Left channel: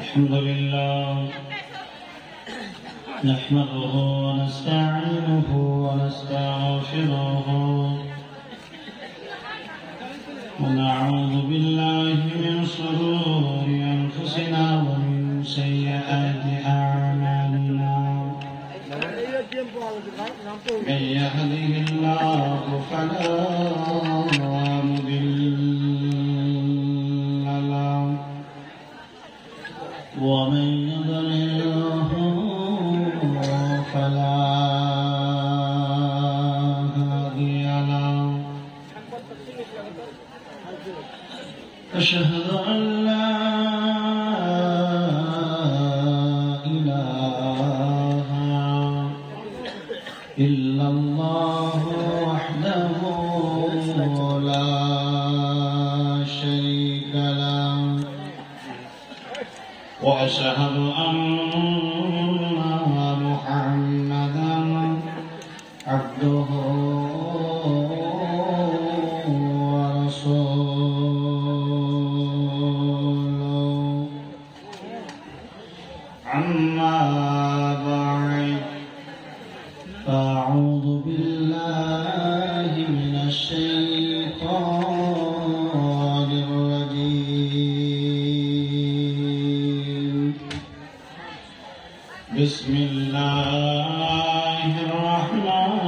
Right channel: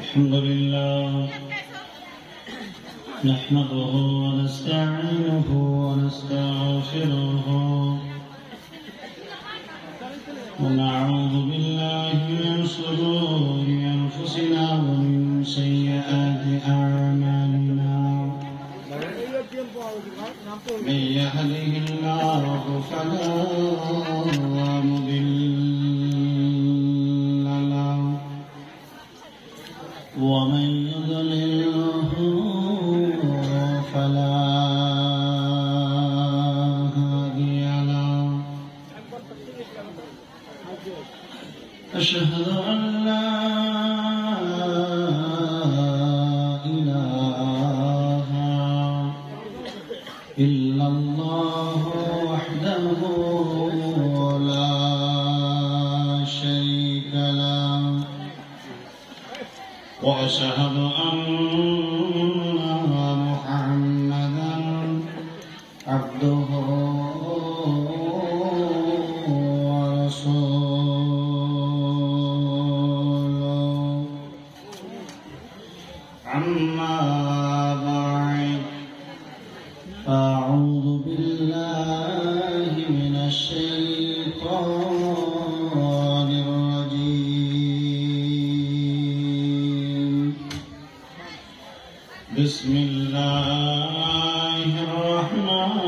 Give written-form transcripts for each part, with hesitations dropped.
الحمد لله نحمده ونستعينه ونستغفره ونعوذ بالله من شرور أنفسنا ومن سيئات أعمالنا من يهده الله فلا مضل له ومن يضلله فلا هادي له أشهد أن لا إله إلا الله وحده لا شريك له وأشهد أن محمدا عبده ورسوله أما بعد أعوذ بالله من الشيطان الرجيم بسم الله الرحمن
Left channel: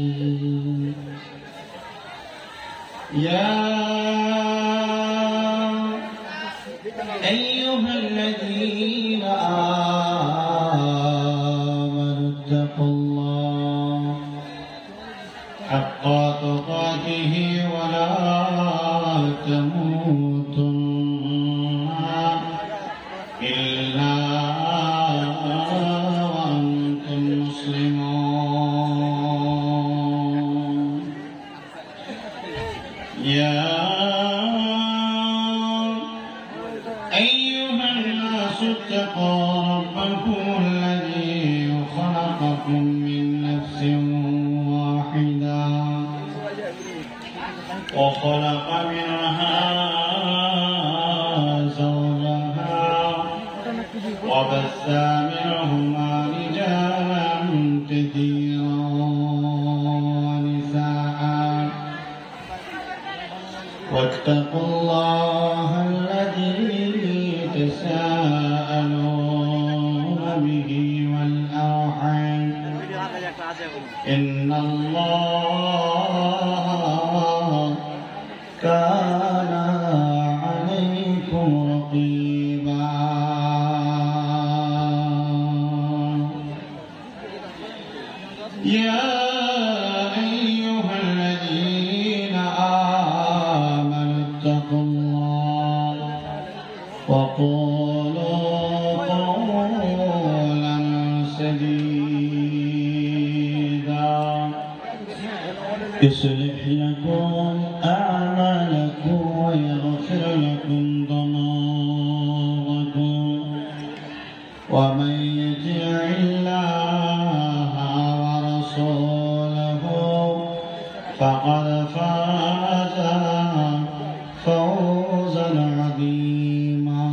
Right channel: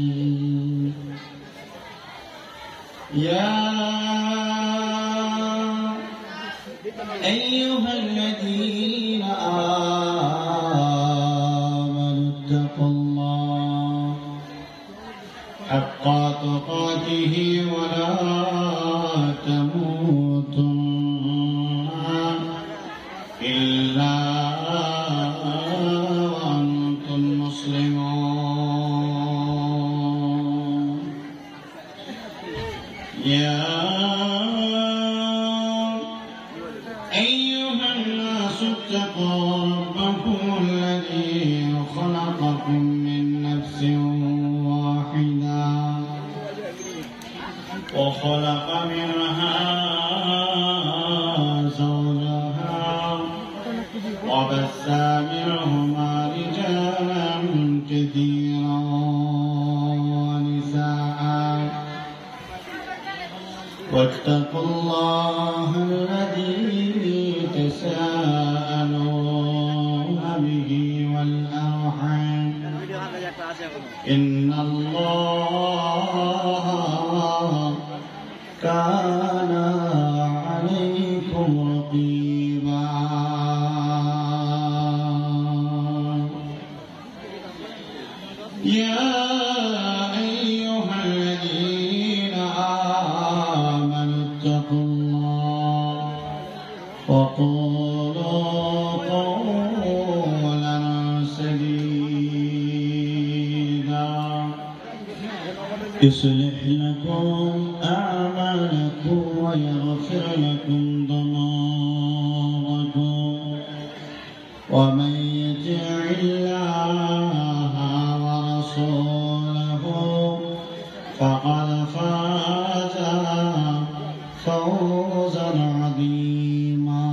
الرحيم يا أيها الذين آمنوا اتقوا الله حق تقاته ولا تموتن إلا وأنتم مسلمون يا أيها الناس اتقوا ربكم الذي خلقكم من نفس واحدة وخلق منها زوجها وبث منهما رجالا كثيرا ونساء واتقوا الله الذي تساءلون به والأرحام إن الله كان عليكم رقيبا يا أيها الذين آمنوا اتقوا الله وقولوا قولا سديدا يصلح لكم أعمالكم ويغفر لكم ذنوبكم ومن يطع الله ورسوله فقد فاز فوزا عظيما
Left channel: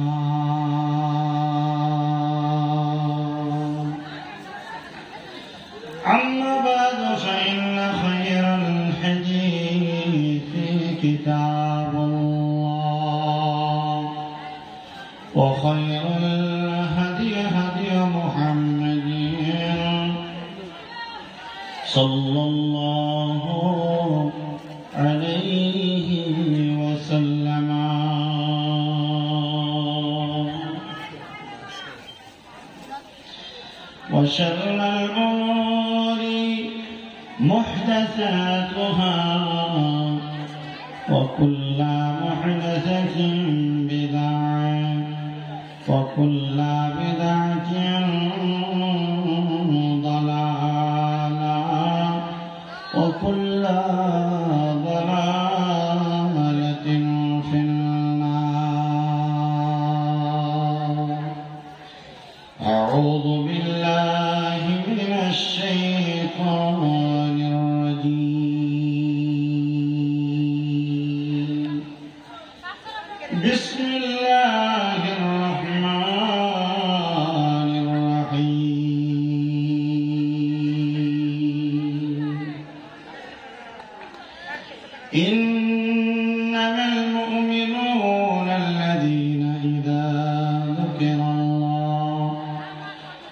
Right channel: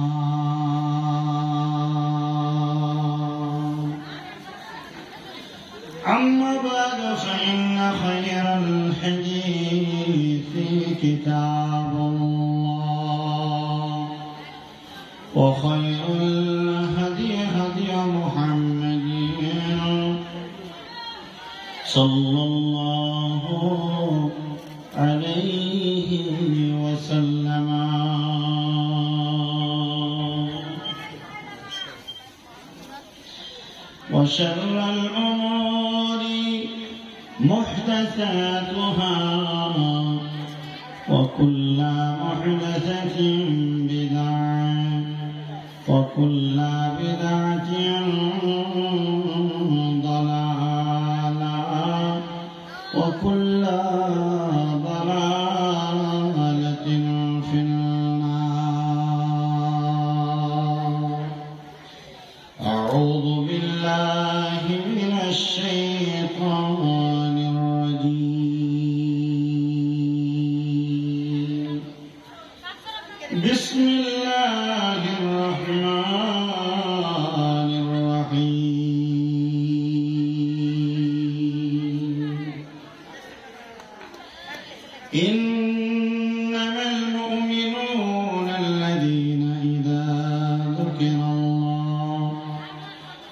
أما بعد فإن خير الحديث كتاب الله وخير الهدي هدي محمد صلى الله عليه وسلم وشر الأمور محدثاتها وكل محدثة بدعة وكل بدعة ضلالة وكل ضلالة في النار. أعوذ بالله من الشيطان الرجيم. إنما المؤمنون الذين إذا ذكر الله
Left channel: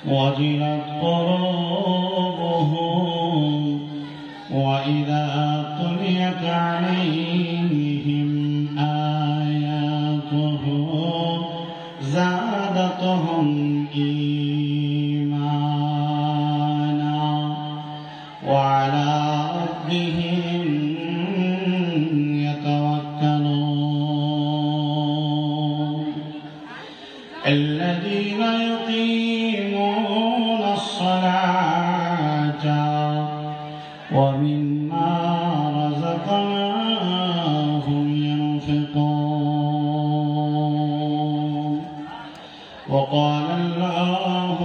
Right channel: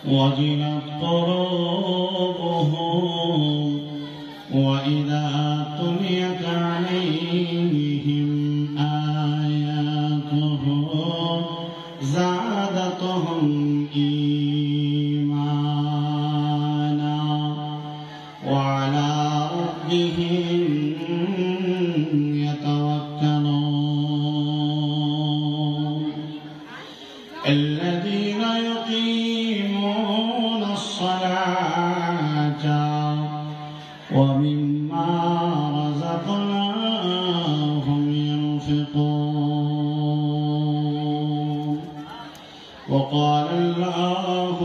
وجلت قلوبهم وإذا تليت عليهم آياته زادتهم إيمانا وعلى ربهم يتوكلون الذين يقيمون الصلاة ومما رزقناهم ينفقون وقال الله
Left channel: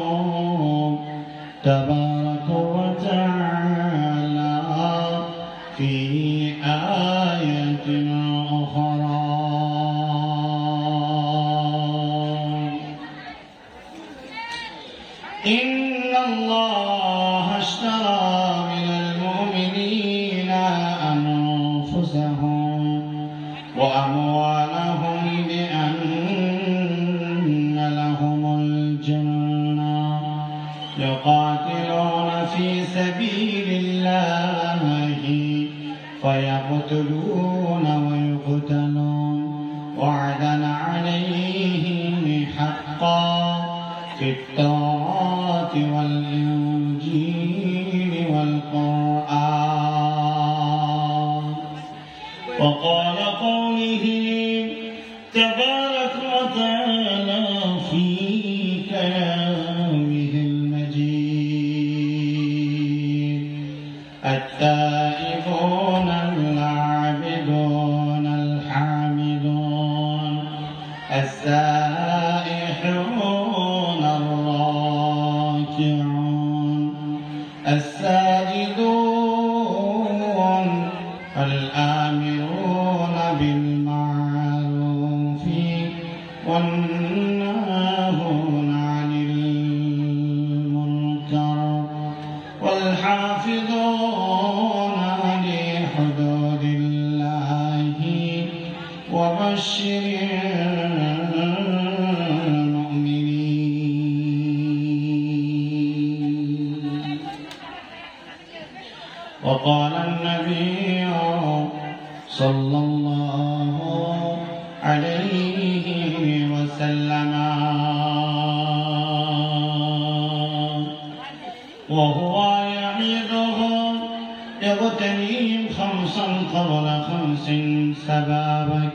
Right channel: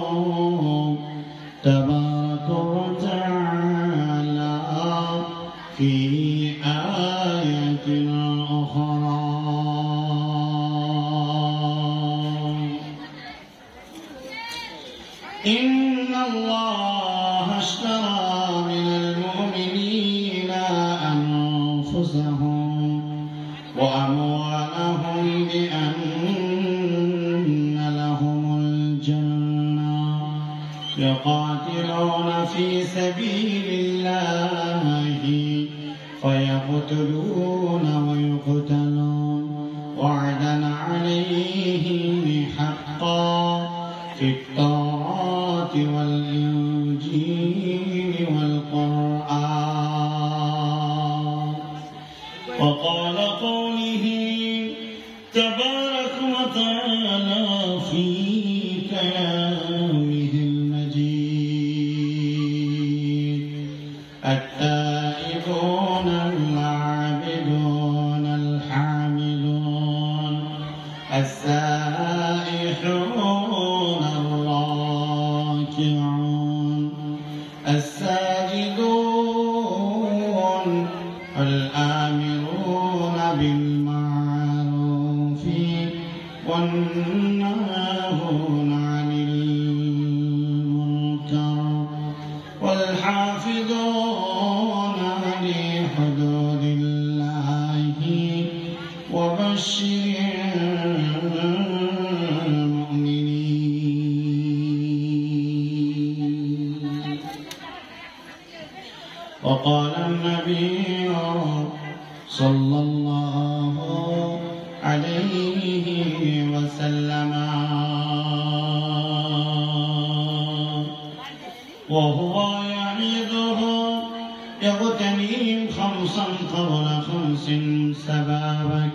تبارك وتعالى في آية أخرى إن الله اشترى من المؤمنين أنفسهم وأموالهم بأن لهم الجنة يقاتلون في سبيل الله فيقتلون ويقتلون وعدا عليه حقا في التوراة والإنجيل والقرآن وقال قوله تبارك وتعالى في كلامه المجيد التائبون العابدون الحامدون السائحون الراكعون الساجدون الآمرون بالمعروف والناهون عن المنكر والحافظون لحدود الله وبشر المؤمنين وقال النبي صلى الله عليه وسلم وهو يعيدهم يغتنيهم خمسا قبل خمس سبابك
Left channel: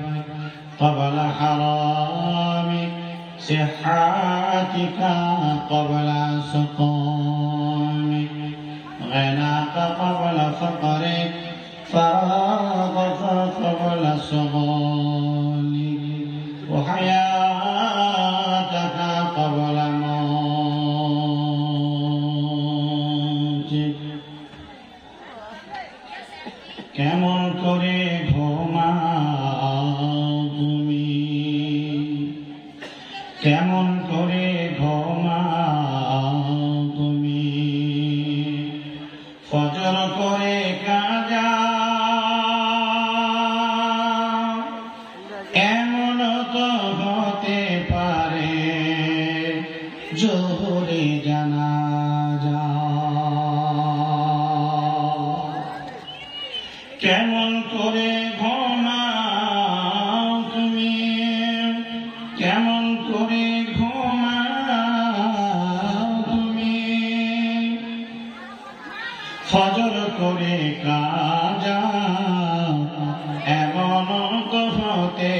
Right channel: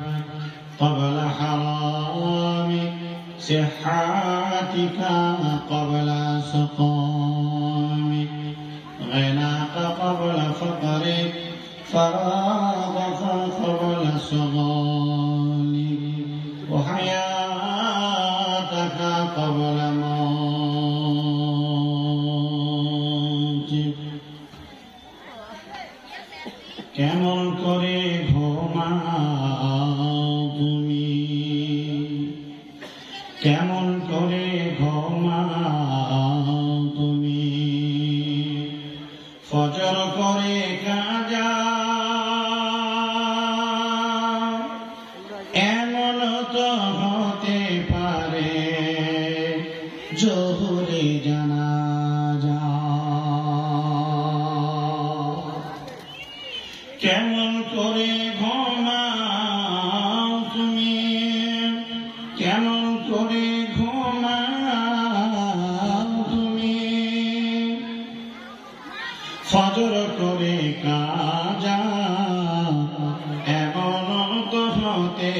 قبل حرامك صحاتك قبل سقامك غناك قبل فقرك فراغك قبل صغالك وحياتك قبل موتك কেমন করে ঘুমাও তুমি কেমন করে ঘুমাও তুমি ফজর করে কাজা এমন তো হতে পারে জোহরে জানাজা কেমন করে ঘুমাও তুমি কেমন করে ঘুমাও তুমি ফজর করে কাজা এমন তো হতে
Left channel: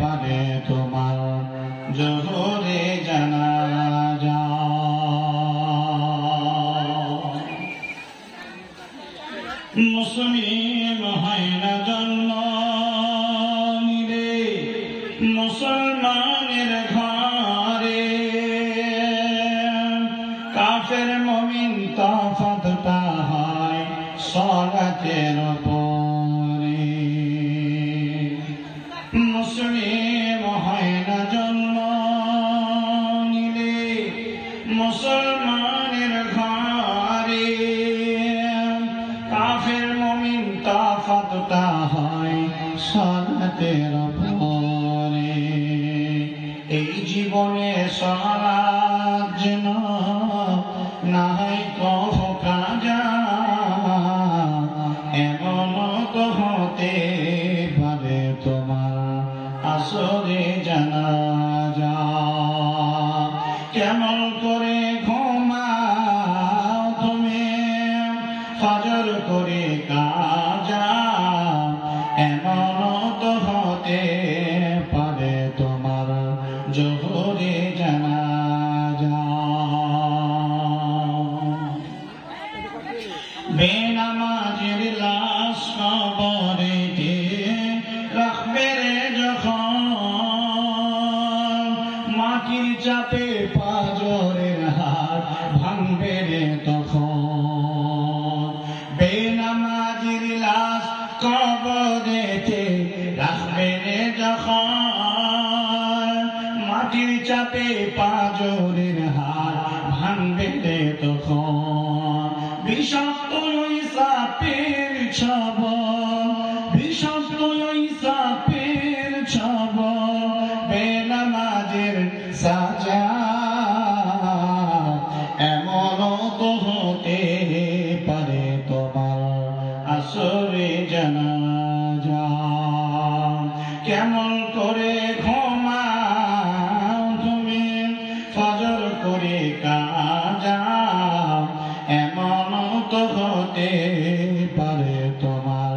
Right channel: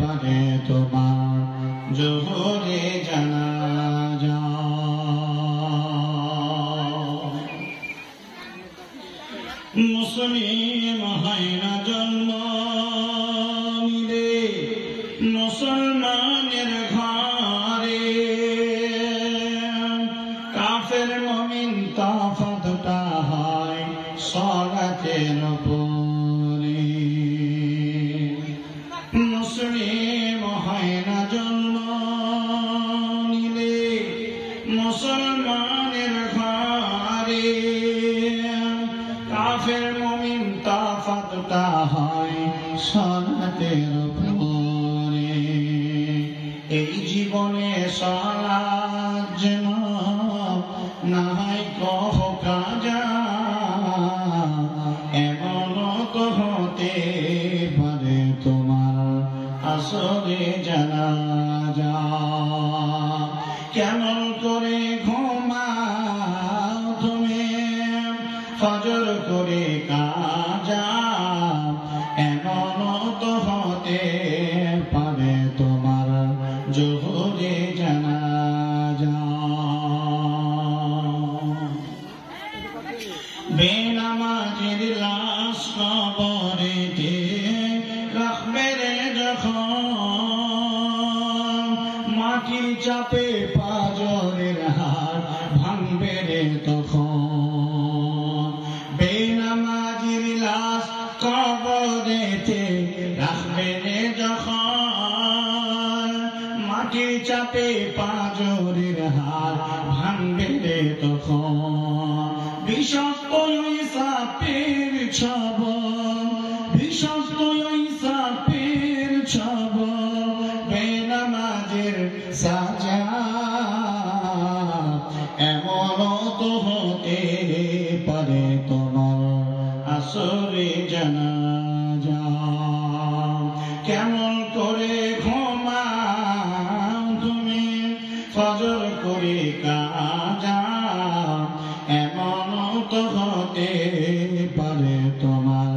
পারে তোমার জোহরে জানাজা মুসলিম হয় না জন্ম নিলে মুসলমানের ঘরে কাফের মুমিন তফাতটা হয় সলাতের পরে মুসলিম হয় না জন্ম নিলে মুসলমানের ঘরে কাফের মুমিন তফাতটা সালাতের পরে এই জীবনে সালাত যেন না হয় কফ কাজা এমন তো হতে পারে তোমার আসরে জানাজা কেমন করে ঘুমাও তুমি ফজর করে কাজা এমন তো হতে পারে তোমার জোহরে জানাজা বেনামাজির লাশ কবরেতে রাখবে রে যখন মাটির চাপে পাঁজরের হাড় ভাঙবে রে তখন বেনামাজির লাশ কবরেতে রাখবে রে যখন মাটির চাপে পাঁজরের হাড় ভাঙবে রে তখন বিষাক্ত ওই সাপের ছবল বিষাক্ত ওই সাপের ছবল বেনামাজের সাজা এমন তো হতে পারে তোমার আসরে জানাজা কেমন করে ঘুমাও তুমি ফজর করে কাজা এমন তো হতে পারে তোমার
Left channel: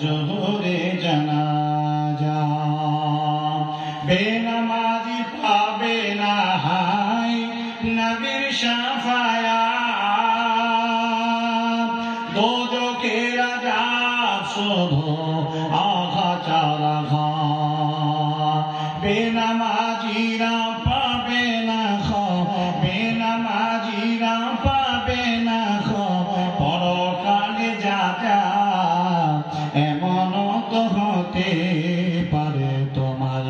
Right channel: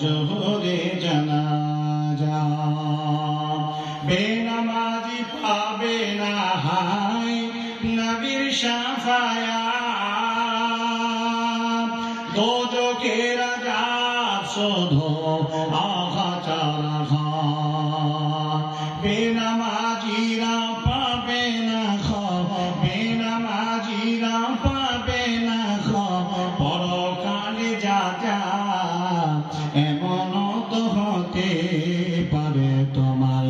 জোহরে জানাজা বেনামাজি পাবে না হাই নবীর শাফায়াত দোজখের আযাব শুধু আঘাত বেনামাজিরা পাবে না বেনামাজিরা পাবে না পরকালে যা এমন তো হতে পারে তোমার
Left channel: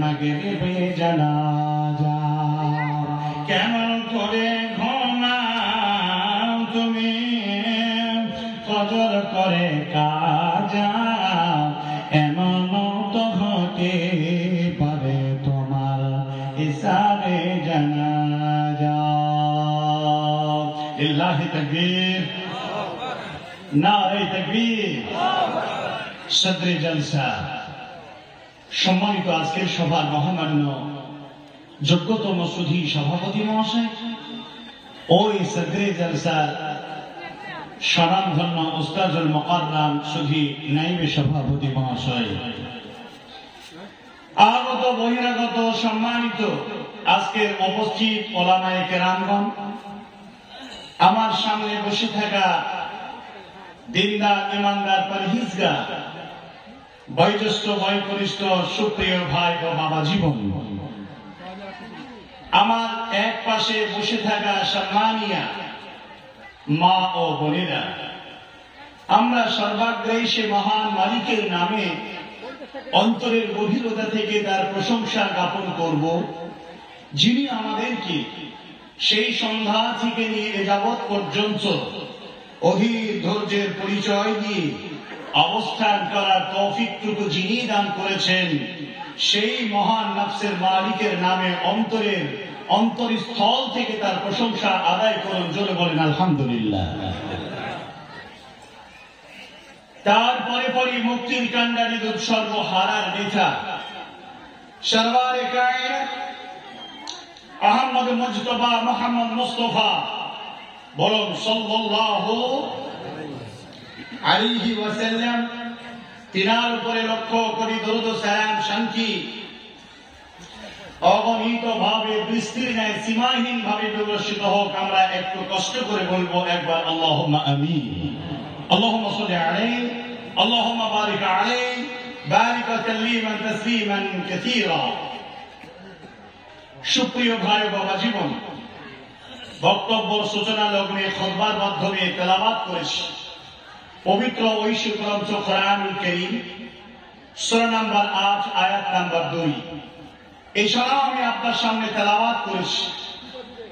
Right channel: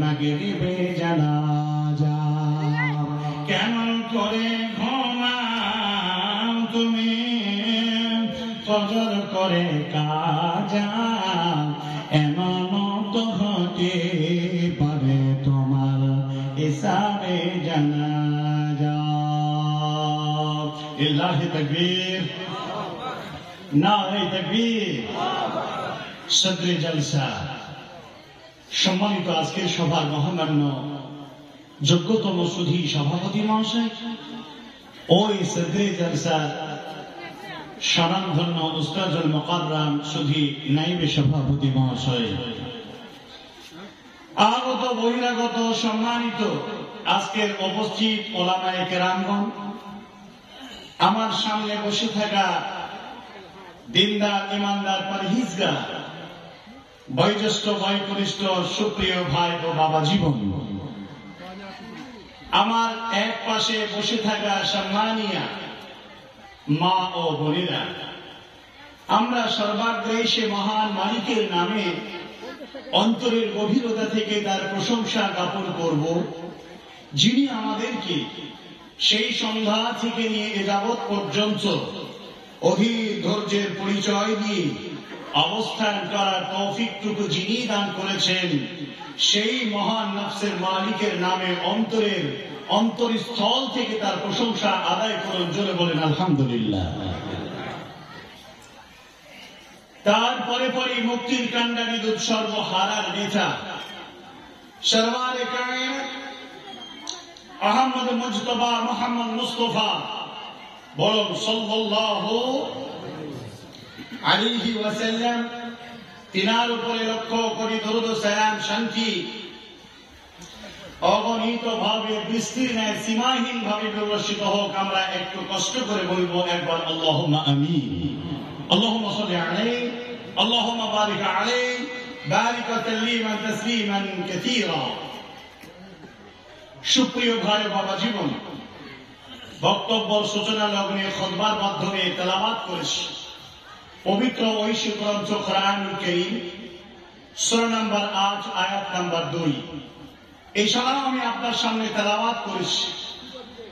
মাগরিবে জানাজা কেমন করে ঘুমাও তুমি ফজর করে কাজা এমন তো হতে পারে তোমার ইসারে জানাজা লিল্লাহি তাকবীর নারে তাকবীর সদরে জলসা সম্মানিত আজকের সভার মহামান্য যোগ্যতম সুধী সভাপতি মহাশয় ওই সদরে জলসা স্বনামধন্য উস্তাদুল মুকাররম সুধী নায়েবে সভাপতি মহাশয় আগত বহিরাগত সম্মানিত আজকের উপস্থিত ওলামায়ে কেরামগণ আমার সামনে বসে থাকা দিনদার ইমানদার পরহেজগার বয়োজ্যেষ্ঠ বয়োকনিষ্ঠ সুপ্রিয় ভাই ও বাবা জীবন আমার এক পাশে বসে থাকা সম্মানিয়া মা ও বোনেরা আমরা সর্বাগ্রে সে মহান মালিকের নামে অন্তরের গভীরতা থেকে তার প্রশংসা জ্ঞাপন করব যিনি আমাদেরকে সেই সন্ধ্যা থেকে নিয়ে এ যাবৎ পর্যন্ত অধীর ধৈর্যের পরিচয় দিয়ে অবস্থান করার তৌফিকটুকু যিনি দান করেছেন সেই মহান নফসের মালিকের নামে অন্তরস্থল থেকে তার প্রশংসা আদায় করুন জোরে বলেন আলহামদুলিল্লাহ তারপরে পরে মুক্তির কান্ডারি দুধ সর্বহারার নেতা সরওয়ারে কায়নাত আহমদ মুজতবা মুহাম্মদ মুস্তাফা বলুন সাল্লাল্লাহু আলাইহি ওয়াসাল্লাম তিনার উপরে লক্ষ্য কোটি দরুদ ও সালাম শান্তি অগণিত ভাবে বৃষ্টির ন্যায় সীমাহীন ভাবে বিবর্ষিত হোক আমরা একটু কষ্ট করে বলবো একবার আল্লাহুম্মা আমিন আল্লাহুম্মা সাল্লি আলাইহি আল্লাহুম্মা বারিক আলাইহি বারিক তাসলিমান তাসলিমান কাসীরা সুপ্রিয় ভাই ও বাবা জীবন বক্তব্যের সূচনা লগ্নে খুতবার মাধ্যমে তেলাওয়াত করেছি পবিত্র ঐশী গ্রন্থ কোরআনুল কারীম সূরা নাম্বার 8 আয়াত নাম্বার 2 এছাড়াও আমি আপনার সামনে তেলাওয়াত করেছি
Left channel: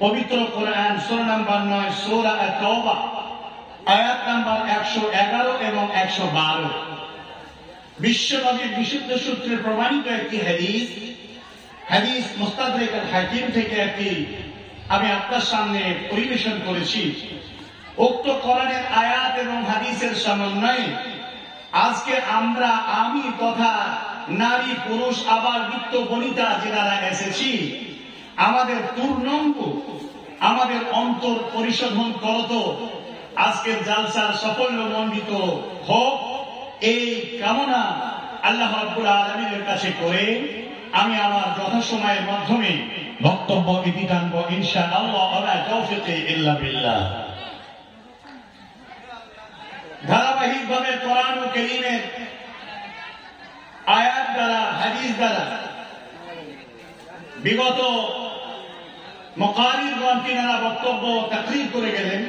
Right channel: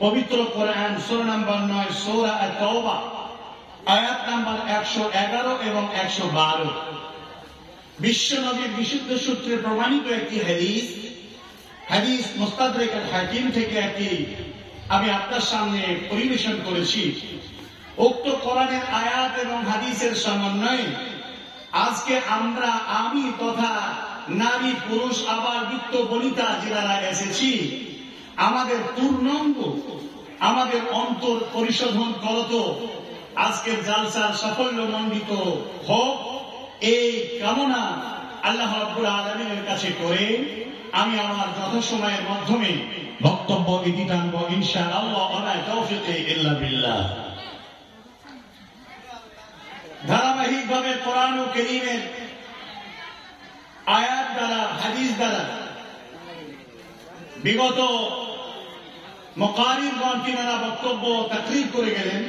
পবিত্র কোরআন সূরা নাম্বার 9 সূরা আত-তাওবা আয়াত নাম্বার 111 এবং 112 বিশ্ব নবীর বিশুদ্ধ সূত্রে প্রমাণিত একটি হাদিস মুস্তাদরিক আল হাকিম থেকে একটি আমি আপনার সামনে পরিবেশন করেছি। উক্ত কোরআনের আয়াত এবং হাদিসের সমন্বয়ে আজকে আমি তথা নারী পুরুষ আবার বৃত্ত বনিতা যারা এসেছি, আমাদের পূর্ণাঙ্গ আমাদের অন্তর পরিশোধন করত আজকের জালসার সাফল্যমণ্ডিত হোক, এই কামনা আল্লাহ রাব্বুল আলামিনের কাছে করে আমি আমার যথাসময়ের মাধ্যমে বক্তব্য ইতি টানব ইনশাআল্লাহ। ওয়া তাওফিকে ইল্লা বিল্লাহ। ধারাবাহিকভাবে কোরআন ও কারীমের আয়াত দ্বারা হাদিস দ্বারা বিগত মুকারিরগণ তিনারা বক্তব্য তাকরীর করে গেলেন।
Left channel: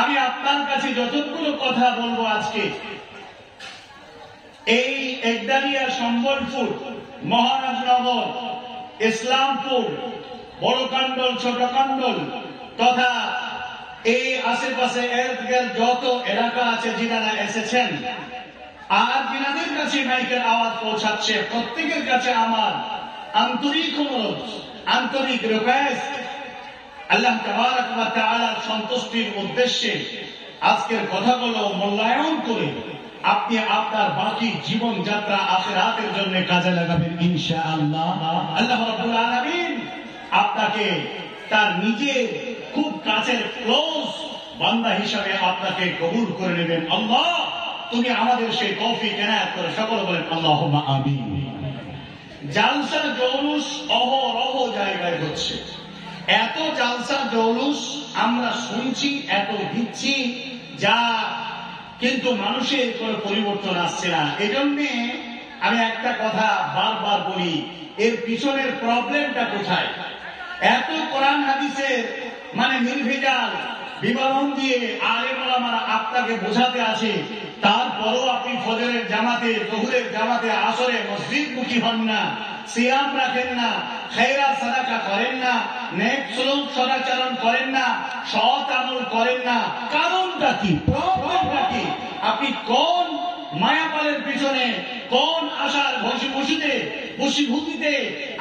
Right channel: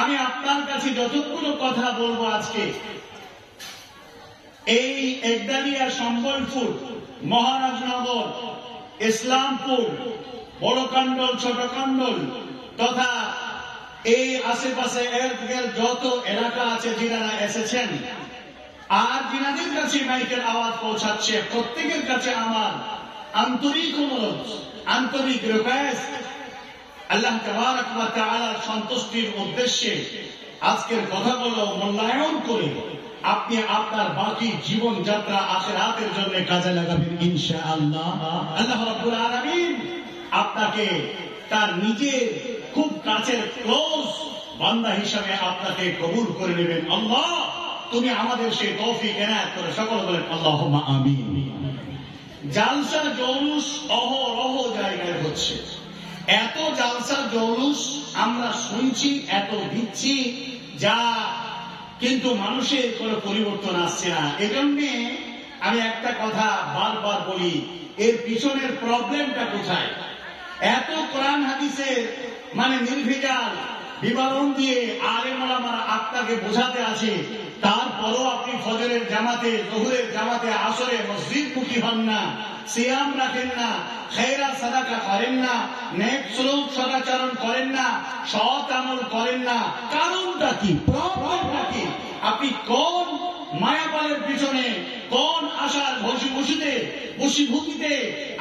আমি আপনার কাছে যতগুলো কথা বলবো আজকে এই একদালিয়া, সম্বলপুর, মহারাজনগর, ইসলামপুর, বড়কান্ডল, ছোটকান্ডল তথা এই আশেপাশে এর যত এলাকা আছে যিনারা এসেছেন আর যিনাদের কাছে মাইকের আওয়াজ পৌঁছাচ্ছে, প্রত্যেকের কাছে আমার আন্তরিক অনুরোধ, আন্তরিক রিকোয়েস্ট, আল্লাহ তাবারক ওয়া তাআলার সন্তুষ্টির উদ্দেশ্যে আজকের কথাগুলো মূল্যায়ন করে আপনি আপনার বাকি জীবন যাত্রা আখিরাতের জন্য কাজে লাগাবেন ইনশাআল্লাহ। আল্লাহ রাব্বুল আলামিন আপনাকে তার নিজের খুব কাছের ক্লোজ বান্দা হিসাবে আপনাকে কবুল করে নেবেন। আল্লাহ তুমি আমাদের সেই তৌফিক এনায়েত করে সকলে বলেন আল্লাহুম্মা আমিন। জালসা জৌলুস অহরহ জায়গায় হচ্ছে, এত জালসা জৌলুস আমরা শুনছি, এত দিচ্ছি, যা কিন্তু মানুষের কোনো পরিবর্তন আসছে না। এজন্যে আমি একটা কথা বারবার বলি, এর পিছনের প্রবলেমটা কোথায়? এত কোরআন হাদিসের নির্ভেজাল বিবরণ দিয়ে আলেম ওলামারা আপনাকে বোঝাতে আছে, তারপরও আপনি ফজরের জামাতে, জোহরের জামাতে, আসরে মসজিদমুখী হন না, সিয়াম রাখেন না, খায়রাত সাদাকা করেন না, নেক সুলুক সদাচরণ করেন না, সৎ আমল করেন না। কারণটা কি? প্রবলেমটা কি? আপনি কোন মায়াপালের পিছনে, কোন আশার বশীভূতিতে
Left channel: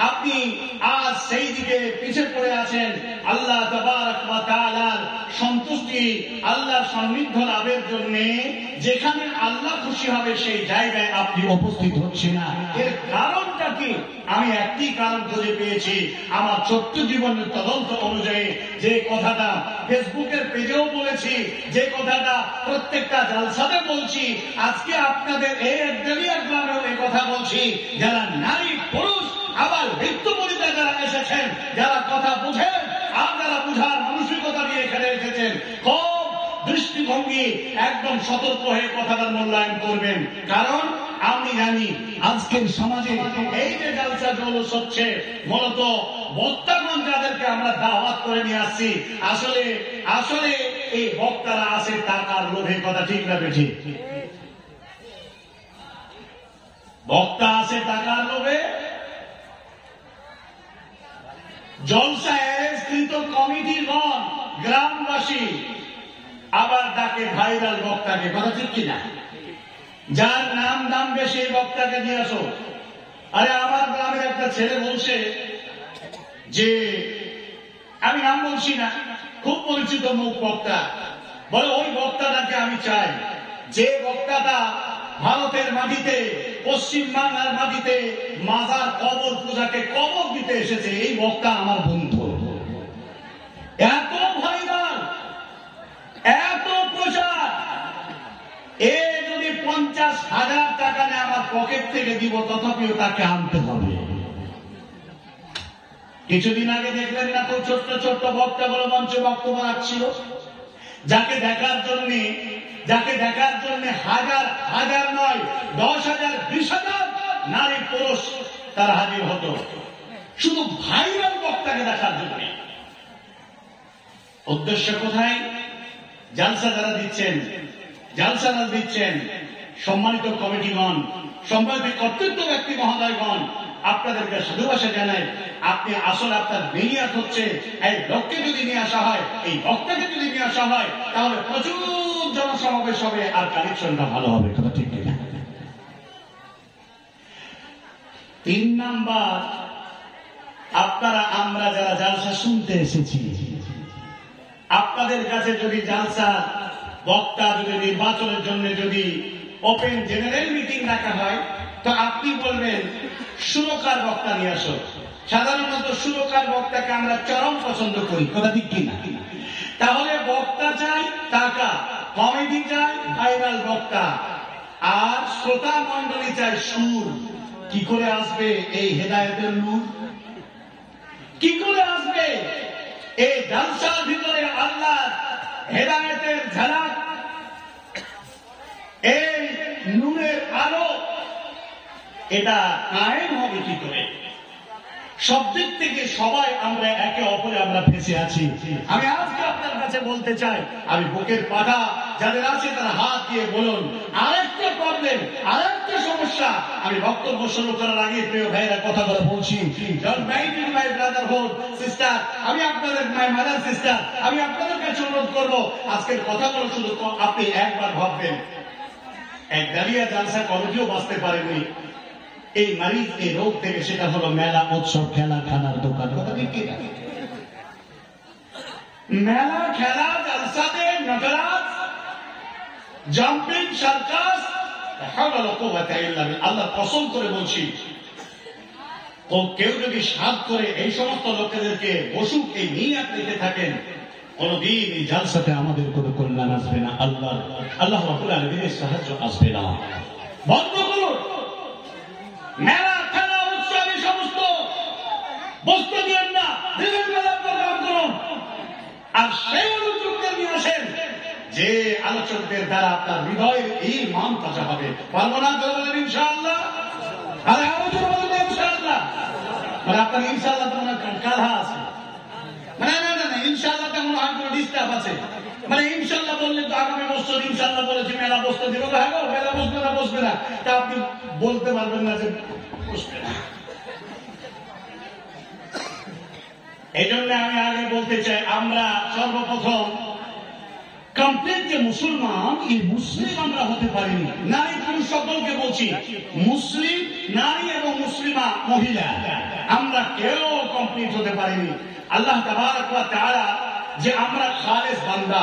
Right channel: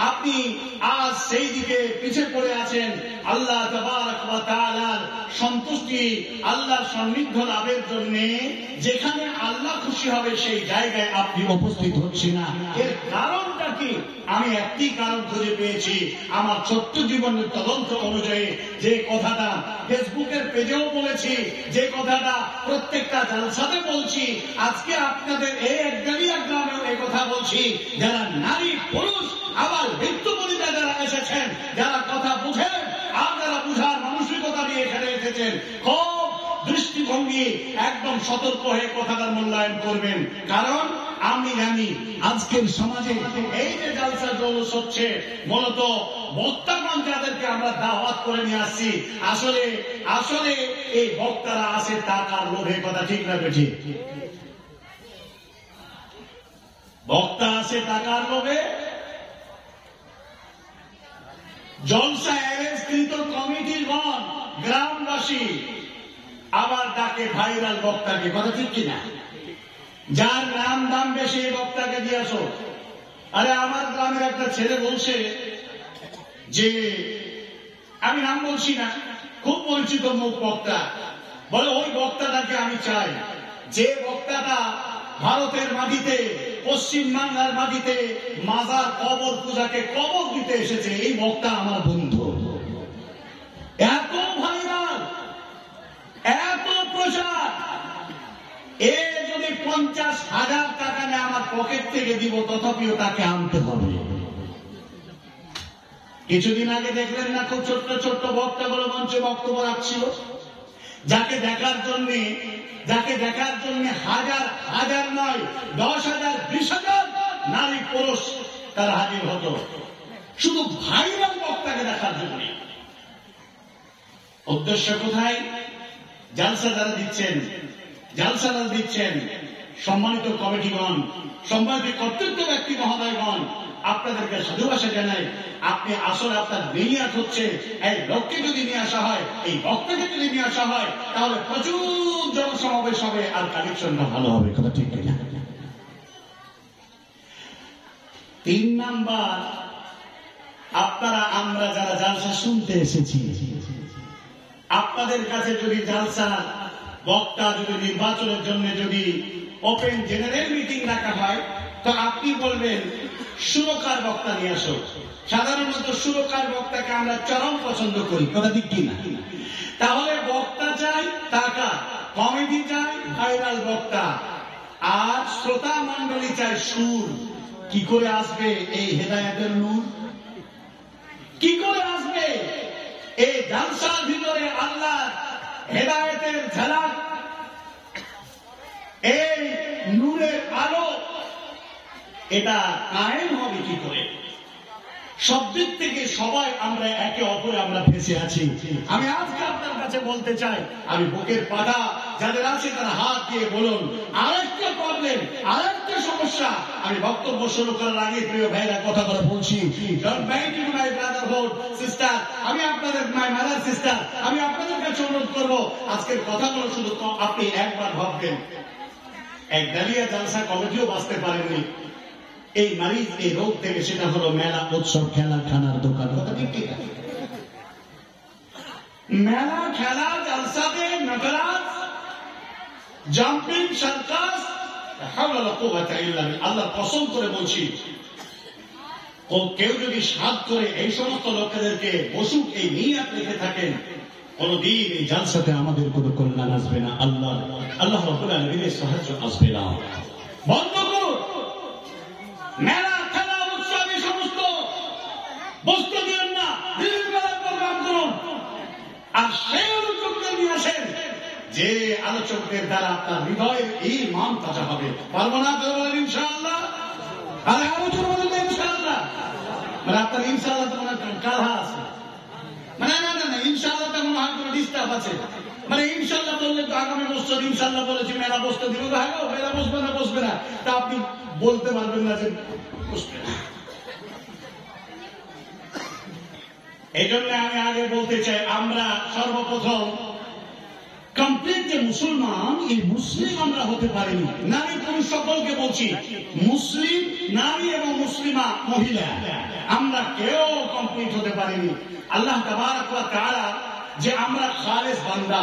আপনি আজ সেই দিকে পিছিয়ে পড়ে আছেন? আল্লাহ তাবারক ওয়া তাআলার সন্তুষ্টি, আল্লাহর সান্নিধ্য লাভের জন্য যেখানে আল্লাহ খুশি হবে সেই জায়গায় আপনি উপস্থিত হচ্ছেন না। এর কারণটা কি? আমি একটি কারণ খুঁজে পেয়েছি আমার ছোট্ট জীবনের তদন্ত অনুযায়ী। যে কথাটা ফেসবুকের পেজেও বলেছি, যে কথাটা প্রত্যেকটা জালসাতে বলছি, আজকে আপনাদের এই একদালিয়া গ্রামেও এই কথা বলছি। যারা নারী পুরুষ আবার বৃত্তপরিতা যারা এসেছেন, যারা কথা বুঝেন আর যারা বুঝার মানসিকতা নিয়ে এখানে এসেছেন, খুব দৃষ্টিভঙ্গি একদম সতর্ক হয়ে কথাটা মূল্যায়ন করবেন। কারণ আমি জানি আজকের সমাজে এই যে জালসা জৌলুস হচ্ছে, মূলত বক্তাগণ যাদেরকে আমরা দাওয়াত করে নিয়ে আসছি, আসলে এই বক্তারা আসে টাকার লোভে। কথা ঠিক না বেঠিক? বক্তা আসে টাকার লোভে। জলসা অ্যারেঞ্জকৃত কমিটিগণ, গ্রামবাসী আবার ডাকে ভাইরাল বক্তাকে। কথা ঠিক কিনা? যার নাম দাম বেশি বক্তাকে দিয়েছ। আরে আমার গ্রামের একটা ছেলে বলছে যে, আমি নাম বলছি না, খুব পরিচিত মুখ বক্তা, বলে ওই বক্তাটাকে আমি চাই যে বক্তাটা ভারতের মাটিতে, পশ্চিম বাংলার মাটিতে মাজার কবর পূজাকে কবর দিতে এসেছে, এই বক্তা আমার বন্ধু। এত ভাইরাল, এত প্রচার, এ যদি 50,000 টাকা নিয়ে আমার পকেট থেকে দিব, তথাপিও তাকে আনতে হবে। কিছুদিন আগে দেখলেন না, খুব ছোট্ট ছোট্ট বক্তা বলে মঞ্চে বক্তব্য রাখছিল, যাকে দেখার জন্য হাজার হাজার নয়, 10,000 20,000 নারী পুরুষ তারা হাজির হতো, শুধু ভাইরাল বক্তাকে দেখার জন্য। উদ্দেশ্য কোথায়? জালসা যারা দিচ্ছেন, সম্মানিত কমিটিগণ, সম্মানিত কর্তৃত্ব ব্যক্তি মহোদয়গণ, আপনাদেরকে সাধুবাসা জানাই। আপনি আসলে আপনার নিয়াত হচ্ছে এই লোককে যদি নিয়ে আসা হয়, এই বক্তাকে যদি নিয়ে আসা হয়, তাহলে প্রচুর জনসমাবেশ হবে আর কালেকশনটা ভালো হবে। কথা ঠিক কিনা? 3 নাম্বার, আপনারা আমরা যারা জালসা শুনতে এসেছি, আপনাদের কাছে যদি জালসা বক্তা যদি নির্বাচনের জন্য যদি ওপেন জেনারেল মিটিং রাখা হয়, তো আপনি বলবেন সুরকার বক্তা নিয়ে আসো। সাধারণত সুরকার বক্তাকে আমরা চরম পছন্দ করি। কথা ঠিক কিনা? তাহলে বক্তা চাই টাকা, কমেডি চাই ভাইরাল বক্তা, আর শ্রোতা মন্ডলী চাই সুর। কি করে আসবে এই হেদায়েতের নূর? কি করে আসবে এই জালসার ভিতরে আল্লাহ হেদায়েতের ঝলক, এই নূরের আলো? এটা কায়েম হবে কি করে? সব দিক থেকে সবাই আমরা একে অপরে আমরা ফেঁসে আছি। আমি আজকে আপনার কাছে বলতে চাই, আমি বুকের পাটা যাদের আছে তারা হাত দিয়ে বলুন, আরেকটা প্রবলেম, আরেকটা সমস্যা। আমি বক্তব্য শুরু করার আগে প্রিয় ভাইরা কথা বলে বলছি, মাই ব্রাদারহুড সিস্টার, আমি আপনাদের মাই মাদার সিস্টার, আমি আপনাদের কাছে অনুরোধ করবো, আজকের কথাগুলো শুধু আপনি একবার ভাববেন। এক দাঁড়িয়ে জালসা কমিটিও বাঁচতে পারেনি এই মারিজ, এই রোগ থেকে। সেটা হলো মেলা, উৎসব, খেলা, খানার দোকান। কথা ঠিক কিনা? মেলা, খেলা, জালসাতে নটরাজ, জাম্পিং, সার্কাস, আল্লাহ কসম করে বলছি, কেউ যদি সাধ করে এই সমস্ত লোকেদেরকে বসুক এই নিয়াত রেখে থাকেন, কোনদিন এই জালসাতে আমাদের কোনো কল্যাণ আসবে না। আল্লাহ রাব্বুল আলামিনের সাহায্য আসবে না। বন্ধ করুন মেলা, খেলা, উৎসব, এই সমস্ত বস্তু দিন না, দিনের বেলা প্রোগ্রাম করুন। আর সেই আলোচকদের নিয়ে আসেন যে আলোচকদের দ্বারা আপনার হৃদয়ের এই মান তাজা হবে। পারবো না করে বলেন ইনশাআল্লাহ। আরে আলোচনা বলেন ইনশাআল্লাহ। মানে আপনার ইনশাআল্লাহ তো মনে হয় কালহা আছে, মানে না না না, ইনশাআল্লাহ তো মনে হয় কোনো ডিস্টার্ব আছে। মানে ইনশাআল্লাহ বললে তো আগামী বছর ইনশাআল্লাহ বলেছি মেলা বসতে দিব, মেলা বসবে না বসবে না, তা আপনি বলতে পারবেন না যে বসবে না। এই জন্য আমি আগে বলতে চাই, আমরা সর্বপ্রথম কমপ্লিট যে মুসলমান, এই মুসলিম আমরা হতে পারিনি। নারী পুরুষ সকলকে বলছি, মুসলিম নারী এবং মুসলিমা মহিলা, আমরা কেউ কমপ্লিট হতে পারিনি। আল্লাহ তাবারক ওয়া তাআলা যে আমরা খালেস বান্দা,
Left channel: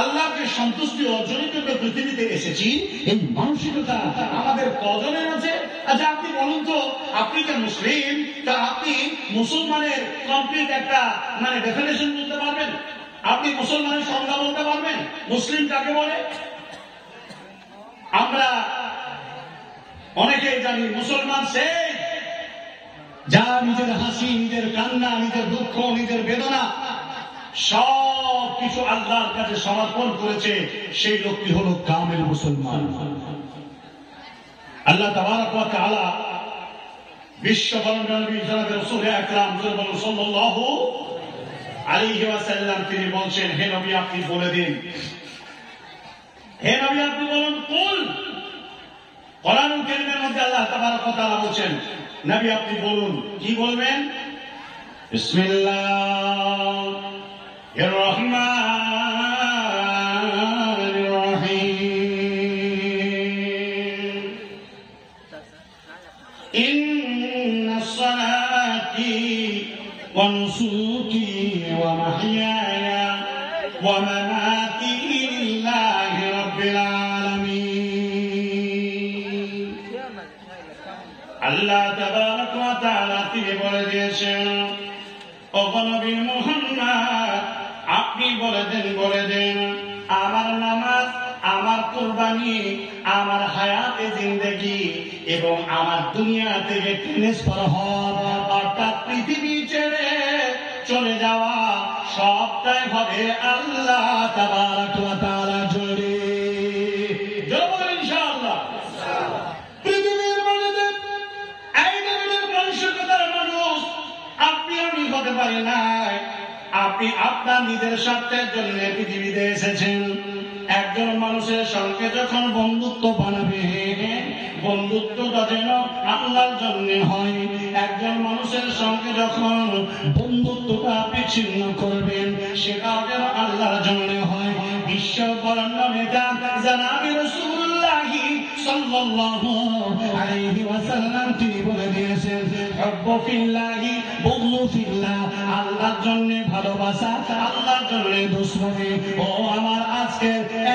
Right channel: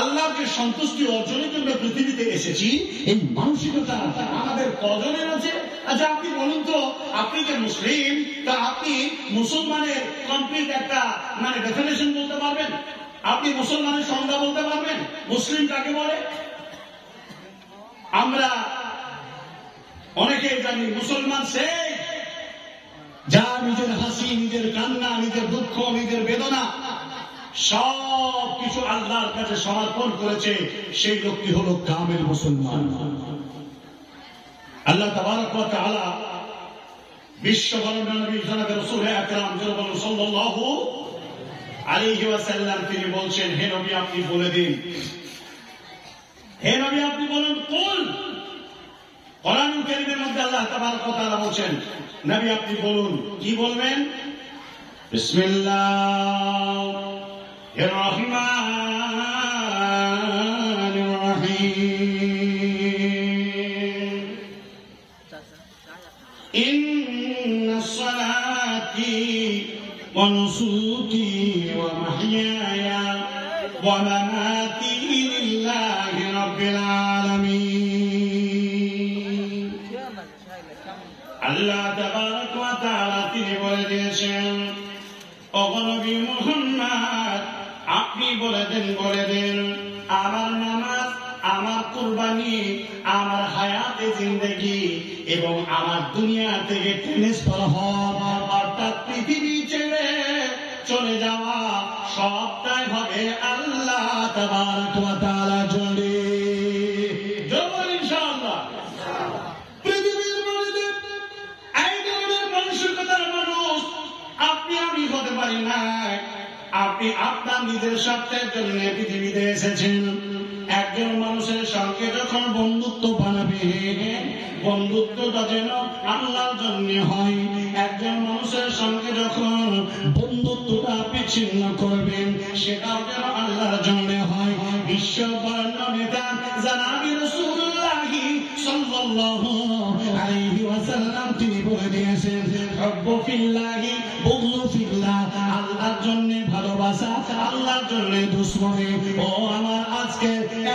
আল্লাহকে সন্তুষ্টি অর্জনের জন্য পৃথিবীতে এসেছি, এই মানসিকতা আমাদের কজনের আছে? আচ্ছা আপনি বলুন তো, আপনি যে মুসলিম, তা আপনি মুসলমানের কমপ্লিট একটা মানে ডেফিনেশন বলতে পারবেন? আপনি মুসলমানের সংজ্ঞা বলতে পারবেন? মুসলিম কাকে বলে? আমরা অনেকেই জানি মুসলমান সে যারা নিজের হাসি, নিজের কান্না, নিজের দুঃখ, নিজের বেদনা সব কিছু আল্লাহর কাছে সমর্পণ করেছে, সেই লোকটি হলো কামেল মুসলমান। আল্লাহ তাবারক ওয়া তাআলা বিশ্ব বরেণ্য নবী জনাবে রাসূল আকরাম সাল্লাল্লাহু আলাইহি ওয়াসাল্লাম তিনি বলছেন, হে নবী আপনি বলে দিন, হে নবী আপনি বলুন, কুল। কোরআনুল কারীমের মধ্যে আল্লাহ তাবারক ওয়া তাআলা বলছেন, নবী আপনি বলুন। কি বলবেন? বিসমিল্লাহির রহমানির রহিম। ইন্নাস সালাতি ওয়া নুসুকি ওয়া মাহইয়ায়া ওয়া মামাতি লিল্লাহি রাব্বিল আলামিন। আল্লাহ তাবারক ওয়া তাআলা তিনি বলে দিয়েছেন, ও নবী মুহাম্মদ আপনি বলে দেন, আমার নামাজ, আমার কুরবানি, আমার হায়াতে জিন্দেগি এবং আমার দুনিয়া থেকে ট্রান্সফার হওয়া, অর্থাৎ পৃথিবী ছেড়ে চলে যাওয়া, সবটাই হবে আল্লাহ তাবারক ওয়া তাআলা জোরে। জোরে ইনশাআল্লাহ। পৃথিবীর মধ্যে এই ধরনের মানসিকতার মানুষ আপনি আমি হতে পারি না। আপনি আপনার নিজের স্বার্থের জন্য পৃথিবীতে এসেছেন। একজন মানুষের সঙ্গে যখন বন্ধুত্ব বানাবে, বন্ধুত্বটা যেন আল্লাহর জন্য হয়। জানাবি রাসূলুল্লাহ সাল্লাল্লাহু আলাইহি ওয়াসাল্লাম তিনি বলে দিয়েছেন, হুব্বু ফিল্লাহি বুগযু ফিল্লাহ, আল্লাহর জন্য ভালোবাসা, আল্লাহর জন্য দুশমনি। ও আমার আজকে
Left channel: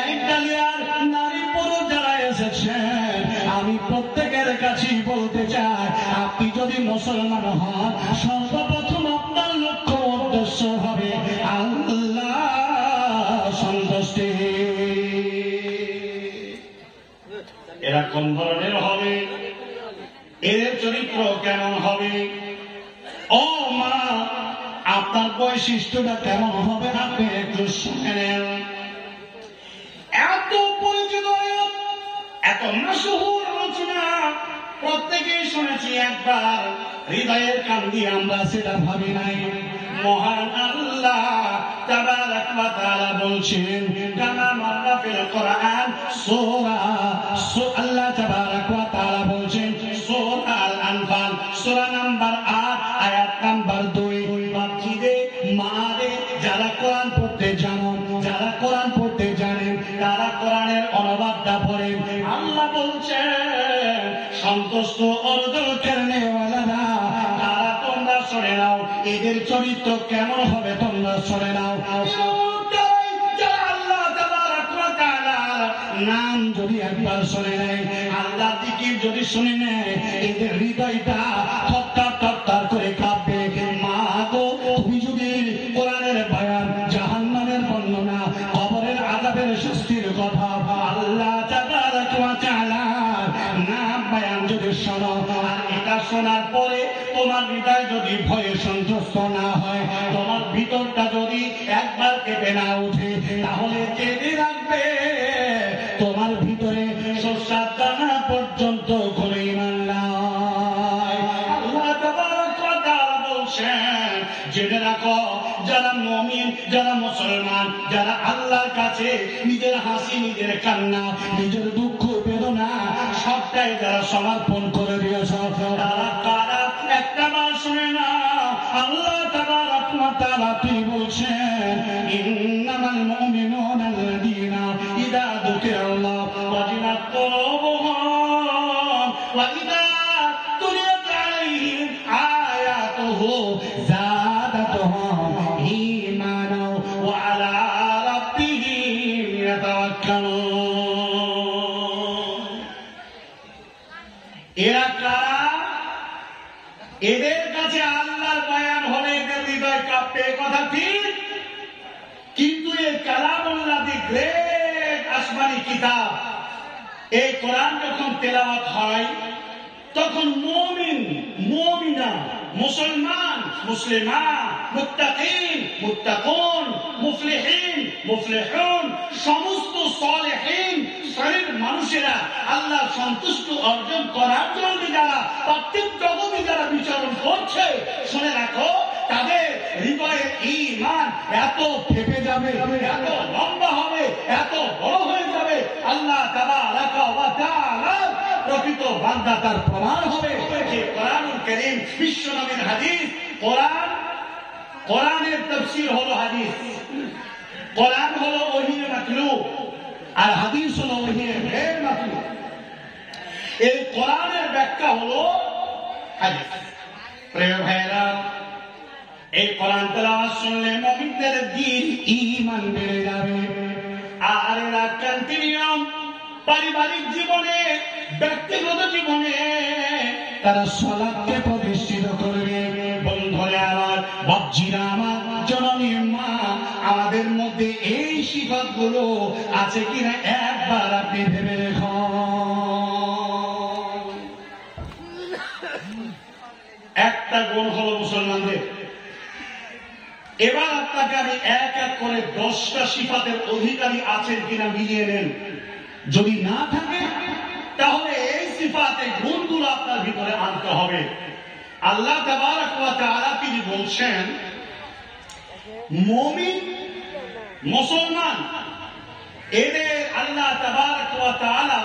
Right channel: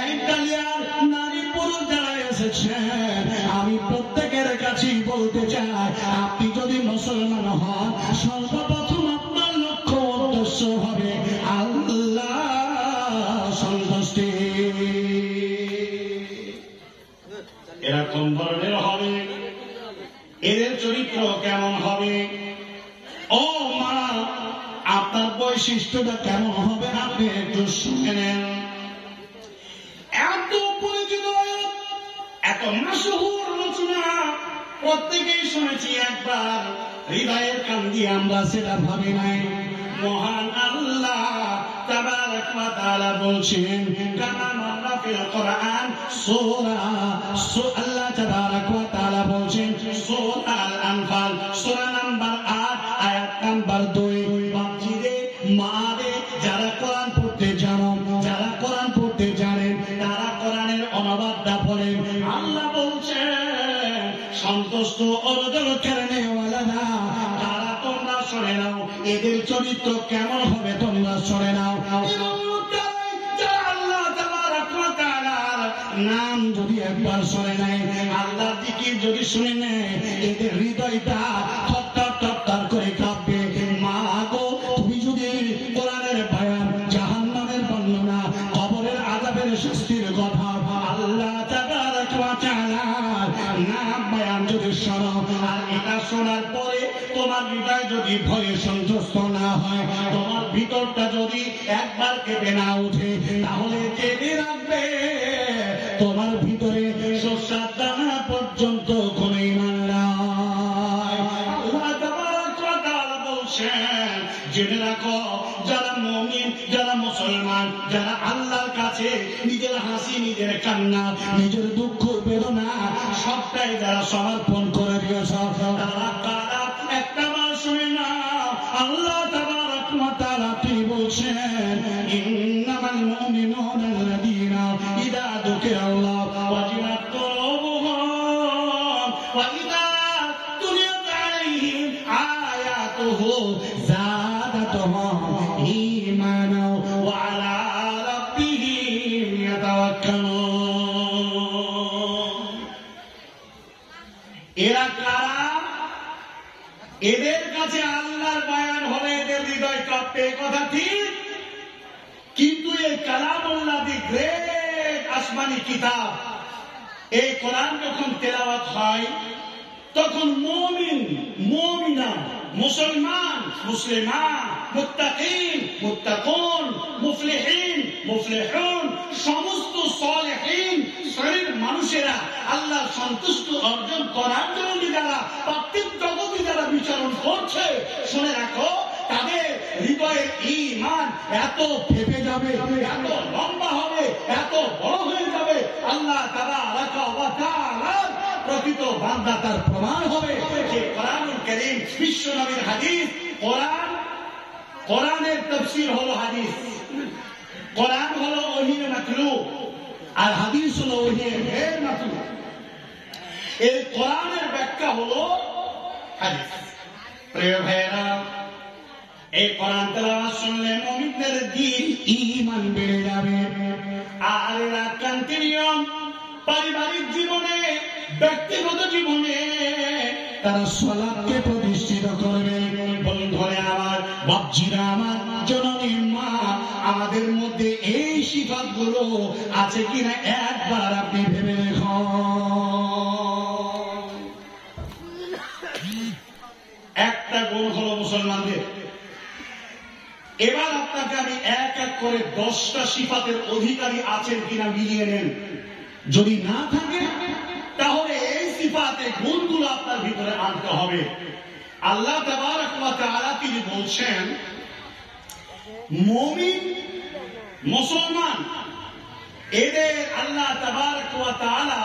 একদলিয়ার নারী পুরুষ যারা এসেছেন, আমি প্রত্যেকের কাছেই বলতে চাই, আপনি যদি মুসলমান হন, সর্বপ্রথম আপনার লক্ষ্য উদ্দেশ্য হবে আল্লাহ সন্তুষ্টি। এরা কোন ধরনের হবে, এদের চরিত্র কেমন হবে, ও মা আপনার বৈশিষ্ট্যটা কেমন হবে আপনি একটু শুনে নেন। এত পরিচিত এত মাশহুর রচনা প্রত্যেকেই শুনেছি একবার, হৃদয়ের কান দিয়ে আমরা সেটা ভাবি নাই। মহান আল্লাহ তাবারাক ওয়া তাআলা বলছেন, কামা মাররা ফিল কোরআন সূরা, আল্লাহ তাবারাক ওয়া তাআলা বলছেন সূরা আল আনফাল সূরা নাম্বার 8 আয়াত নাম্বার 2, মসজিদে মারে যারা কোরআন পড়তে জানো, যারা কোরআন পড়তে জানেন, তারা কোরআনের অনুবাদটা পড়েন। আল্লাহ বলছেন সন্তুষ্ট অর্জন করনে ওয়ালারা, তারা তোমরা শুনে নাও, এদের চরিত্র কেমন হবে তোমরা শুনে নাও। আল্লাহ তাবারাক ওয়া তাআলা নাম যদি একবার শুনে নেয়, আল্লাহর জিকির যদি শুনে নেয়, এদের হৃদয়টা থরথর থরথর করে কাঁপবে। মা গো, তুমি যদি কোরআনের বয়ান, জাহান্নামের বর্ণনা, কবরের আযাবের শাস্তির কথা, আল্লাহ তাবারাক ওয়া তাআলা নাম বয়ান যদি শোনো, আর এটা শোনার পরে তোমার হৃদয় যদি ভয়ে সন্তুষ্ট না হয়, তোমার ভিতরটা যদি একবার কেঁপে না উঠে, তাহলে জেনে রাখবে তোমার ভিতরে শস্যার দানা পর্যন্ত কোনো ঈমান নাই। আল্লাহ তাবারাক ওয়া তাআলা বলছেন, জেনে রাখো যারা মুমিন, যারা মুসলমান, যারা আল্লাহর কাছে নিজের হাসি, নিজের কান্না, নিজের দুঃখ বেদনা সবটাই যারা সমর্পণ করে দিয়েছ, তারা কারা একটা বার শুনে না। আল্লাহ তাবারাক ওয়া তাআলা তিনি বলছেন, ইন্নামাল মুমিনুনা আল্লাযীনা ইযা যুকিরাল্লাহু ওয়াজিলাত কুলুবুহুম ওয়া ইযা তুলিয়াত আলাইহিম আয়াতুহু যাদাতুহুম ঈমানা ওয়া আলা রাব্বিহিম ইয়াতাওয়াক্কালুন। এরা কারা? এদের কাছে আল্লাহর বয়ান হলে এদের হৃদয় কাঁপবে, কথা ঠিক, কিন্তু এই কালামুল্লাহ, দি গ্রেট আসমানি কিতাব, এই কোরআন যখন তেলাওয়াত হয়, তখন মুমিন, মুমিনা, মুসলমান, মুসলিমা, মুত্তাকিন, মুত্তাকুন, মুফলিহিন, মুফলিহুন, সমস্ত সালেহিন শ্রেণীর মানুষেরা আল্লাহর সন্তুষ্টি অর্জন করার জন্য যারা প্রত্যেক জগতে যারা বিচরণ করছে, শুনে রাখো তাদের হৃদয়ের ঈমান এত ফেপে যাবে, এত লম্বা হবে, এত বড় হয়ে যাবে, আল্লাহ তাবারাক ওয়া তাআলা প্রকৃত বান্দা তার প্রমাণ হবে যে কোরআনুল কারীম বিশ্ব নবীর হাদিস। কোরআনের তাফসীর হলো হাদিস, কোরআন হলো ওহীর মাতলুব, আর হাদিস হলো ওহীর গैर মাতলুব। এই কোরআনের ব্যাখ্যা হলো হাদিস। প্রিয় ভাইরা, এই কোরআন তেলাওয়াত শুনলে মুমিনদের দ্বীন ঈমান বেড়ে যাবে, আর এরা কন্টিনিউ পারিবারিক জীবনে, ব্যক্তিগত জীবনে তারা সালাতকে প্রতিষ্ঠিত করবে। বন্ধুরা আমার, বাপজিরা আমার, জননী মা, আমাদের মধ্যে এই সিফাতগুলো আছে কিনা একবার আপনি ভেবে দেখুন। একটা গুণ হলো মুসলমানদের। এবার আপনাকে আমি এক এক করে 10টা সিফাতের অধিকারী আছেন কিনা মিলিয়ে নেন। যদি না থাকে তাহলে এই সিফাতের গুণগুলো আপনার ভিতরে আনতে হবে। আল্লাহ তাবারাক ওয়া তাআলা তিনি বলছেন, মুমিন, মুসলমান, এদের আল্লাহ তাবারাক ওয়া তাআলা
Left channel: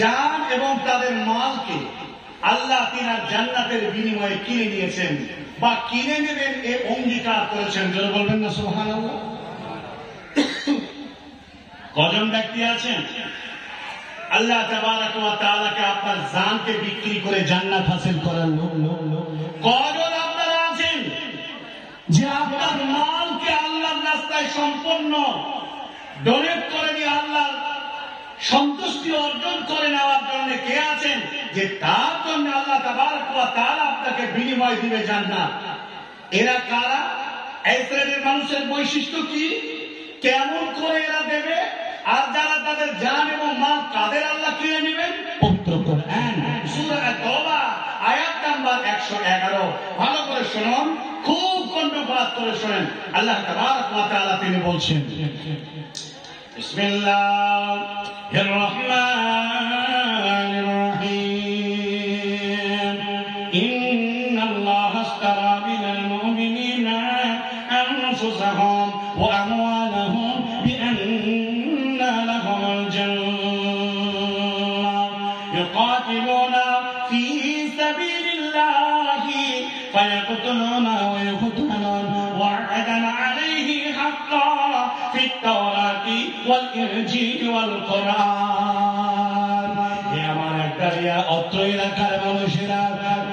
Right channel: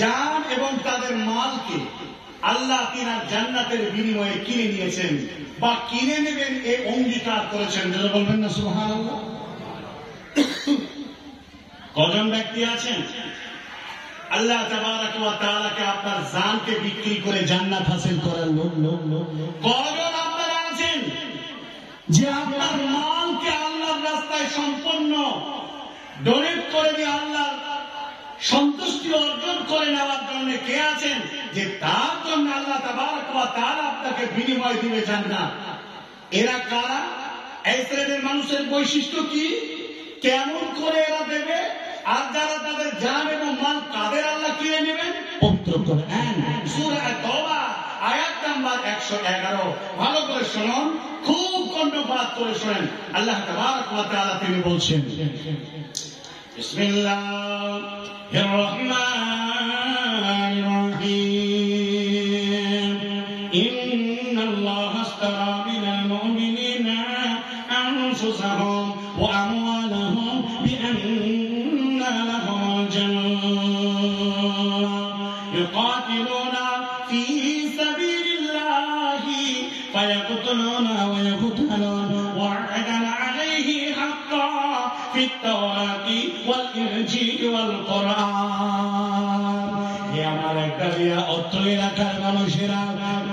জান এবং তাদের মালকে আল্লাহ তিনার জান্নাতের বিনিময়ে কিনে নিয়েছেন বা কিনে নেবেন, এ অঙ্গীকার করেছেন। যারা বলবেন না সুবহানাল্লাহ। কজন ব্যক্তি আছেন আল্লাহ তাবারক ওয়া তাআলাকে আপনার জানকে বিক্রি করে জান্নাত হাসিল করার লোক? কজন আপনারা আছেন যে আপনার মালকে আল্লাহর রাস্তায় সম্পূর্ণ ডোনেট করে দিয়ে আল্লাহর সন্তুষ্টি অর্জন করে নেওয়ার জন্য কে আছেন যে তার জন্য আল্লাহ তাবারক ওয়া তাআলা আপনাকে বিনিময় দিবে জান্নাত? এরা কারা? এই শ্রেণীর মানুষের বৈশিষ্ট্য কি, কেমন করে এরা দেবে? আর যারা তাদের জান এবং মাল কাদের আল্লাহ কিনে নেবেন? পবিত্র কোরআন সূরা আত-তাওবা আয়াত নাম্বার 111। ভালো করে শুনুন, খুব কর্ণপাত করে শুনেন। আল্লাহ তাবারক ওয়া তাআলা তিনি বলছেন, বিসমিল্লাহির রহমানির রহিম, ইন্নাল্লাহা আশতারা মিনাল মুমিনিনা আনফুসাহুম ওয়া আমওয়ালাহুম বিআন্না লাহুমুল জান্নাহ ইউকাতিলুনা ফী সাবিলিল্লাহি ফায়াকতুলুনা ওয়া ইয়াকতুলুনা ওয়া'দান আলাইহি হাক্কান ফিত তাওরাতি ওয়াল ইনজিল ওয়াল কুরআন। হে আমার একদারিয়া অত্র এলাকার মানুষেরা,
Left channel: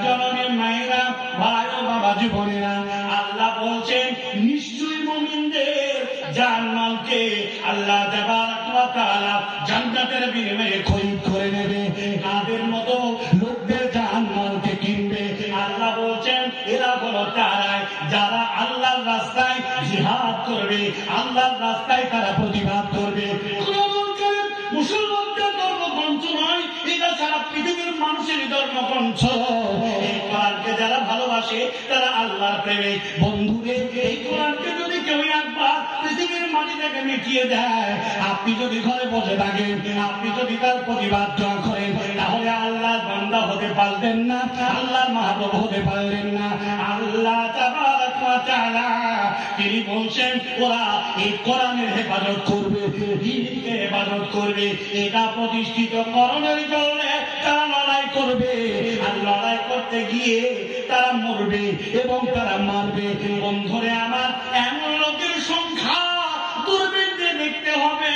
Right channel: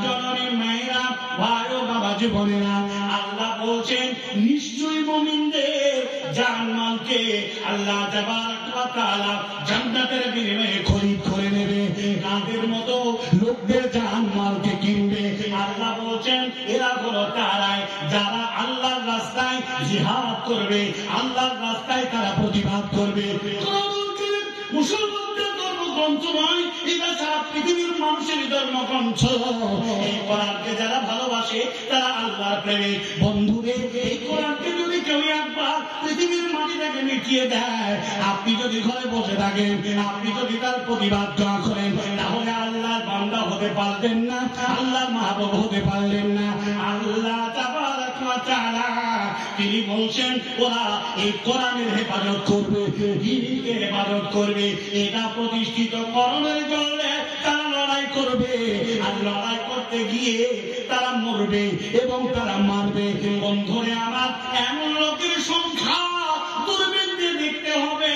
জননী মায়েরা, ভাই ও বাবাজি বোনেরা, আল্লাহ বলছেন নিশ্চয়ই মুমিনদের জান্নাতকে আল্লাহ তাবারক ওয়া তাআলা জান্নাতের বিনিময়ে খরিদ করে নেবে। তাদের মতো লোকদের জান্নাতকে কিনবে। আল্লাহ বলছেন এরা হলো তারাই যারা আল্লাহর রাস্তায় জিহাদ করবে, আল্লাহর রাস্তায় তারা প্রতিবাদ করবে। মুসলমানদের ধর্মগ্রন্থ নয়, এটা সারা পৃথিবীর মানুষের ধর্মগ্রন্থ। এই কোরআনকে যারা ভালোবাসে তারা আল্লাহর প্রেমিক। বন্ধুদের, এই কোরআনকে যদি কেউ একবার পৃথিবীর মাটি থেকে মিটিয়ে দেয়, আপনি যদি ঘরে বসে থাকেন, আপনি যদি তার প্রতিবাদ করেন, তাহলে আল্লাহর বান্দা হতে পারলেন না, আল্লাহর মাহবুব হতে পারলেন না। আল্লাহ তাবারক ওয়া তাআলা তিনি বলছেন ওরা এই কোরআনের হেফাজত করবে, দ্বীনকে হেফাজত করবে। এটা প্রতিষ্ঠিত করণের জন্য তারা লড়াই করবে, আর লড়াই করতে গিয়ে তারা মরবে এবং তারা মারবে। বন্ধুরে আমার, এমন লোকের সংখ্যা দুর্বৃত্তে দেখতে হবে।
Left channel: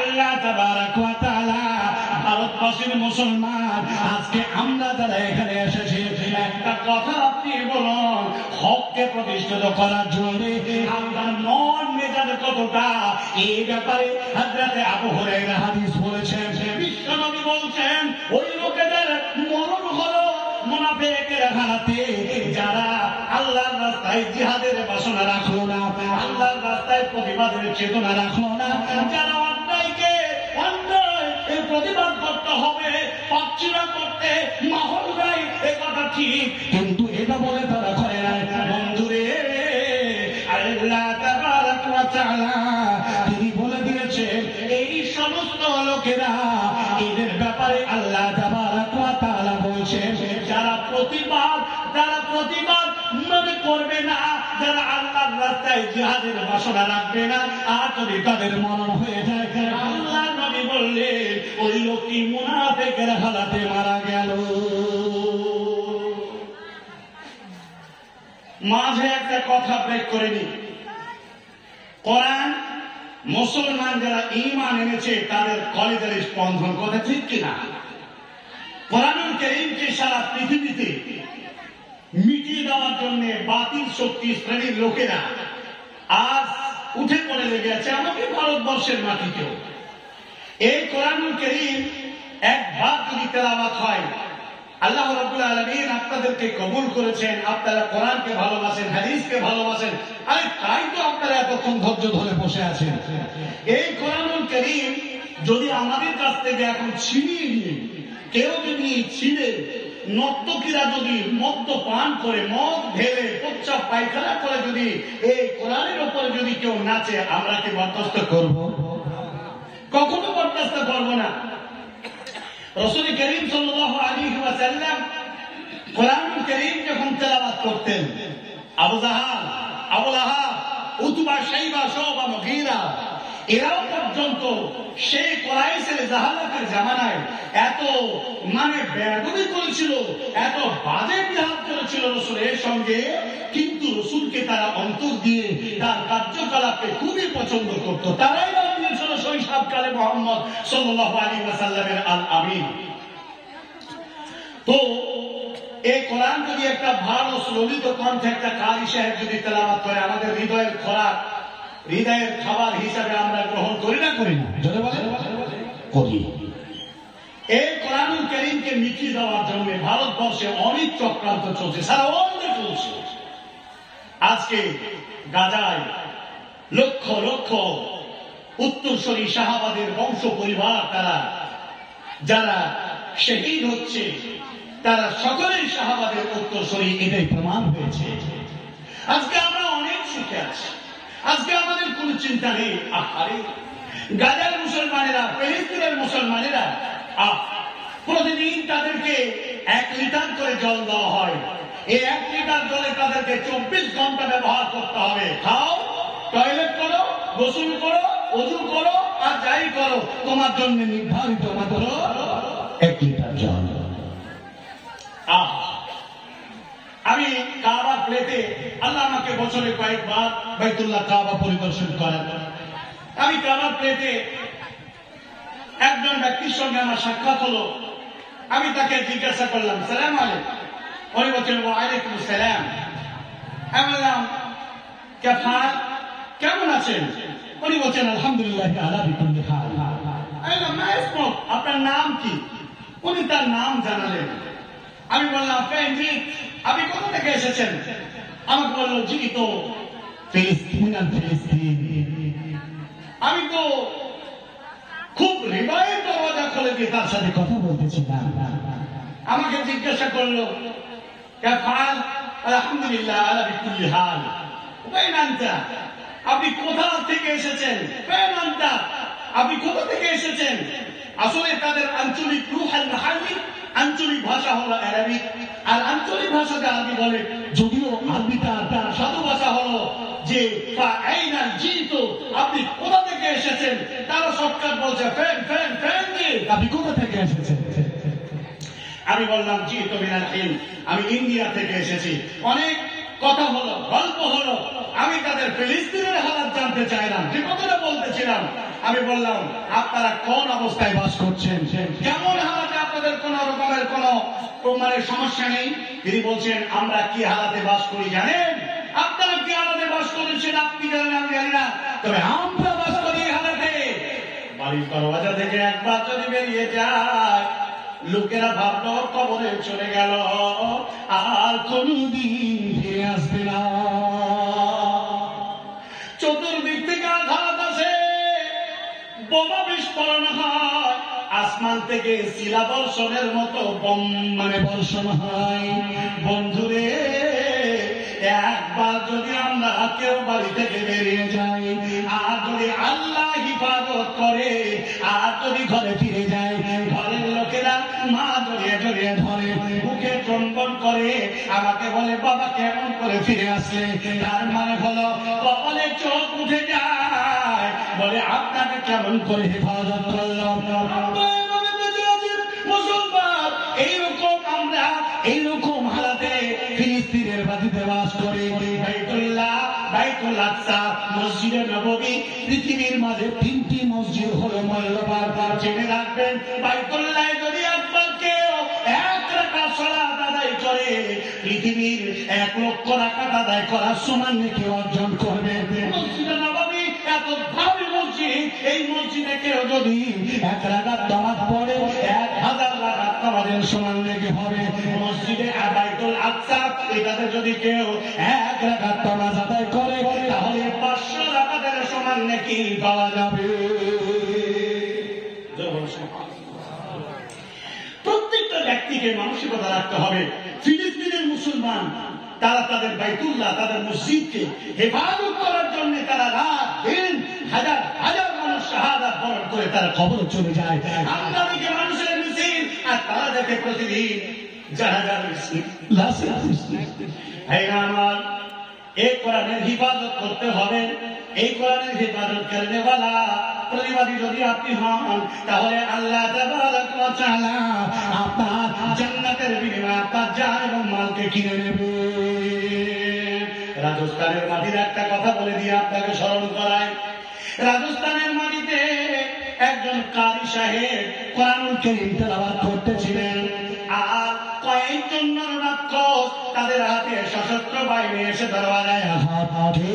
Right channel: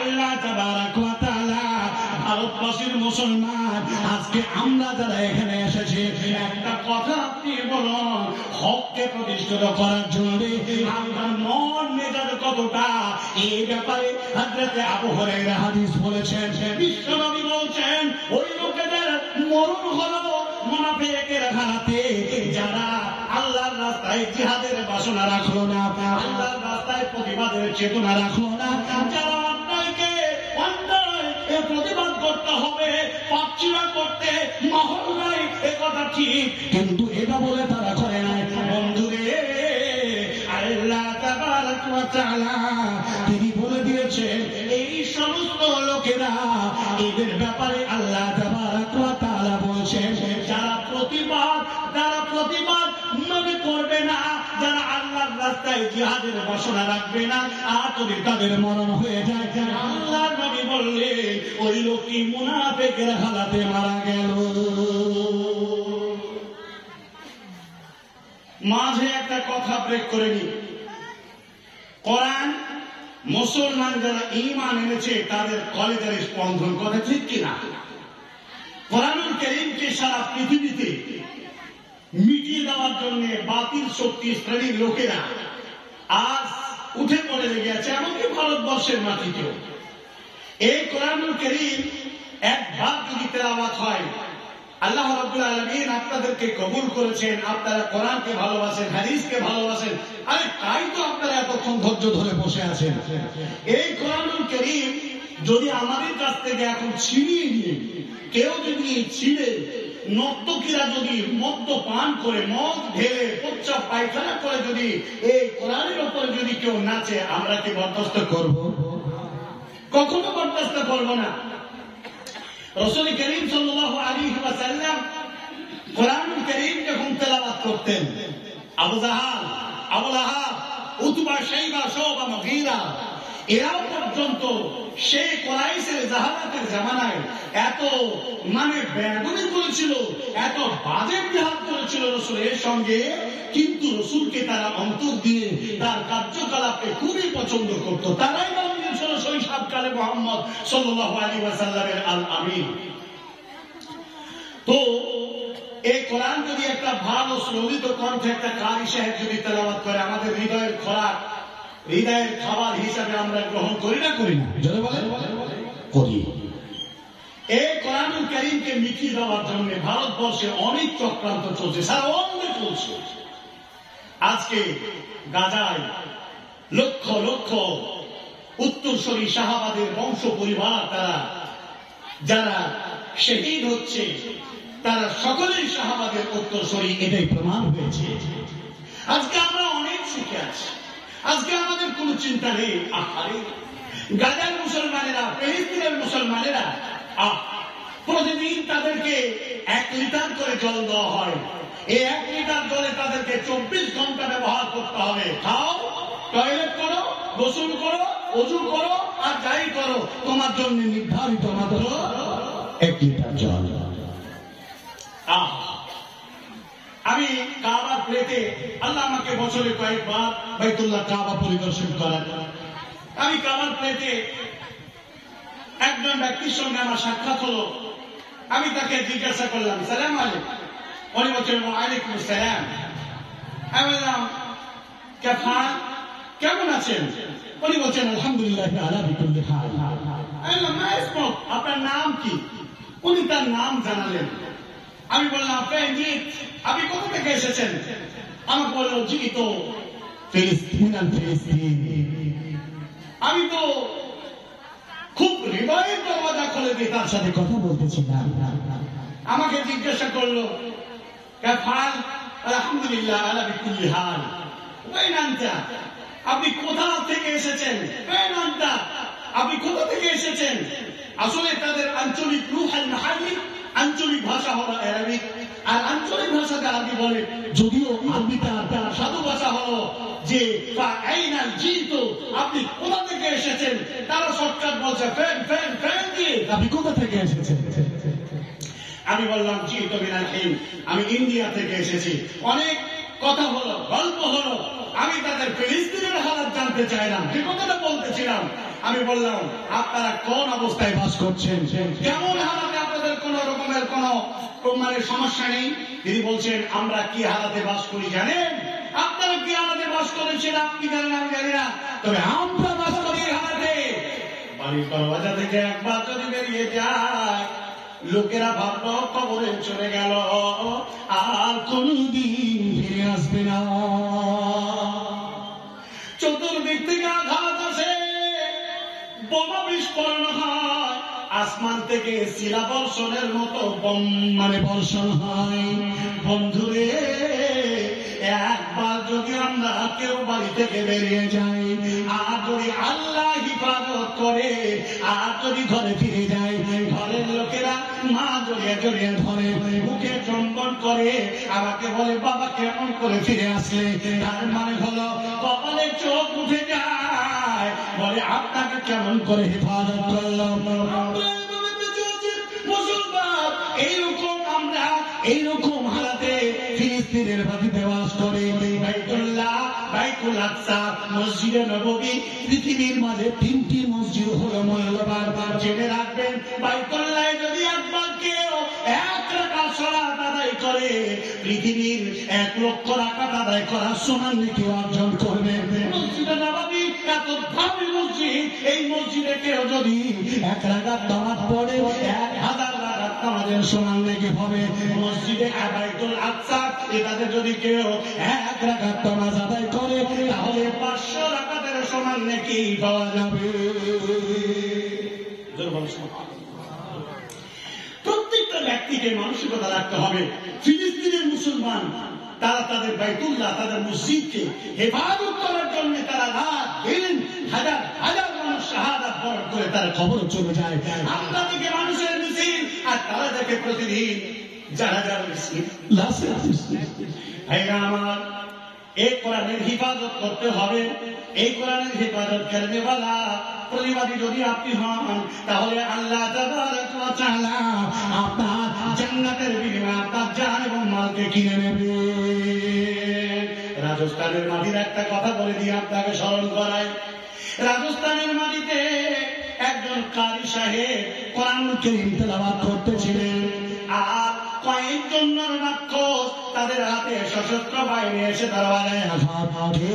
আল্লাহ তাবারক ওয়া তাআলা ভারতবাসীর মুসলমান, আজকে আমরা যারা এখানে এসেছি, একটা কথা আপনি বলুন, হককে প্রতিষ্ঠিত করার জন্য আপনার মন মেজাজ কতটা? এই ব্যাপারে হযরত আবু হুরায়রা হাদিস বলেছেন, বিশ্বনবী বলছেন ওই লোকেদের মরণ হলো মুনাফিকের হাতে যারা আল্লাহর রাস্তায় জিহাদের বাসনা রাখলো না, আল্লাহর রাস্তায় প্রতিবাদের চেতনা রাখলো না। যারা অন্যায়কে অন্যায় প্রতিবাদ করতে হবে, পাচ্ছিরা করতে মাহল নাই, একথা ঠিক, কিন্তু এটা বলে তারা করে নাই। বন্ধুরে, আল্লাহ তাবারক ওয়া তাআলা তিনি বলে দিয়েছেন এই সমস্ত লোকেরা, এদের ব্যাপারে আল্লাহ তাবারক ওয়া তাআলা বলছেন যারা প্রতিবাদ মানে করবে না, যারা আল্লাহর রাস্তায় জিহাদের বাসনা রাখবে না, আর যদি তাদের মরণ হয়ে যায়, আল্লাহ নবী বললেন ওই লোকটি মুনাফিকের হালাতে মারা গেল। মাঝে একটা কথা ব্রেক করে নি। কোরআন মুসলমান যারা ঈমান এনেছে তাদের কলেজের স্পন্দন, কথা ঠিক কিনা? কোরআনুল কারীমকে সারা পৃথিবীতে মিটিয়ে দেওয়ার জন্য বাতিল শক্তি শ্রেণীর লোকেরা আজ উঠে পড়ে লেগে আছে, এমনকি ভারতবর্ষের মাটিতেও। এই কোরআনুল কারীম একবার যদি তেলাওয়াত হয়, আল্লাহ রাব্বুল আলামিন আপনাদেরকে কবুল করেছেন, আপনারা কোরআনকে ভালোবাসেন, হাদিসকে ভালোবাসেন। আরে তাই তো আপনারা এতক্ষণ ধৈর্য ধরে বসে আছেন। এই কোরআনুল কারীম যদি আমাদের কাছ থেকে এখন ছিনিয়ে নিয়ে কেউ যদি ছিঁড়ে, নর্তকীরা যদি মদ্য পান করে, মদ ঢেলে, প্রস্রাব পায়খানা করে যদি এই কোরআনের উপরে যদি কেউ নাচে, আমরা কি বরদাস্ত করব? কখনো বরদাস্ত করব না। রাসূল করিম সাল্লাল্লাহু আলাইহি ওয়াসাল্লাম কোরআনুল কারীম যখন তেলাওয়াত করতেন, আবু জাহাল, আবু লাহাব, উতবা, শাইবা, শুবা, মুগীরা এরাও পর্যন্ত সেই কুরাইশের জাহালাতের জামানায় এত মানে বেয়াদবি করেছিল, এত বাজে বিহার করেছিল রাসূলের সঙ্গে, কিন্তু রাসূলকে তারা অন্তর দিয়ে তার কার্যকলাপকে খুবই পছন্দ করত। তারাই নাম দিয়েছিল শৈশব কালে মুহাম্মদ সাল্লাল্লাহু আলাইহি ওয়াসাল্লামের আল আমিন। তো এই কোরআন যদি একটা ভালো ললিত কণ্ঠে একটা কারি সাহেব যদি তেলাওয়াত করে, আমাদের হৃদয়ের খোরাক, হৃদয়ের খাবার হিসাবে আমরা গ্রহণ করি না করি না? করি। এই কোরআনুল কারীমকে মিটিয়ে দেওয়ার জন্য ভারতবর্ষে অনেক চক্রান্ত চলছে, সারা ওয়ার্ল্ডে চলছে। আজকে গাজায় লক্ষ লক্ষ উত্তরসূরি শাহাবাদের বংশ পরিবার, তারা যারা শহীদ হচ্ছে তারা সকলেই শাহাবাদের উত্তরসূরি, এটাই প্রমাণ হয়েছে। আজকে আমরা অনেক সুখে আছি, আজকে আমাদের কোন চিন্তা নেই। আরে গাজার মুসলমানেরা, ফিলিস্তিনের মুসলমানেরা প্রতিদিন তাদেরকে 1 লিটার করে জল দেওয়া হয়। এই 1 লিটার জলে তাদেরকে 24 ঘন্টা ব্যবহার করতে হবে। খাও, টয়লেট করো, গোসল করো, ওযু করো, আর যাই করো, তোমার জন্য নির্ধারিত মাত্র 1 লিটার জল। আমি কাবার প্লেটে, আল্লাহ আমাকে বছরে কয়েকবার বাইতুল্লাহ কাবা পরিদর্শন করেন। আমি কাবার প্লেটে একজন ব্যক্তির সঙ্গে আমার সাক্ষাৎ হলো। আমি তাকে জিজ্ঞাসা করলাম, সালাম আলাইকুম। উনি বলছেন ওয়ালাইকুম আসসালাম। আমি বললাম কেমন আছেন? উনি বলছেন আলহামদুলিল্লাহ আলা বিকুল্লি হাল। আমি বললাম মা ইসমুক, আপনার নাম কি? উনি তার নাম জানালেন। আমি বললাম আপনি কোথা থেকে এসেছেন? আমাকে বললো জি তো ফিলিস্তিন। আমি তো খুব হৃদয়ের দরওয়াজা খুলে দিয়ে তার সাথে কথা বলতেছিলাম। আমাকে জিজ্ঞাসা করলো আলহামদুলিল্লাহ আলা বিকুল্লি হাল। আপনি কোথা থেকে এসেছেন? আপনি কোথা থেকে এসেছেন? আসলে তাদের আঞ্চলিক রুহাল মাহাল্লি, আঞ্চলিক ভাষা হলো আরবিক, আর আঞ্চলিক ভাষাতে আরবি বলে। যদিও আরবিটা তার সাধু ভাষা হলো যে আপনি কোথা থেকে এসেছেন? তারা শর্টকাট বলছে ফ্যান দিয়ে। আপনি কোথা থেকে এসেছেন? আমি বললাম জি তো মিনাল হিন্দ, আমি ইন্ডিয়া থেকে এসেছি। অনেক কথা হলো, গল্প হলো। আমি তাদের ফিলিস্তিনের হালাত জানতে চাইলাম। যে কথাটা বলতেছিলাম, আমি বললাম আপনারা কোন অবস্থায় বাস করছেন, কেমন হালাতে, আপনাদের কোন রকমের কোন সমস্যা নেই? তিনি বলছেন আমরা কি হালাতে বাস করি জানেন? আপনারা কি হালাতে বাস করেন সেটা আপনি জানেন, আমি জানি না, তবে আমরা বাস করি এই হালাতে। বাড়ির দরওয়াজা থেকে একবার যদি বেরিয়ে যায়, লোকেরা ভাবলো কবরে চলে গেল, আর কোনদিন ফিরে আসবে না। চতুর্দিক থেকে আঘাত আসে, বোমা বিস্ফোরণ হয়, আসমান থেকে শিলা বর্ষণের মতো বর্ষণ হয়। বন্ধুরে, একবার যদি আমরা কেউ বাড়ি থেকে বেরিয়ে যাই, আর যদি আল্লাহ হিফাজত করে, আর যদি ঘরে ফিরে যায়, ঘরের লোকেরা মা জড়িয়ে জড়িয়ে ধরে, মুখে চুম্বন করে, আমাকে বলে বাবা কেমন করে ফিরে আসলে? তার মানে হলো কপালে চোখ উঠে যায়, বলে আপনাকে কেমন করে হেফাজত করলাম। মুসলমান এইরকম, আমরা এইরকম হালাতে ফিলিস্তিনের মাটিতে বাস করি। বাইতুল আকসা, মসজিদে নববী, পৃথিবীর মাঝে 3টি মসজিদ হলো মূল্যবান। জেনে রাখবেন, বাইতুল্লাহ যদি একবার কেউ 1 রাকাত সালাত আদায় করে, পৃথিবীর 1 লক্ষ রাকাত আদায় করার সমান নেকি অর্জন করবে। মসজিদে নববী এত দামি মসজিদ, এই মসজিদে কেউ যদি 1 রাকাত নামাজ পড়ে, 1000 রাকাত নামাজের সমান নেকি হবে। মসজিদে বাইতুল আকসা, এটাতে যদি কেউ 1 রাকাত নামাজ আদায় করে, তাহলে 500 রাকাতের সমান নেকি পাওয়া যাবে। প্রত্যেকটা ব্যক্তিকে মানসিকতা রাখতে হবে, ফিলিস্তিনের মুসলমান তারা তাদের বাইতুল্লাহ, তাদের মসজিদকে হেফাজত করার জন্য তারা রাত দিন হাজার হাজার মানুষ শাহাদাত বরণ করে তারা কবরে চলে যায়। আমরা দেখে মানুষের মিছিল, আর তারা দেখে প্রতিদিন জানাজার মিছিল। ভাইরা আমার, এই কোরআনের হিফাজত করতে হবে। এই কোরআনের হিফাজত করনে वाला প্রতিবাদী যদি আপনি হন, তাহলে আল্লাহ তাবারক ওয়া তাআলা আপনার জান্নাতের বিনিময়ে আপনার জান এবং মালকে কিনে নেবে। রাজস্থানের মাটির একটা কথা বলে দিয়ে আপনাকে স্মরণ করায়। রাজস্থানের মাটিতে একজন কারি সাহেব কোরআনুল কারীম তেলাওয়াত করতেছিলেন, আর কয়েকজন নরনাক্ষস তাদের হাতে সশস্ত্র বাহিনী এসে দরওয়াজায় আঘাত করে।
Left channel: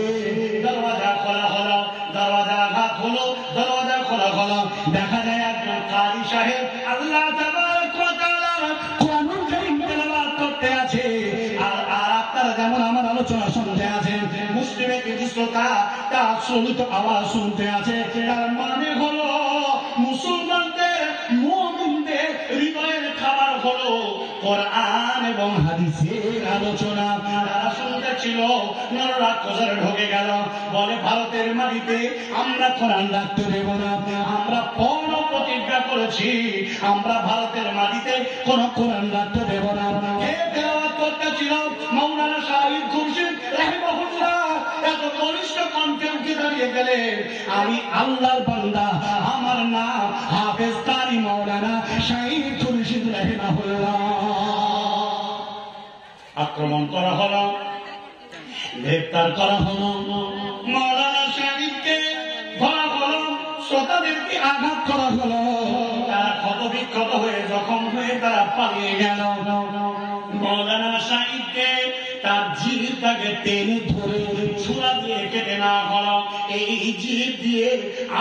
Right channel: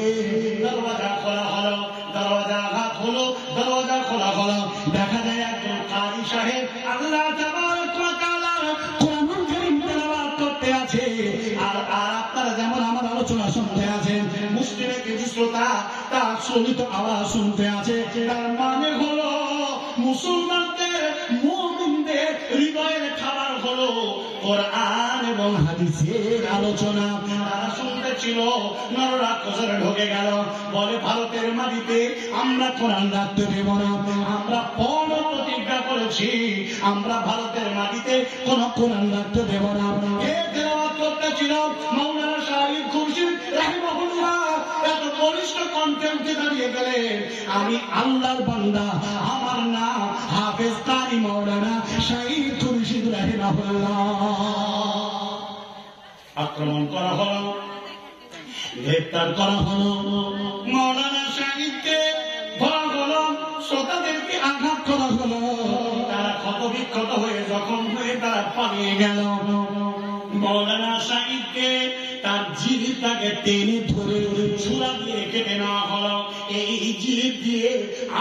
দরওয়াজা খোলা হলো, দরওয়াজা আঘাত হলো, দরওয়াজা খোলা হলো। দেখা যায় একজন কারি সাহেব আল্লাহ তাবারক ওয়া তাআলার কোরআনুল কারীম তেলাওয়াত করতে আছে, আর আপনারা যেমন আমার আলোচনা শুনতে আছেন, মুসলিমের কিছু শ্রোতা তার শ্রমিত আওয়াজ শুনতে আছে। তার মানে হলো মুসলমানদের, মুমিনদের হৃদয়ের খাবার হলো কোরআন এবং হাদিসের আলোচনা। তারা শুনতে ছিল, নররাক্ষসরা ঢুকে গেল, বলে ভারতের মাটিতে আমরা কোরআন রাখতে দেব না। আমরা পণ প্রতিজ্ঞা করেছি, আমরা ভারতের মাটিতে কোন কোরআন রাখতে দেব না। কে তেলাওয়াত করতেছিল? মাওলানা শাহিদ খুরশিদ রাহিমাহুল্লাহ। এত বলিষ্ঠ কণ্ঠে উঠে দাঁড়িয়ে গেলে, আমি আল্লাহর বান্দা, আমার নাম হাফেজ কারি মাওলানা শাহিদ খুরশিদ রাহিমাহুল্লাহ। আক্রমণ করা হলো, গ্রেপ্তার করা হলো, মাওলানা শাহিদকে ধরা হলো, শ্রোতাদেরকে আঘাত করা হলো। তারা ক্ষত বিক্ষত হয়ে জখম হয়ে তারা পালিয়ে গেল। মাওলানা শাহিদকে তার জিহ্বাকে টেনে ধরে ছুরা দিয়ে কেটে নেওয়া হলো। এই জিহ্ব দিয়ে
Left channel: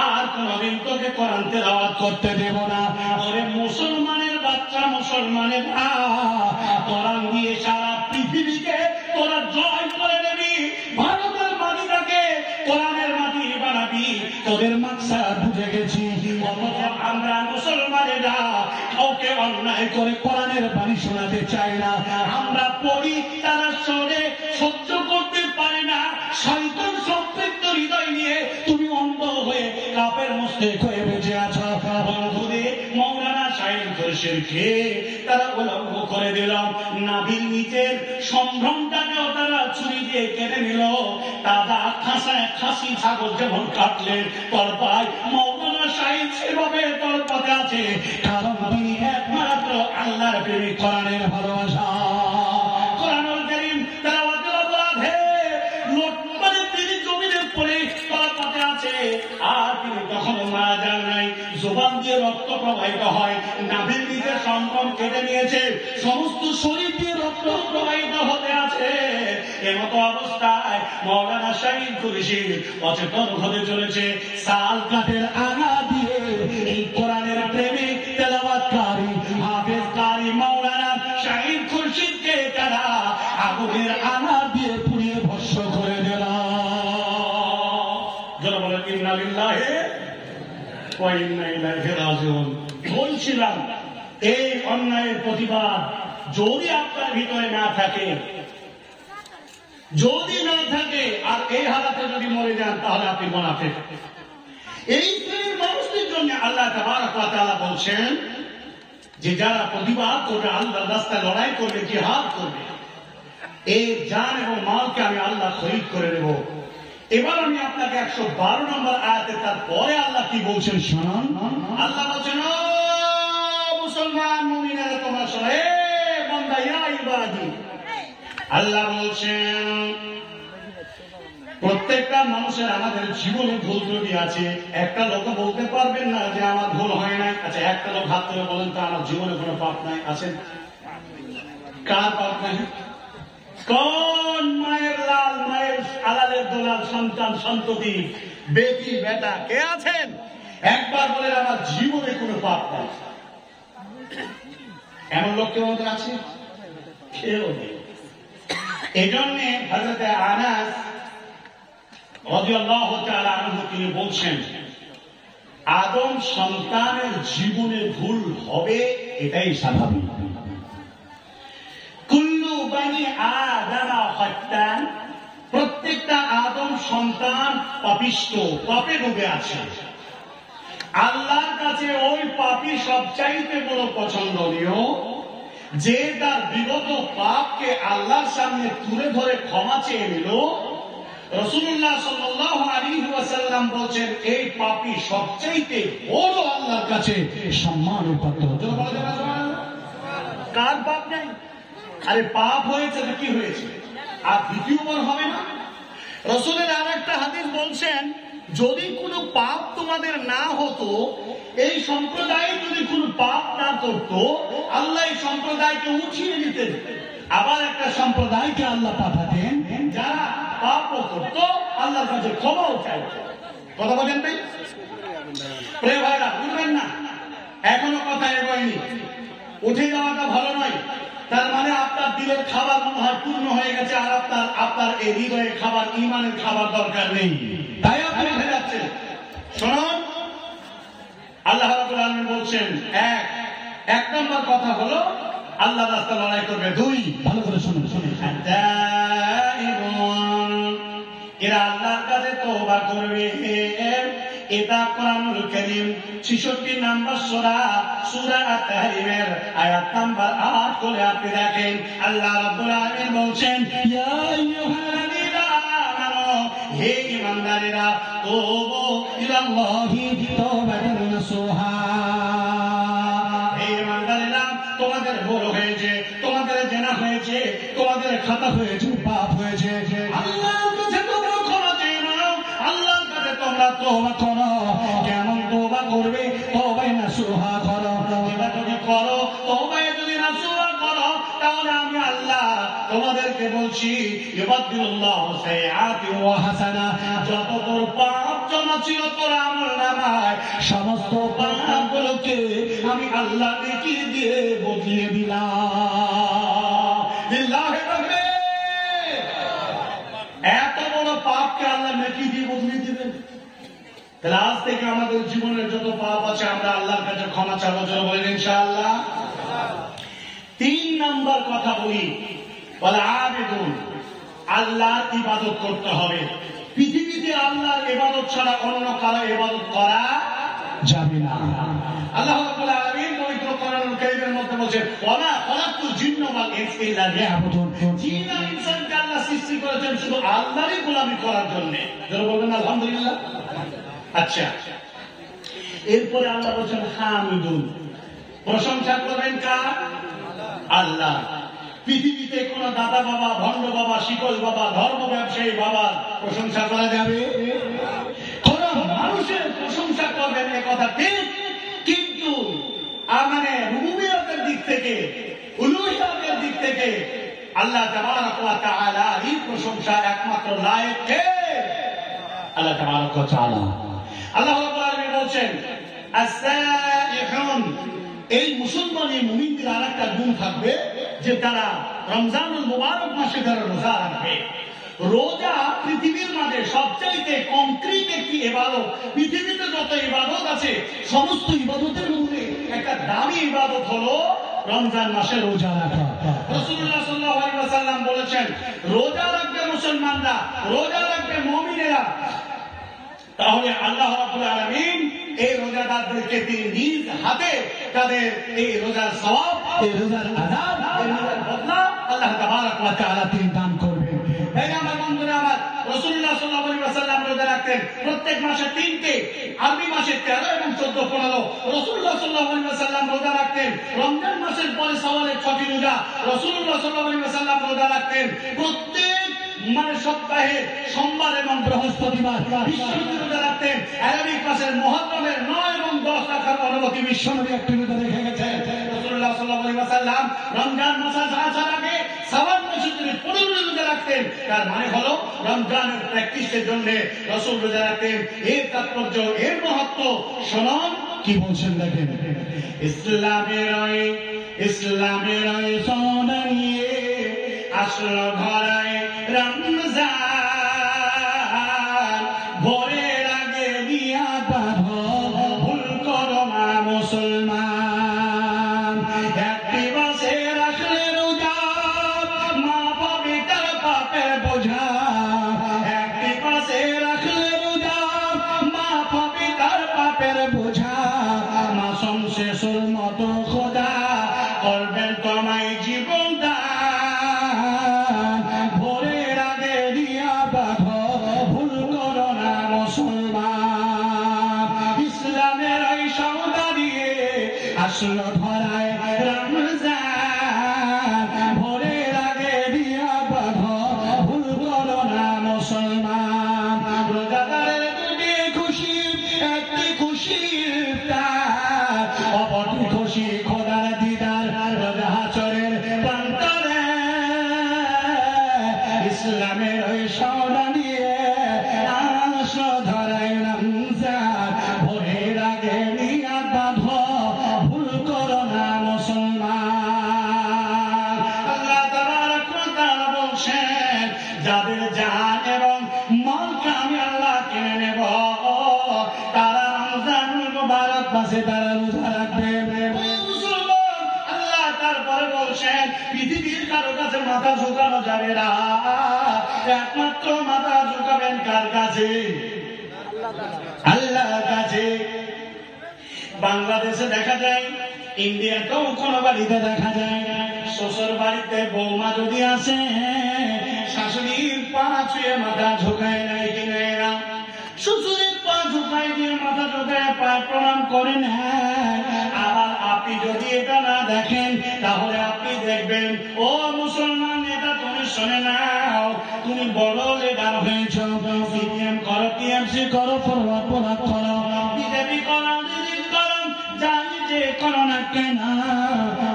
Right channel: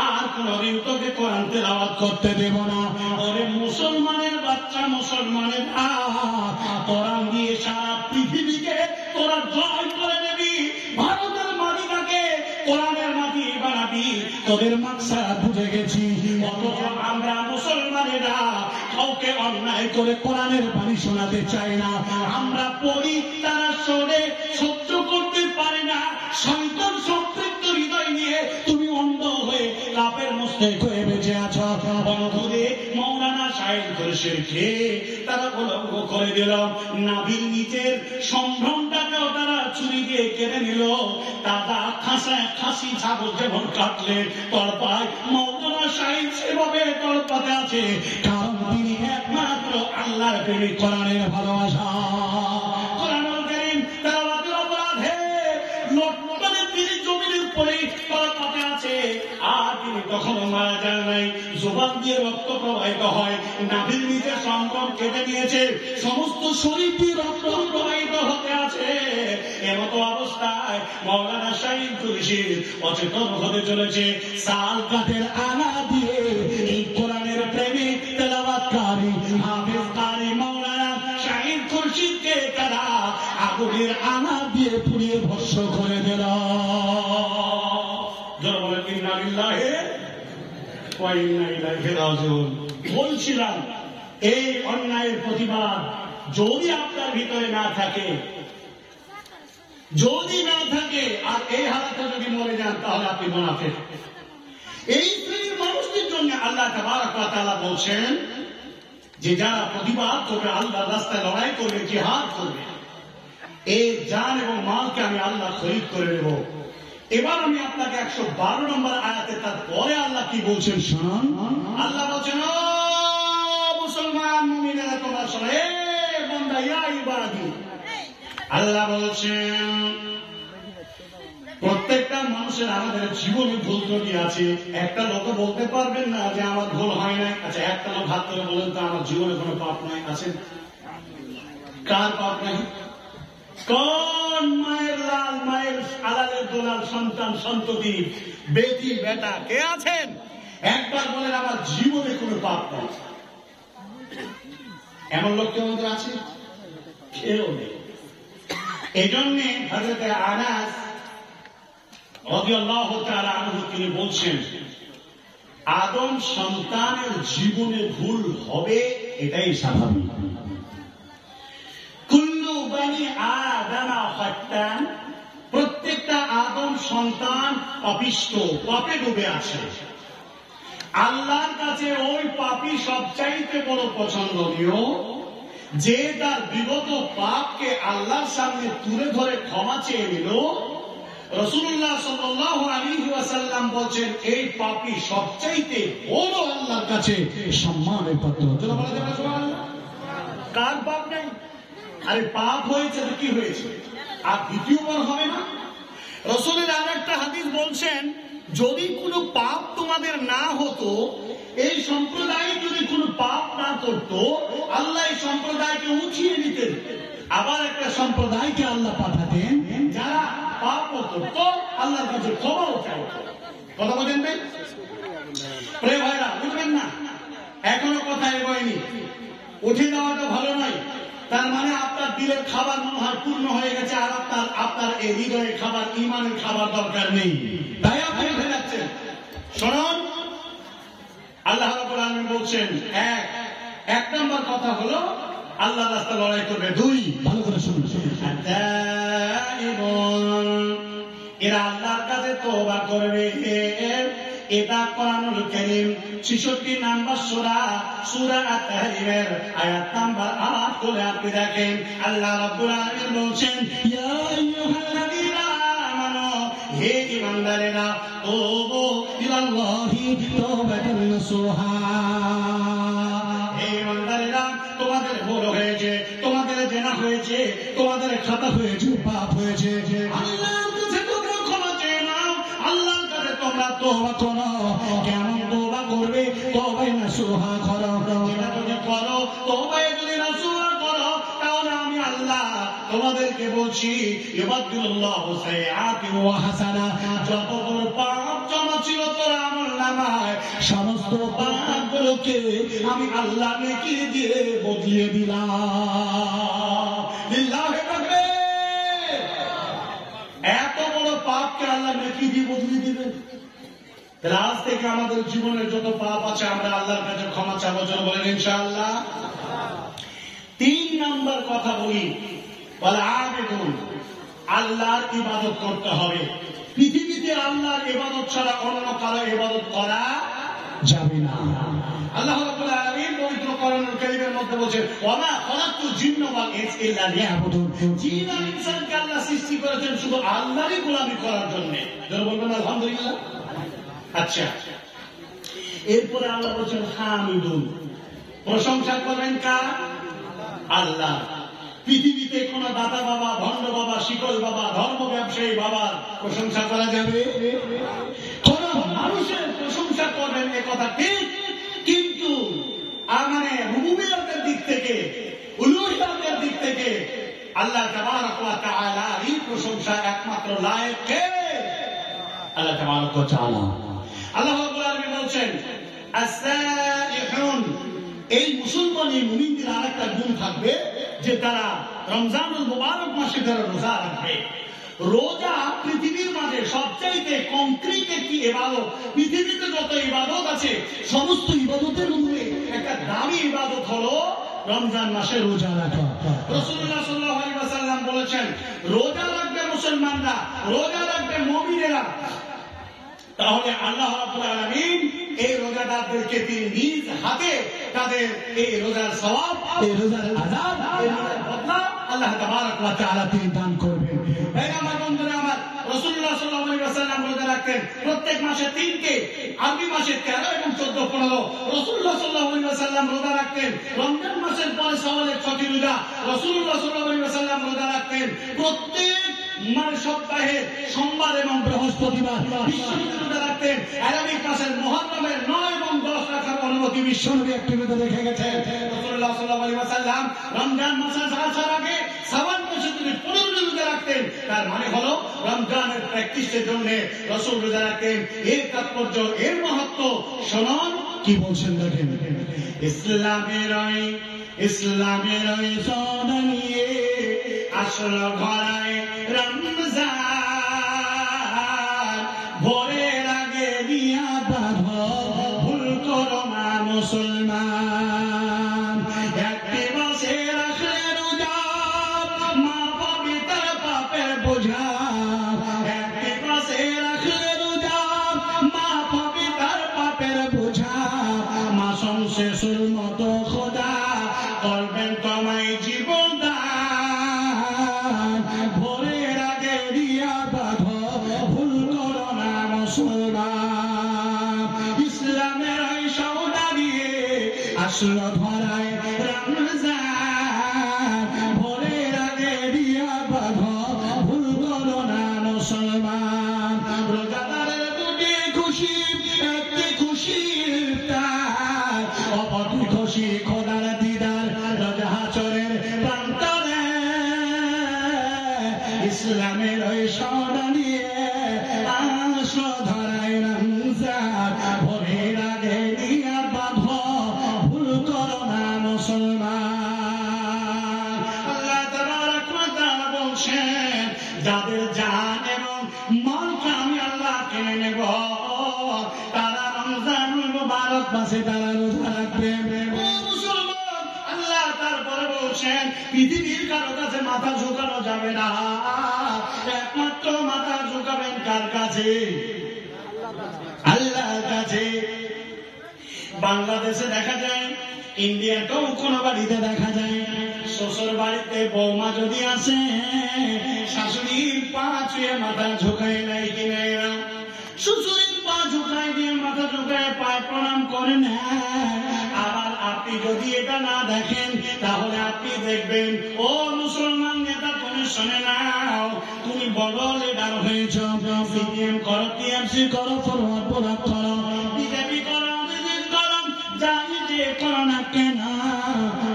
আর কোনদিন তোকে কোরআন তেলাওয়াত করতে দেব না। ওরে মুসলমানের বাচ্চা, মুসলমানের কোরআন দিয়ে সারা পৃথিবীকে তোরা জয় করে দেবি, ভারতের মাটিটাকে কোরআনের মাটি বানাবি, তোদের মাকসাদ বুঝে গেছি। অথচ আমরা মুসলমানেরা কাউকে অন্যায় করে কোরআনের বাণী শোনাতে চাই না। আমরা পড়ি, তারা শোনে, সহ্য করতে পারে না। শয়তান সম্পৃক্ত হৃদয় নিয়ে তুমি অন্ধ হয়ে কাপের মুশরিক হয়ে বেঁচে আছো। বন্ধুদের, মাওলানা শাহিদ খুরশিদকে তারা উলঙ্গ করে দিল, নাভির নিচের সম্ভ্রমটাকেও তারা ছুরি দিয়ে কেটে নিল। তারা খাঁচায় খাসি ছাগল যেমন কাটলে তলপায়, মাওলানা শাহিদ সেভাবে তলপাতে আছে, কারণ তিনি একমাত্র আল্লাহর প্রেমিক, কোরআনের ভালোবাসা। কোরআনুল কারীম তেলাওয়াতের অপরাধে লোটপাটে তিনি জমিনের পরে তলপাতে আছে, আর তিনি তখনও মারা যান নাই। জবান দিয়ে রক্ত প্রবাহিত হয়, নাভির নিচে সম্ভ্রম কেটে নিয়েছে, সমস্ত শরীর দিয়ে রক্ত প্রবাহিত হতে আছে। এমতো অবস্থায় মাওলানা শাহিদ খুরশিদ অচেতন হতে চলেছে। সাল কাঠের আগা দিয়ে এই কোরআনের প্রেমিক তেলাওয়াতকারী হাফেজ কারি মাওলানা শাহিদ খুরশিদকে তারা আগুনের আগা দিয়ে পুড়িয়ে ভস্ম করে দিল। যারা বলেন ইন্না লিল্লাহি ওয়া ইন্না ইলাইহি রাজিউন। বলছিলাম, এই অন্যায়ের প্রতিবাদ যদি আপনার ভিতরে না থাকে, যদি না থাকে, আর এই হালাতে যদি মরে যান, তাহলে আপনি মুনাফিক। এই শ্রেণীর মানুষদের জন্য আল্লাহ তাবারক ওয়া তাআলা বলছেন যে যারা প্রতিবাদ করবে, আল্লাহর রাস্তায় লড়াই করবে, জিহাদ করবে, এই জান এবং মালকে আমি আল্লাহ শহীদ করে দেব। এবার আমি আপনাকে 112 নম্বর আয়াতে তারপরে আল্লাহ কি বলছেন শুনুন। আল্লাহ বলছেন, ও মুসলমান মুমিনেরা তোমরা শোনো, এ বান্দা, ইয়া ইবাদি। আল্লাহ বলছেন প্রত্যেকটা মানুষের আমাদের জীবনে ভুল ত্রুটি আছে। একটা লোক বলতে পারবেন না যে আমার ভুল হয় নাই। আচ্ছা, একটা লোক হাত করে বলেন তো আমার জীবনে কোনো পাপ নাই? আছেন? কার পাপ নাই? কোন মায়ের লাল, মায়ের আলালের দোলাল সন্তান সন্ততি, বেটি বেটা কে আছেন? একবার বলেন আমার জীবনে কোনো পাপ নাই। এমন লোক কেউ আছে? কেউ নেই। এই জন্য হযরত আনাস রাদিয়াল্লাহু তাআলা আনহু তিনি বলছেন, আদম সন্তানের জীবনে ভুল হবে, এটাই স্বাভাবিক। কুল্লু বানি আদম খাত্তান, প্রত্যেকটা আদম সন্তান পাপিষ্ঠ, পাপে ডুবে আছে। আল্লাহর কাছে ওই পাপী সবচাইতে বড় পছন্দনীয় যে তার বিগত পাপকে আল্লাহর সামনে তুলে ধরে ক্ষমা চেয়ে নিল। রাসূলুল্লাহ সাল্লাল্লাহু আলাইহি ওয়াসাল্লাম বলছেন, এই পাপী সবচাইতে বড় আল্লাহর কাছে সম্মানের পাত্র। কার পাপ নাই? আরে পাপ হয়েছে তো কি হয়েছে, আর দ্বিতীয়বার হবে না? রাসূলের আর একটা হাদিস বলছেন, যদি কোনো পাপ তোমাদের না হতো এই সম্প্রদায় যদি কোনো পাপ না করত, আল্লাহ এই সম্প্রদায়কে উঠিয়ে নিতেন। আবার একটা সম্প্রদায়কে আল্লাহ পাঠাতেন যারা পাপও করত, আল্লাহর কাছে ক্ষমাও চাইত। কথা বলেন ভাই, প্রিয় ভাইরা, বুঝবেন না এখনো কথা এগোয়নি, উঠে যাওয়াটা ভালো নয়। তার মানে আপনার দিলের খাবার মনে হয় পূর্ণ হয়ে গেছে, আর আপনার এই হৃদয়ে খাবার, ইমানের খাবার দরকার নেই, তাই আপনি উঠে যাচ্ছেন। শুনুন, আল্লাহ রাব্বুল আলামিন বলছেন, এক নম্বর কথা হলো আল্লাহ রাস্তা লড়াই করবে। দুই, ভালো করে শুনুন, এরা আল্লাহর কাছে তওবা করবে। এটা কোরআনুল কারীম 66 নম্বর সূরা আত-তাহরিমের আয়াত নাম্বার 8 করে আপনি দেখেন। আল্লাহ রাব্বুল আলামিন বলছেন, ইয়া আইয়ুহাল্লাযীনা আমানু, হে ঈমানদারেরা, তুবু ইলাল্লাহি তাওবাতান নাসুহা। হে ঈমানদারেরা, তোমাদের ভুল হয়েছে, তোমাদের জেনা হয়েছে, তোমাদের খাতা হয়েছে, পাপ হয়েছে, আল্লাহর কাছে তোমরা ক্ষমা চেয়ে নাও, আল্লাহর কাছে তোমরা তওবা করো। কেমন তওবা করবে? তওবায়ে নাসুহা করো। এটা যদি করো, তওবায়ে যদি নাসুহা করো, তাহলে আমি আল্লাহ তোমাদেরকে বলছি, ইউবাদদিলুল্লাহু সাইয়্যাতি ওয়া হাসানা, যত তোর পাপ জমা ছিল তোর আমলনামায়, সমস্ত পাপগুলোকে আমি আল্লাহ নেকি দিয়ে বদলিয়ে দিলাম। লিল্লাহি তাকবীর। এত বড় পাপকে আল্লাহ নেকি দিয়ে বদলিয়ে দিবেন। তাহলে আজ থেকে আমাদের জীবনের যত পাপ আছে আমরা আল্লাহর কাছে ক্ষমা চাওয়ার জন্য বলেন ইনশাআল্লাহ। 3 নাম্বার কথা বলি, বলে আবেদন, আল্লাহর ইবাদত করতে হবে। পৃথিবীতে আল্লাহর ইবাদত ছাড়া অন্য কারো ইবাদত করা যাবে না। আল্লাহ রাব্বুল আলামিন পবিত্র কোরআনুল কারীমের মধ্যে বলেছেন, ওয়ামা খালাকতুল জিন্না ওয়াল ইনসা ইল্লা লিয়াবুদুন। জিন আর ইনসানকে আল্লাহ সৃষ্টি করেছেন শুধু আল্লাহরই গোলামি করার জন্য। যারা বলবেন আলহামদুলিল্লাহ। আচ্ছা, এরপরে আল্লাহ বলছেন হামিদুন, প্রশংসা করবেন কার? আল্লাহ। পৃথিবীতে কোন দাতা বাবা, ভণ্ড বাবা, শিকল বাবা, ধর্ম ব্যবসায়ী বাবার প্রশংসা করা যাবে? কোন মানুষের প্রশংসা করবেন, এ কথা ঠিক, কিন্তু মানে রুবুবিয়তের দিক থেকে, উলুহিয়তের দিক থেকে আল্লাহ তাবারাক ওয়া তাআলার এই প্রশংসা একমাত্র লায়েক কে? আল্লাহ তাবারাক ওয়া তাআলা। আল্লাহ রাব্বুল আলামিন বলছেন, আস-সাইহুন, এই মুসলমান এই মুমিনদের আরেকটা গুণ থাকবে যে তারা রমজানুল মুবারক মাসে তারা রোজা রাখবে। রোজা পৃথিবীর মাঝে সবচাইতে কংক্রিট একটি ইবাদত। পৃথিবীতে যত ইবাদত আছে সমস্ত ইবাদতের মধ্যে একটা দামি ইবাদত হলো রমজান মাসে রোজা রাখা। রাসূলুল্লাহ সাল্লাল্লাহু আলাইহি ওয়াসাল্লাম বলেছেন, রোজা রাখবে মুসলমানরা, রোজা রাখবে মুমিনেরা, তাহলে আল্লাহ রাব্বুল আলামিন এই রোজাদারদেরকে তিনি নিজ হাতে তাদের এই রোজার সওয়াব, এই রোজার আযাব, এই রোজার বদলা আল্লাহ তাবারাক ওয়া তাআলা তিনি দান করবেন। ভাই আমার বন্ধুরা আমার, রাসূলুল্লাহ সাল্লাল্লাহু আলাইহি ওয়াসাল্লাম রোজা রাখতেন প্রত্যেক মাসে 3টে, আরবি মাসে 13 এবং 14, 15। রাসূলুল্লাহ সাল্লাল্লাহু আলাইহি ওয়াসাল্লাম রোজা রাখতেন রমজান মাসের পরে শাওয়ালের 6টি রোজা। রাসূলুল্লাহ সাল্লাল্লাহু আলাইহি ওয়াসাল্লাম রোজা রাখতেন প্রত্যেক সপ্তাহে সোমবার এবং বৃহস্পতিবার। বিশ্বনবী রোজা রাখতেন আরবি মাসের মুহররমের 9 এবং 10 রাখার অনুমতি বিশ্বনবী একটি রোজা রেখে গেছেন। রাসূলুল্লাহ সাল্লাল্লাহু আলাইহি ওয়াসাল্লাম রমজান মাস আসার আগে শাওয়াল মাসে তিনি 15 রোজা রাখতেন। তার মানে হলো রমজানের প্র্যাকটিসের জন্য রাসূল রোজা রাখতেন। এর তাৎপর্য, এর মাহাত্ম্য শুনুন কি বলছেন দেখেন। ইসলামের ওই সোনা নিয়ে আসলো ঘরায় রমজান, ভোরের আগে দিয়া বাঁধো, ভুল করো না মুসলমান। একটি মাসে রাখলে রোজা, মা পাবে তার পাপের বোঝা। একটি মাসে রাখলে রোজা, মা পাবে তার পাপের বোঝা। মাসুম শেষের মতো খোদা করবেন তোমায় জীবন দান। ভোরের আগে দিয়া বাঁধো, ভুল করো না মুসলমান। ইসলামের এই সওদা নিয়ে আসলো ধরায় রমজান, ভোরের আগে দিয়া বাঁধো, ভুল করো না মুসলমান। রোজাদারের দুটি খুশি, একটি খুশির খুশি খোদার দিদার হাসরের প্রান্তরে ইসলামের ওই সোনা নিয়ে আসো ধরাই রমজান ভোরের আগে নিয়া বাঁধো ভুল করো না মুসলমান। আল্লাহ তাবারক ওয়া তাআলা বলছেন যাদের জান এবং মালকে আমি আল্লাহ কিনে নেব তারা রমজানুল মুবারক মাসে তারা রোজা রাখবে। আল্লাহ তারপরে বলছেন পৃথিবীর কারো কাছে মাথা ঝুঁকানো যাবে না, একমাত্র মাথা ঝুঁকাবেন কার কাছে? আল্লাহর কাছে। বাংলাদেশে দেখা যায়, ইন্ডিয়াতেও কোনো বাড়িতে দেখা যায়, শ্বশুর বাড়িতে বৌমা যদি আসে শাশুড়ির পা ছুঁয়ে মাথা ঝুঁকায় নেয় কিনা এরা, শ্বশুরের পা ঝুঁকায় দিয়ে মাথা ঝুঁকায় পায়ে প্রণাম করে নেয়। আর আপনি যদি এটা না দেখেন তাহলে আপনি দেখবেন ও মুসলমান নেতা তুমি শুনে নাও, তুমি বড় লিডার হয়েছ, সিপিএম করো, টিএমসি করো, ফরওয়ার্ড ব্লক করো, বিজেপি করো, করো, জানি যে করো না কেন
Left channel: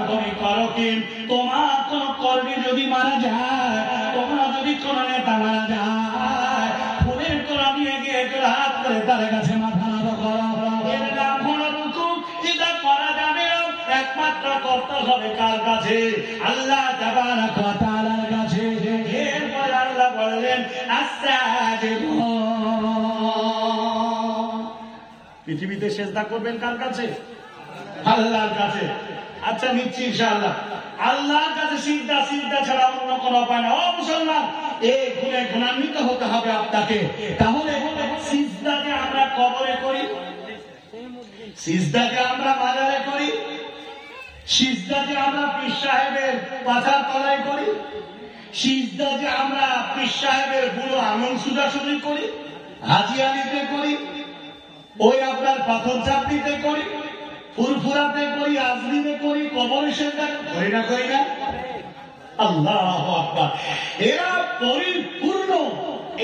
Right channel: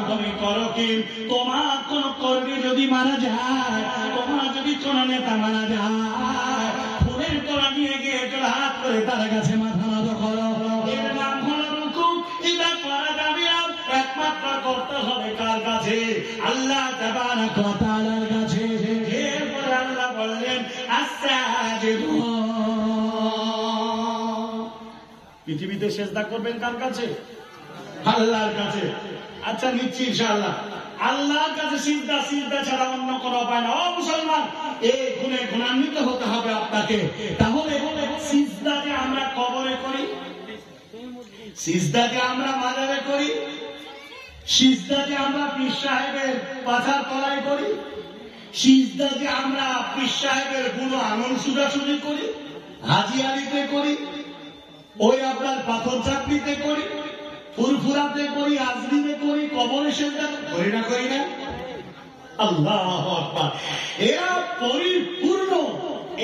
তুমি করো কি? তোমার কোন কর্মী যদি মারা যায়, তোমার যদি কোন নেতা মারা যায়, ফুলের তোলা নিয়ে গিয়ে হাত করে তার কাছে মাথা নত করো, এর নাম হলো রুকু। এটা করা যাবে না, একমাত্র করতে হবে কার কাছে? আল্লাহ তাবারক ওয়া তাআলার কাছে। এরপরে আল্লাহ বললেন আস্তাজিদুন, পৃথিবীতে সেজদা করবেন কার কাছে? আল্লাহর কাছে। আচ্ছা নিচ্ছি ইনশাআল্লাহ। আল্লাহর কাছে সিজদা, সিজদা ছাড়া অন্য কোনো উপায় না। ও মুসলমান, এই গুণে গুণান্বিত হতে হবে আপনাকে। তাহলে সিজদা যে আমরা কবরে করি, সিজদা যে আমরা মাজারে করি, সিজদা যে আমরা পীর সাহেবের পাথার তলায় করি, সিজদা যে আমরা পীর সাহেবের বুড়ো আঙুল সুজাসুজি করি, হাজি আলিতে করি, ওই আপনার পাথর চাপড়িতে করি, ফুরফুরাতে করি, আজমিরে করি, কবরে সেজদা করি না, করি না? আল্লাহু আকবার। এরা পরিপূর্ণ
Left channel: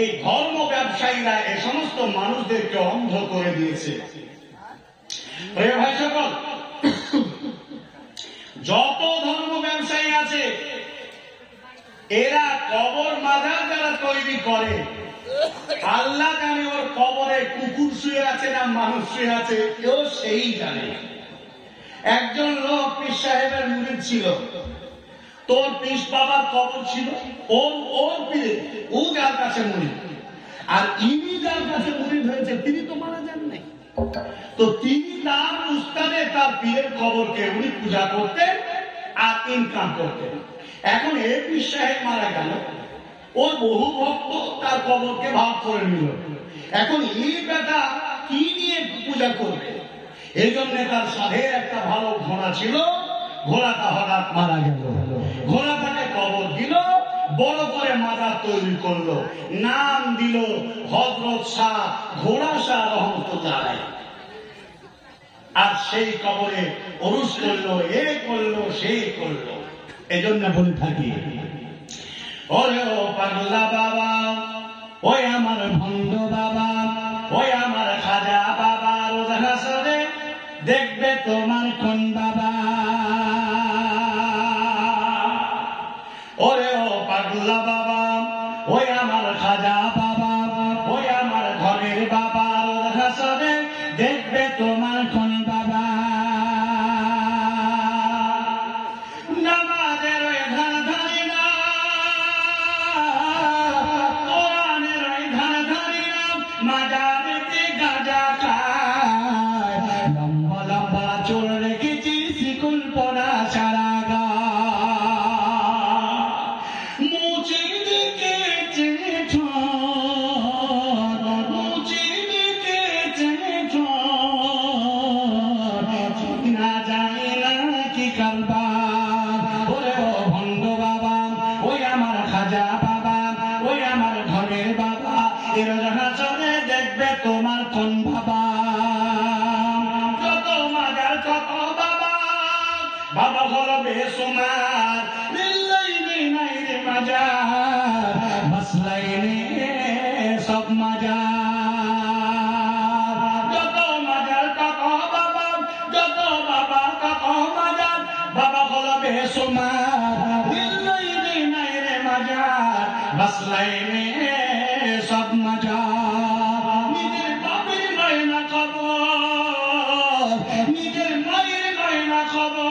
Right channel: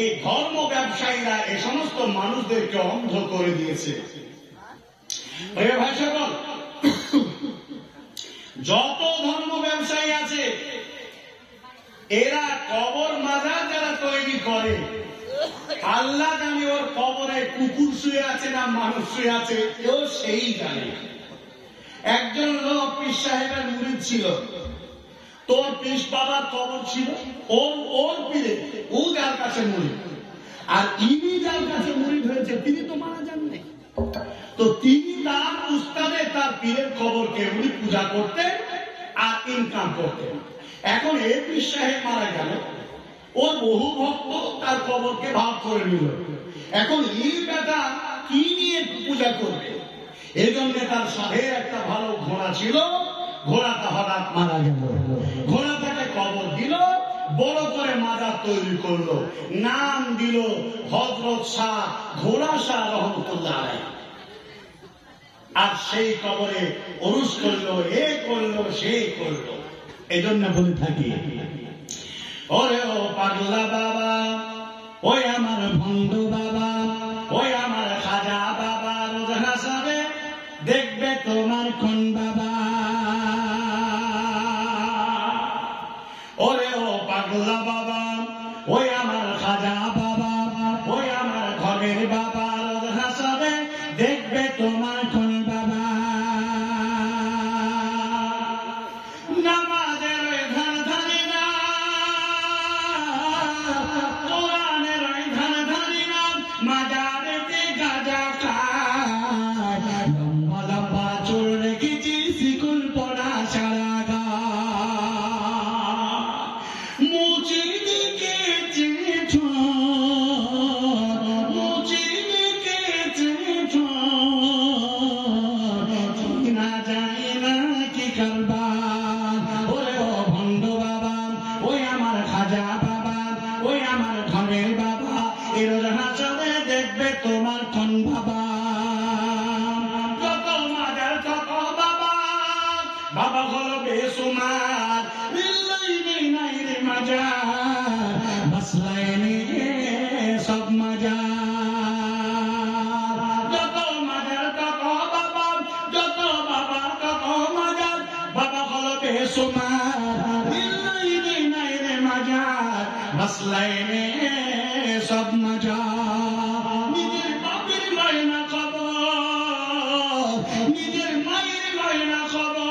এই ধর্ম ব্যবসায়ীরা এই সমস্ত মানুষদেরকে অন্ধ করে দিয়েছে। প্রিয় ভাই সকল, যত ধর্ম ব্যবসায়ী আছে এরা কবর মাজার যারা তৈরি করে, আল্লাহ জানে ওর কবরে কুকুর শুয়ে আছে না মানুষ শুয়ে আছে, কেউ সেই জানে। একজন লোক পীর সাহেবের মুরিদ ছিল, তোর পীর বাবার কবর ছিল, ওর পীরে ও যার কাছে মুরিদ, আর ইনি যার কাছে মুরিদ হয়েছে তিনি তো মারা যান নাই, তো তিনি তার উস্তাদে তার পীরের কবরকে উনি পূজা করতেন আর ইনকাম করতেন। এখন এই পীর সাহেব মারা গেল, ওর বহু ভক্ত তার কবরকে ভাগ করে নিল। এখন এই বেটা কি নিয়ে পূজা করবে? এই জন্য তার সাধের একটা ভালো ঘোড়া ছিল, ঘোড়াটা হঠাৎ মারা গেল, ঘোড়াটাকে কবর দিল, বড় করে মাজার তৈরি করলো, নাম দিল হযরত শাহ ঘোড়া শাহ রহমতুল্লাহ আলাইহি। আর সেই কবরে ওরস করলো, এ করলো, সে করলো। এই জন্য বলে থাকি, ওরে ও পাগলা বাবা, ওই আমার ভণ্ড বাবা, ওই আমার খাজা বাবা, রোজ হাসরে দেখবে তোমার কোন বাবা। ওরে ও পাগলা বাবা, ওই আমার খাজা বাবা, ওই আমার ঘরের বাবা, রোজ হাসরে দেখবে তোমার কোন বাবা। নামাজের ধান ধারি না, কোরআনের ধান ধারি না, মাজারেতে গাঁজা খায়, লম্বা লম্বা চুল রেখেছি শিকুল পড়া সারা গা, মুচির দিকে চেয়েছ, মুচির দিকে চেয়েছ, না জানি না কি কারবা। ওরে ও ভণ্ড বাবা, ওই আমার খাজা বাবা, ওই আমার ঘরের বাবা, এর হাসানে দেখবে তোমার কোন বাবা। যত মাজার কত বাবা, বাবা হলো বেসুমার, লিল্লাইনি নাই রে মাজার, মাসলাইনি সব মাজার। যত মাজার কত বাবা, যত বাবা কত ফার্স্ট লাইনে সব মজা, নিজের বাপের মায়না খবর, নিজের মায়ের মায়না খবর,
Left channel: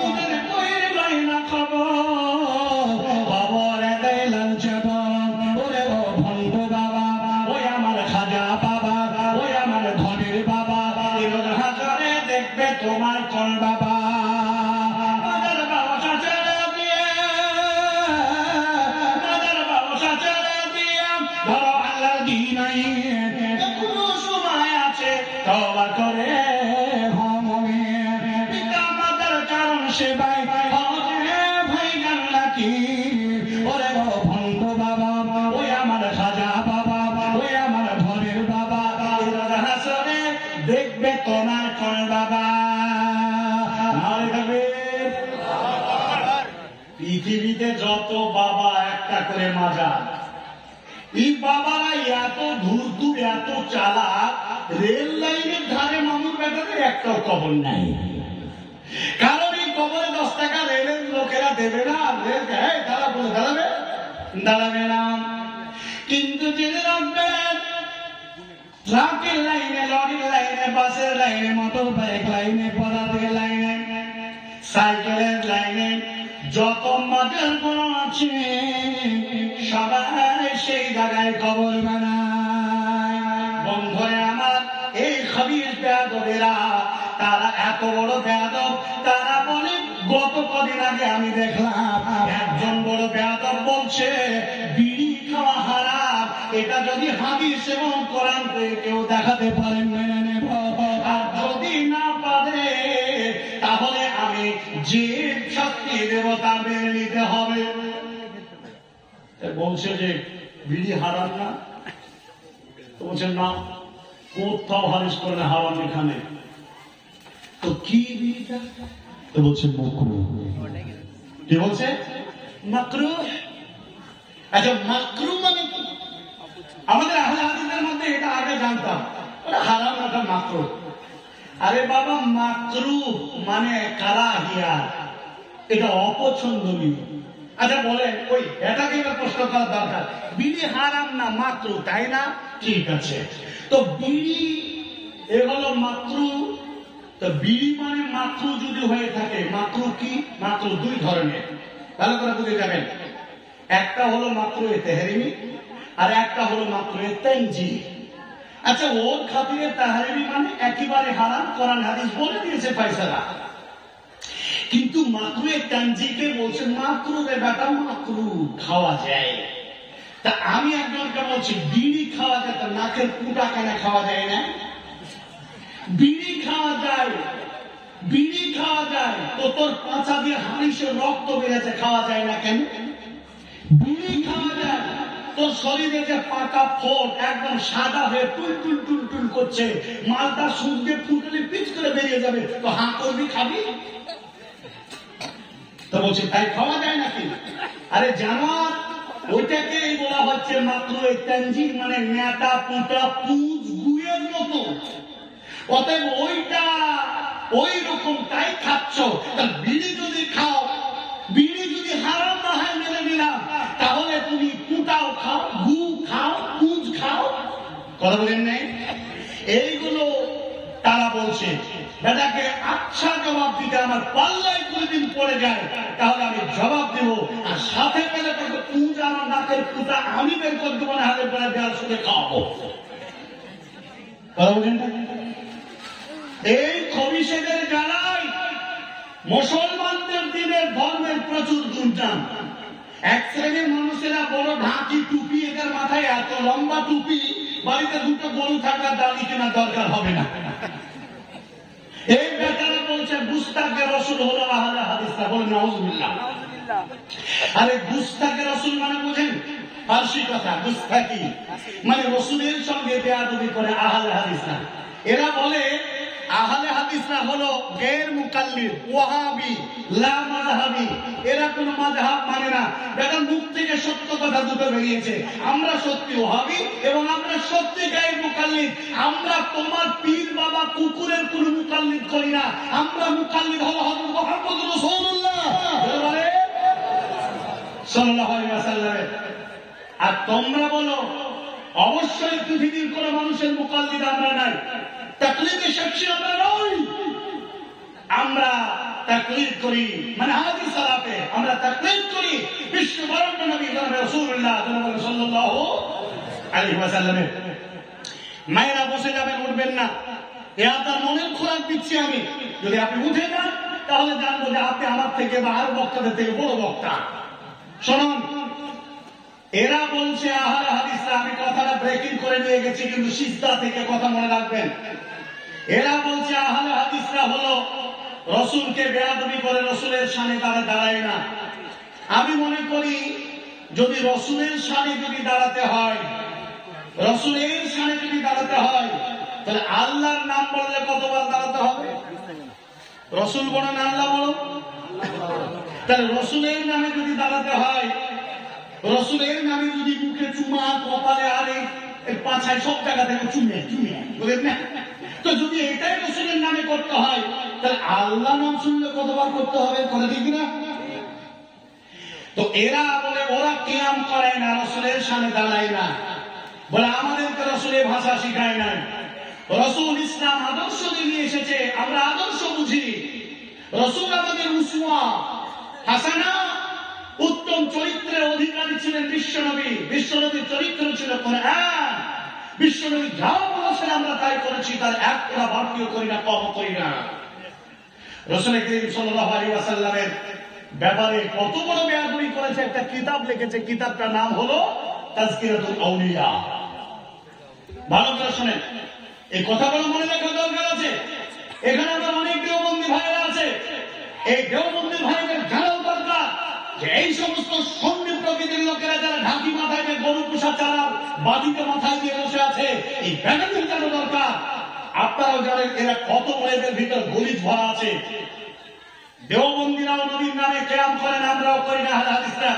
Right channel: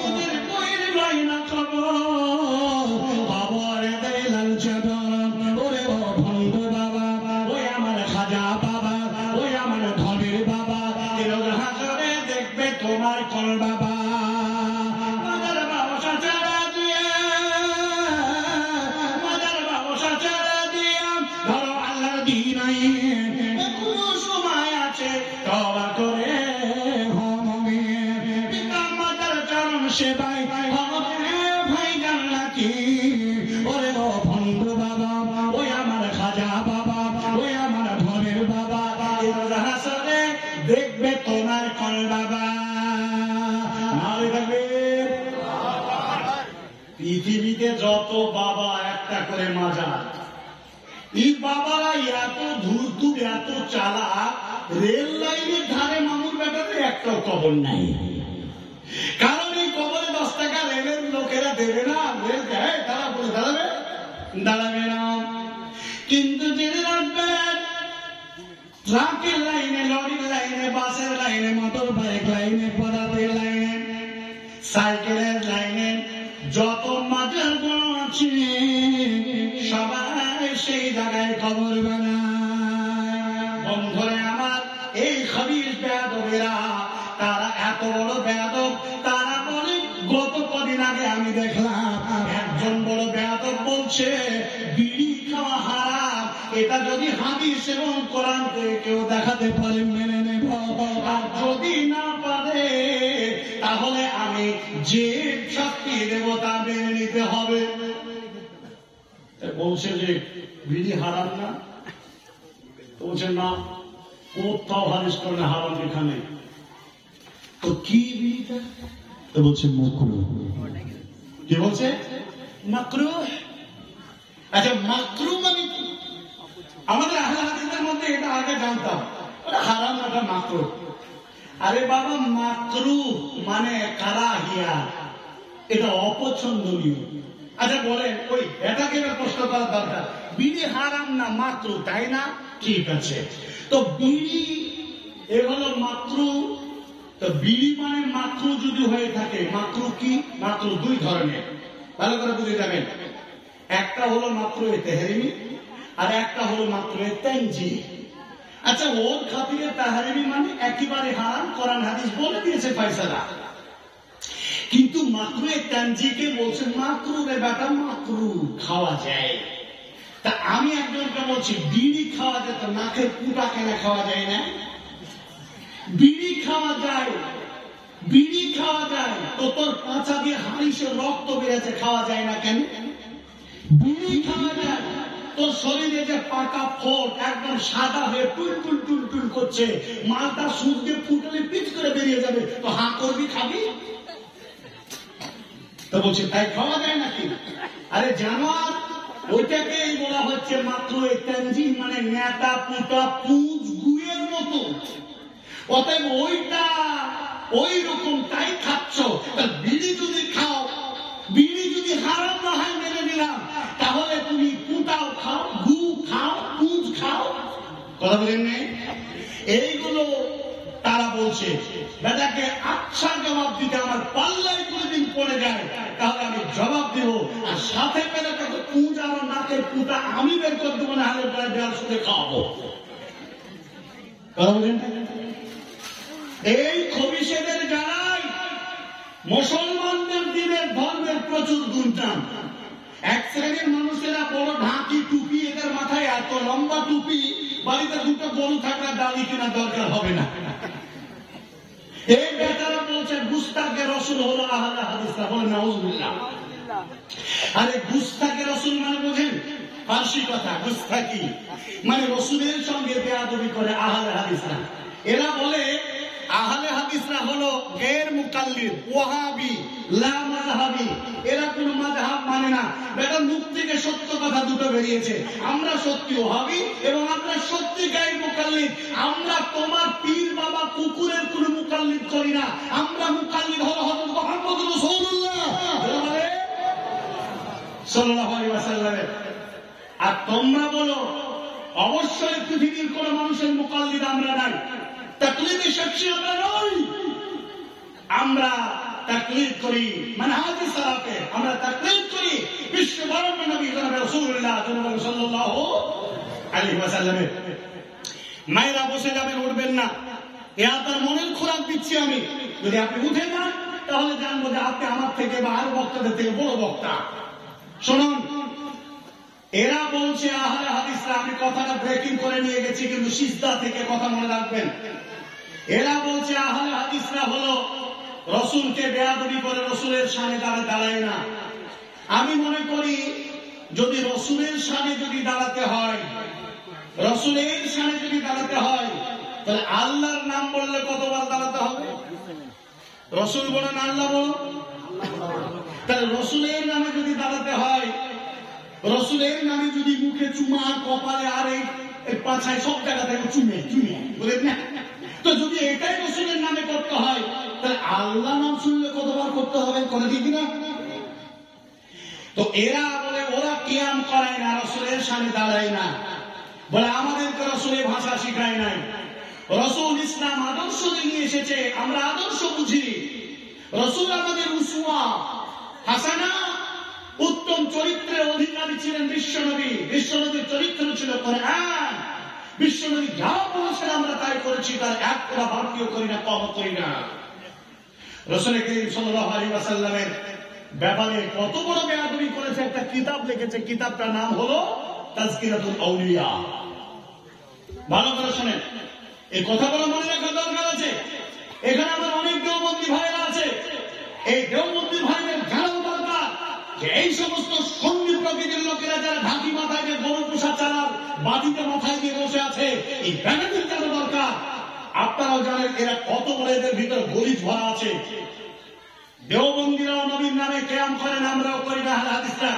নিজের বইয়ের মায়না খবর, খবর দেয় লাঞ্চ গরম। ওরে ও ভণ্ড বাবা, ওই আমার খাজা বাবা, ওই আমার ঘরের বাবা, রোজ হাজারে দেখবে তোমার কল বাবা। দেখবে তোমার কল বাবা। পৃথিবীতে যত বাবা একটা করে মাজার, এই বাবা এত ধূর্ত এত চালাক, রেল লাইনের ধারে মানুষ বেটাতে একটাও কবর নাই। কারণ এই কবরে 10 টাকা রেলের লোকেরা দেবে না, রেল তারা বলে দাঁড়াবে দাঁড়াবে না। কিন্তু জেনে রাখবেন, ট্রাকের লাইনে, লরির লাইনে, বাসের লাইনে, মোটর বাইক লাইনে, পদাতের লাইনে, সাইকেলের লাইনে যত মাজার আছে সবাই সেই জায়গায় কবর বানায়। বন্ধুরে আমার, এই খবির বেয়াদবেরা, তারা এত বড় বেয়াদব, তারা বলে গত কদিন আগে আমি দেখলাম একজন বড় বেয়াদব বলছে বিড়ি খাওয়া হারাম। এটা যদি হাদিস এবং কোরআন কেউ দেখাতে পারে মেনে নেব, আর যদি না পারে তাহলে আমি যে শাস্তি দেব তা মেনে নিতে হবে। বলছে যে বিড়ি হারাম না, তো বলছেন না, কোথাও হাদিস করে হারাম এখানে। তো কি বিড়িটা? তো বলছে মাকরুহ। কি বলছে? মাকরুহ। আচ্ছা, মাকরুহ মানে কি? আমাদের আহলে হাদিসের মধ্যে এটা আগে জানতাম, ওটা হারাম, ওটা মাকরুহ। আরে বাবা, মাকরুহ মানে কারাহিয়া, এটা অপছন্দনীয়। আচ্ছা বলেন, ওই এটাকে প্রশ্ন করার দরকার, বিড়ি হারাম না মাকরুহ, তাই না? ঠিক আছে, তো বিড়ি এ হলো মাকরুহ। তো বিড়ি মানে মাকরুহ যদি হয়ে থাকে, মাকরুহ কি? মাকরুহ দুই ধরনের, ভালো করে বুঝে যাবেন। একটা হলো মাকরুহ তাহরিমি, আর একটা হলো মাকরুহ তানজিহ। আচ্ছা, ওর খাতিরে তাহরিমি মানে একেবারে হারাম, কোরআন হাদিস বলে দিয়েছে ফয়সালা। কিন্তু মাকরুহ তানজিহকে বলছে মাকরুহ রে বেটা, মাকরুহ খাওয়া যায়। তা আমি একজনকে বলছি বিড়ি খাওয়া যায়, তো নাকের কুটা কেন খাওয়া যায় না? বিড়ি খাওয়া যায়, বিড়ি খাওয়া যায়, তো তোর পাঁচা দিয়ে হানিসের রক্ত বেড়েছে, খাওয়া যায় না কেন? বিড়ি খাওয়া যায়, তোর শরীরে যে পাকা ফোট একদম সাদা হয়ে টুল টুল টুল টুল করছে, মালটা সূর্যে ফুটলে পিচ করে বেরিয়ে যাবে, তো হা করবি, খাবি? তো বলছি তাই খাওয়া যায় নাকি? আরে জানোয়ার, ওইটাকেই বলা হচ্ছে মাকরুহ তানজিহ, মানে নেতা পুঁতা পুঁজ গুয়ের মতো। অতএব ওইটা ওই রকম তাই খাচ্ছ। বিড়ি যদি খাও, বিড়ি যদি হারাম না হয় মেনে নিলাম, তাহলে তুমি পুঁটাও খাও, গু খাও, পুঁজ খাও। কথা বলেন নাই? এইগুলো তারা বলছে। বেটাকে আচ্ছা জবাব দিতে আমার পাল্লায় কোনদিন পড়ে যায়, তাহলে আমি জবাব দেবো, আর সাথে বেটাকে পুঁজ আর নাকের পুঁতা আমি বের করে দেবো, না হাতের বেলা দেওয়ার সাথে খাওয়াবো। কথা বলেন? এই খবিশেদের জানাই মুসলমানদের দিনের ধর্মের প্রচুর দুর্নাম। এক শ্রেণীর মানুষেরা বড় ঢাকি টুপি, এদের মাথায় এত লম্বা টুপি, বাড়িতে দুটো গরু থাকার দালি কেনার দরকার হবে না। এই বেচারা বলছে গুস্তাকে রসুল হলো আহলে হাদিসরা, বলে নাউজুবিল্লাহ। আরে গুস্তাকে রসুল মানে বোঝেন? ফার্সি কথা, গুস্তাকি মানে রসুলের সঙ্গে বেয়াদবি করে আহলে হাদিসরা। এরা বলে আহলে হাদিসরা হলো গैर মুকাল্লিদ, ওয়াহাবি, লা মাযহাবি। এরা কোন মাযহাব মানে না। বেটা মুখ থেকে সত্য কথা দুটো বেরিয়েছে, আমরা সত্যি ওয়াহাবি এবং আমরা সত্যি গैर মুকাল্লিদ। আমরা তোমার পীর বাবা কুকুরের কোন মুকাল্লিদ করি না, আমরা মুকাল্লিদ হলো হযরত মুহাম্মদ রাসূলুল্লাহ। বলে সাল্লাল্লাহু আলাইহি ওয়াসাল্লামের। আর তোমরা বলো অবশ্যই পৃথিবীর কোন মানুষের মুকাল্লিদ আমরা নাই, তাকলিদে শাখসি আমরা নই। আমরা তাকলিদ করি মানহাজে সালাফে, আমরা তাকলিদ করি বিশ্ববরণ্য নবী জনাব রাসূলুল্লাহ সাল্লাল্লাহু আলাইহি ওয়াসাল্লামের। মায়েরা বসে যাবেন, উঠবেন না, এ আপনার মনের খোরাক দিচ্ছি আমি। যদি আপনি উঠে যান তাহলে জানবো যে আপনি আমার থেকে বা আরো বক্তাদের থেকে বড় বক্তা। শুনুন, এরা বলছে আহলে হাদিসরা, আমি কথাটা ব্রেকিং করে নিয়ে গেছি কিন্তু সিজদা থেকে কথা মনে রাখবেন। এরা বলছে আহলে হাদিসরা হলো রসুলকে বেয়াদবি করে রসুলের শানে তারা দাঁড়ায় না। আমি মনে করি যদি রসুলের শানে যদি দাঁড়াতে হয়, রসুলের শানে যদি দাঁড়াতে হয় তাহলে আল্লাহর নাম বললে কতবার দাঁড়াতে হবে? রসুল বলেন আল্লাহ বলো, তাহলে রসুলের নামে যদি দাঁড়াতে হয়, রসুলের নামে যদি মুখে চুমা, কপালে আর এই পাছায় সব জায়গা থেকে চুমে চুমে বলেন না, তো যদি এটাই রসুলের নামে করতে হয় তাহলে আল্লাহ নাম শুনলে কতবার করতে হবে? করে দিই কিনা? তো এরা বলে ওরা কিয়াম করায় না, রসুলের সামনে দাঁড়ায় না, বলে আমাদেরকে রসুলের ভাষা শিখায় নাই। রসুল ইসলাম আদর্শ নিয়ে এসেছে, আমরা আদর্শ বুঝি। রসুল আমাদের উসওয়া হাসানা, উত্তম চরিত্রের অধিকারী ছিলেন বিশ্বনবী। বিশ্বনবীর চরিত্র ছিল কোরআন। বিশ্বনবী যা বলেছেন আমরা তাই করেছি, তার এক ফোঁটা বাড়তিও করি না, কম করি না। রাসূল করিম সাল্লাল্লাহু আলাইহি ওয়াসাল্লামের ব্যাপারে কত বড় বেয়াদবি করেছে, একটা কিতাব লিখেছে, কিতাবটার নাম হলো তাজকিরাতুল আউলিয়া। ভালো করে শুনেন, এই কথাগুলো মনে রাখার দরকার আছে। এখানে আমার অনেক দেওবন্দি ভাইয়েরা আছে, এই দেওবন্দি ভাইদের জানাও দরকার যে এই সমস্ত সন্নি প্রকৃতির লোকেরা যারা ঢাকি মাথায় গরু পোষা চালার বাদিতে মাথায় দিয়ে বসে আছে, এই ব্যাপারটা জানা দরকার। আপনারাও জানেন এরা কত বড়, এদের ভিতর গলিত ভরা আছে। দেওবন্দিরাও নবীর নামে কিয়াম করেন, আমরাও করি না আহলে হাদিসরা।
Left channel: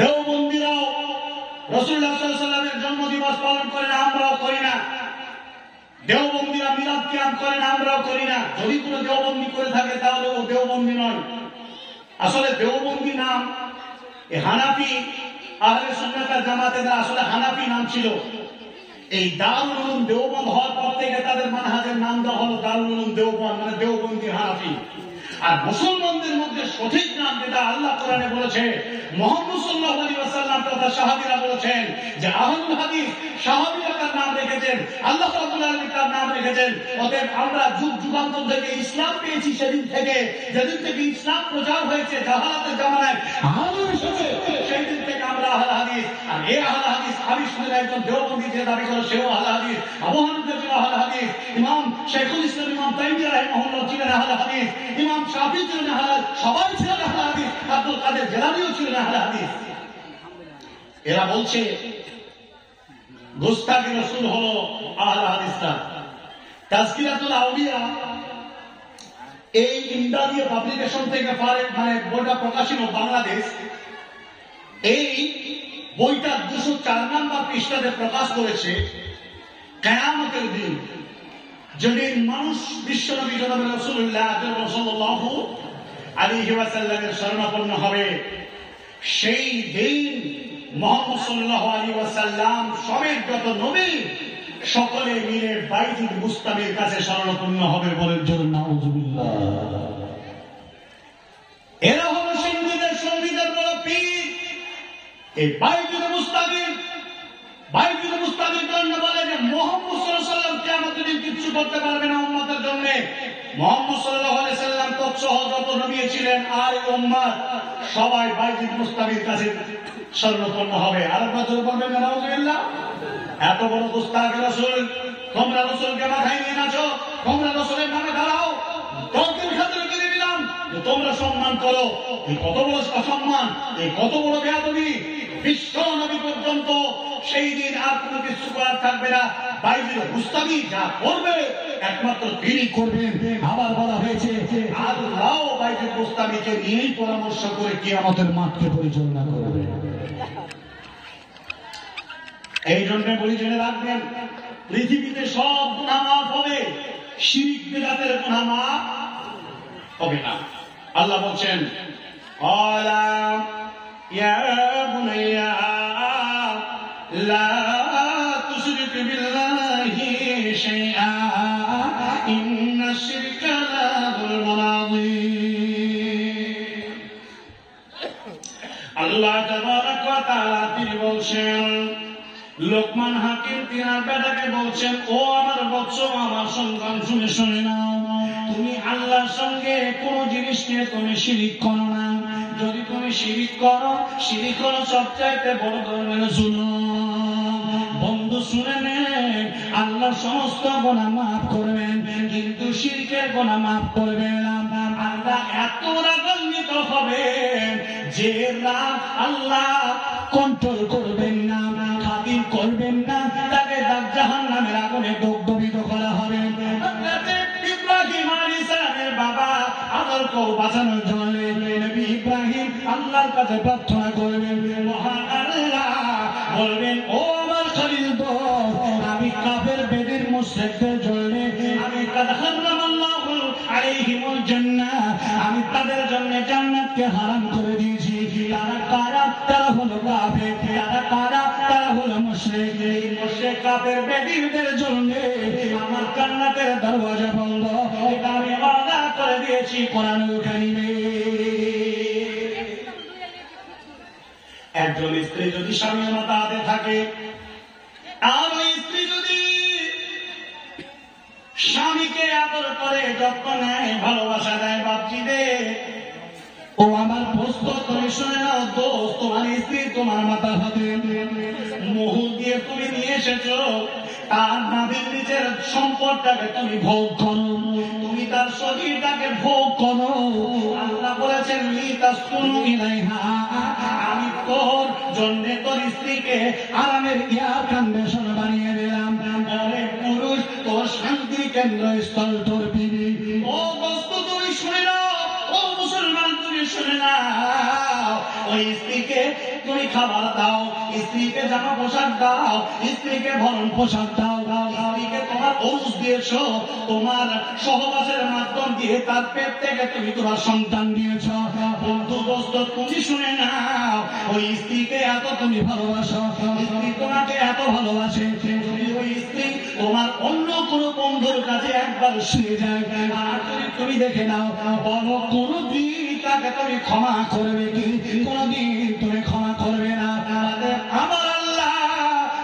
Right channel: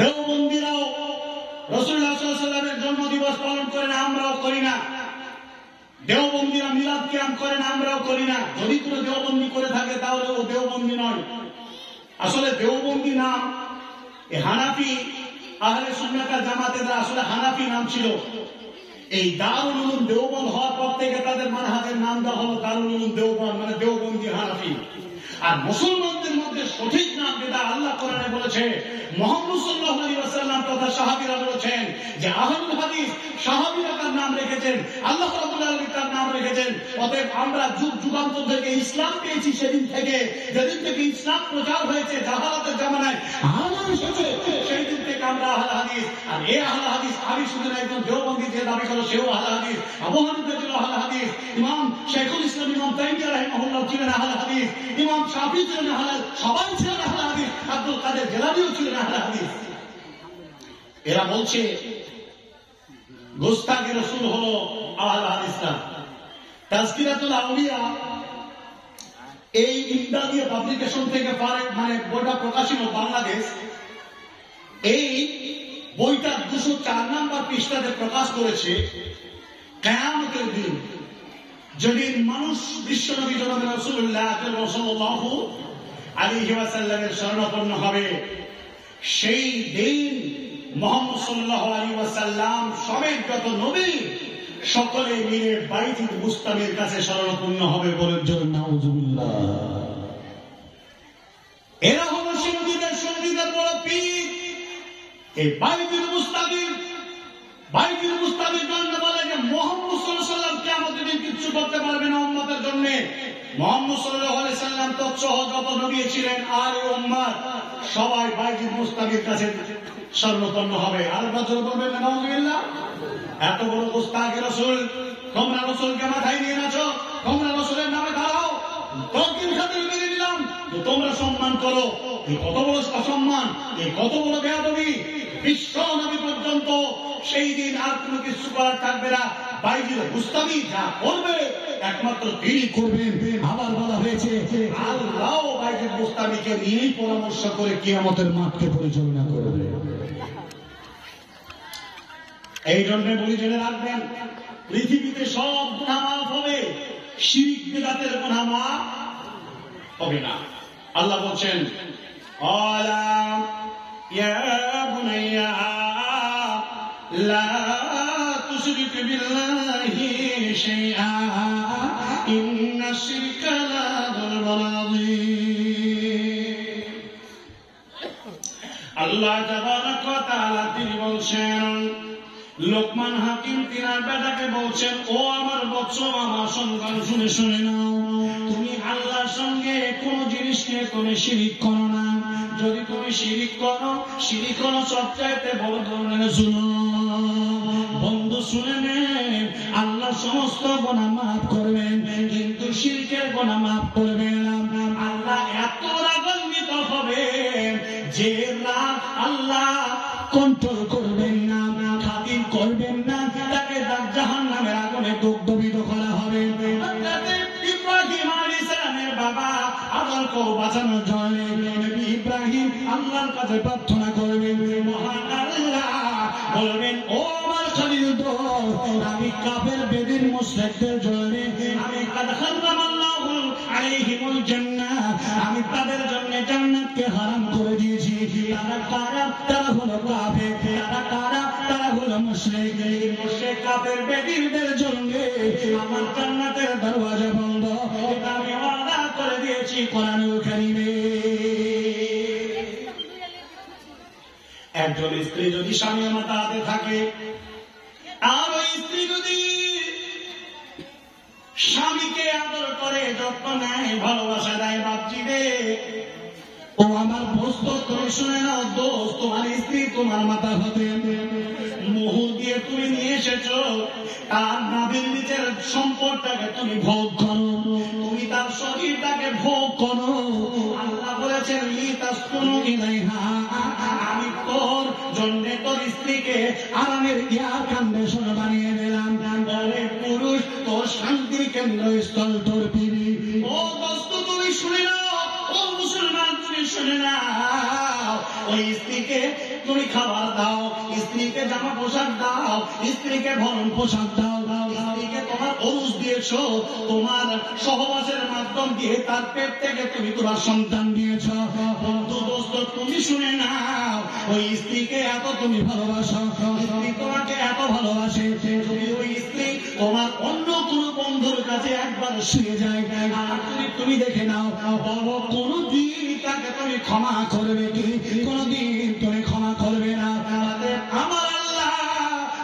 দেওবন্দিরাও রাসূলুল্লাহ সাল্লাল্লাহু আলাইহি ওয়াসাল্লামের জন্মদিবস পালন করেন, আমরাও করি না। দেওবন্দিরা মিলাদ কিয়াম করেন, আমরাও করি না। যদি কোনো দেওবন্দি করে থাকে তাহলে ও দেওবন্দি নয়। আসলে দেওবন্দি নাম হানাফি আহলে সুন্নাত ওয়াল জামাতের আসলে হানাফি নাম ছিল। এই দারুল উলুম দেওবন্দ হওয়ার পর থেকে তাদের মানহাজের নাম দেওয়া হলো দারুল উলুম দেওবন্দ, মানে দেওবন্দি হানাফি। আর মুসলমানদের মধ্যে সঠিক নাম যেটা আল্লাহ কোরআনে বলেছে, মুহাম্মদ সাল্লাল্লাহু আলাইহি ওয়াসাল্লাম তথা সাহাবীরা বলেছেন যে আহলুল হাদিস, সাহাবীরা তার নাম রেখেছেন, আল্লাহ রাব্বুল আলামিন তার নাম রেখেছেন। অতএব আমরা যুগ যুগান্তর থেকে ইসলাম পেয়েছি, সেদিন থেকে যেদিন থেকে ইসলাম প্রচার হয়েছে জাহালাতের জামানায় আলো এসেছে, সেই দিন থেকে আমরা আহলে হাদিস। আর এই আহলে হাদিস আমি শুনে একজন দেওবন্দি যে দাবি করে সেও আহলে হাদিস, আবু হানিফা ছিল আহলে হাদিস, ইমাম শাইখুল ইসলাম ইমাম তাইমিয়া রাহিমাহুল্লাহ ছিলেন আহলে হাদিস, ইমাম শাফি ছিলেন আহলে, সবাই ছিলেন আহলে হাদিস, আব্দুল কাদের জিলানীও ছিলেন আহলে হাদিস। এরা বলছে গোস্তাকি রাসূল হলো আহলে হাদিসরা। তাজকিরাতুল আউলিয়া এই ইমদাদিয়া পাবলিকেশন থেকে মানে বইটা প্রকাশিত বাংলাদেশ। এই বইটা 204 নম্বর পৃষ্ঠাতে প্রকাশ করেছে কিয়ামতের দিন যেদিন মানুষ বিশ্বনবী জনাব রাসূলুল্লাহ সাল্লাল্লাহু আলাইহি ওয়াসাল্লামের শরণাপন্ন হবে, সেই দিন মুহাম্মদ সাল্লাল্লাহু আলাইহি ওয়াসাল্লাম সমেত যত নবী সকলে মিলে বাইতুল মুস্তামির কাছে শরণাপন্ন হবে। বলেন জোরে নাউজুবিল্লাহ। এরা হলো সঙ্গীদের সঙ্গীদের বড় পীর। এই বাইতুল মুস্তামির, বাইতুল মুস্তামির জন্য বলে যে মুহাম্মদ সাল্লাল্লাহু আলাইহি ওয়াসাল্লাম কিয়ামতের দিন কিচ্ছু করতে পারবে না উম্মতের জন্য। মুহাম্মদ সাল্লাল্লাহু আলাইহি ওয়াসাল্লাম তৎসহ যত নবী ছিলেন আর এই উম্মত সবাই বাইতুল মুস্তামির কাছে শরণাপন্ন হবে। আর বছর বলবেন নাউজুবিল্লাহ। এত বড় গোস্তাকে রাসূল, তোমরা রাসূলকে মাথায় নিয়ে নাচো, তোমরা রাসূলের নামে দাঁড়াও, তর্কের খাতিরে করে দিলাম যে তোমরা সম্মান করো। এই কত বড় অসম্মান, এই কত বড় বেয়াদবি। বিশ্ব নবী পর্যন্ত সেই দিন আর কোনো কিছু করার থাকবে না। বাইতুল মুস্তামি যা করবে একমাত্র তিনি করবেন। আবার বলা হয়েছে আল্লাহ বাইতুল মুস্তামিকে নিয়েই পরামর্শ করে কিয়ামতের মাঠকে পরিচালনা করবে। এই জন্য বলি জেনে রাখবেন, পৃথিবীতে সব গুনাহ মাফ হবে, শিরক বিদআতের গুনাহ মাফ হবে না। আল্লাহ বলছেন আলা ইয়া বুনাইয়া লা তুশরিক বিল্লাহি শাইআ ইন্নাশ শিরকা লা যুলমুন আযীম। আল্লাহ তাবারাক ওয়া তাআলা তিনি বলছেন, লোকমান হাকিম তিনার বেটাকে বলছেন, ও আমার বৎস, আমার সন্তান, শুনে শুনে নাও, তুমি আল্লাহর সঙ্গে কোন জিনিসকে তুমি শিরিক করো না। যদি তুমি শিরিক করো, শিরিক হলো সবচাইতে বড় ধরনের জুলুম। বন্ধু শুনে নেন, আল্লাহ সমস্ত গুনাহ মাফ করবেন, কিন্তু শিরকের গুনাহ মাফ করবেন না। আল্লাহ এত রাগান্বিত হবেন যে রাগ আল্লাহ কন্ট্রোল করবেন না, খাতির করবেন না, তাকে জাহান্নামের আগুনে দগ্ধবিদ্ধ করা হবে। ইব্রাহিম আলাইহিস সালামের বাবা আদরকে বাঁচানোর জন্য নবী ইব্রাহিম আল্লাহর কাছে প্রার্থনা করবেন, মহান আল্লাহ বলবেন, ও আমার খলিল দোস্ত, আমি কাফের বেদির মুশরিকদের জন্য আমি কাদ হারামাল্লাহু আলাইহিমুল জান্নাহ, আমি তাদের জন্য জান্নাতকে হারাম করে দিয়েছি। তারা কারা? তারা হলো কাফের। তারা কারা? তারা হলো মুশরিক। এই মুশরিক কাফের বেদিনদের জন্য আমার জান্নাতের দরওয়াজা বন্ধ, এটা আমি ওয়াদা করে দিয়েছি কোরআনুল কারীমে। একজন স্ত্রী যদি স্বামীর মাথাতে থাকে, আর ওই স্ত্রী যদি স্বামীকে আদর করে, যত্ন নেয়, ভালোবাসা দেয়, বাপজি রে, ও আমার দোস্ত, তুমি শুনে নাও দোস্ত, তোমার স্ত্রী তোমার মাথা হাতে মোহর দিয়ে তুমি নিয়ে এসেছো, তার নাভির নিচের সম্পদটাকে তুমি ভোগ করো, তুমি তার শরীরটাকে ভোগ করো। আল্লাহ বলেছেন, লিতাসকুনু ইলাইহা, আমি তোর জন্য তোর স্ত্রীকে আরামের এয়ার কন্ডিশন বানিয়ে দিলাম। বলে পুরুষ, তোর শান্তির কেন্দ্র স্থল তোর বিবি। ও দোস্ত, তুমি শুনে নাও, ও মুসলমান তুমি শুনে নাও, ওই স্ত্রীকে তুমি খাবার দাও, স্ত্রীকে জামা পোশাক দাও, স্ত্রীকে ভরণ পোশাক দাও, স্ত্রীকে তোমার ওরুস দিয়েছ, তোমার সহবাসের মাধ্যম দিয়ে তার পেট থেকে তুমি তোমার সন্তান দিয়েছ। বন্ধু দোস্ত, তুমি শুনে নাও, ওই স্ত্রীকে এত তুমি ভালোবাসো, স্ত্রী তোমাকে এত ভালোবাসে, ওই স্ত্রী তোমার অন্য কোন বন্ধুর কাছে একবার শুয়ে যায়, আর তুমি দেখে নাও, বলো কোনদিন তাকে তুমি ক্ষমা করবে কি? কোনদিন তুমি ক্ষমা করবে না। আমার আল্লাহ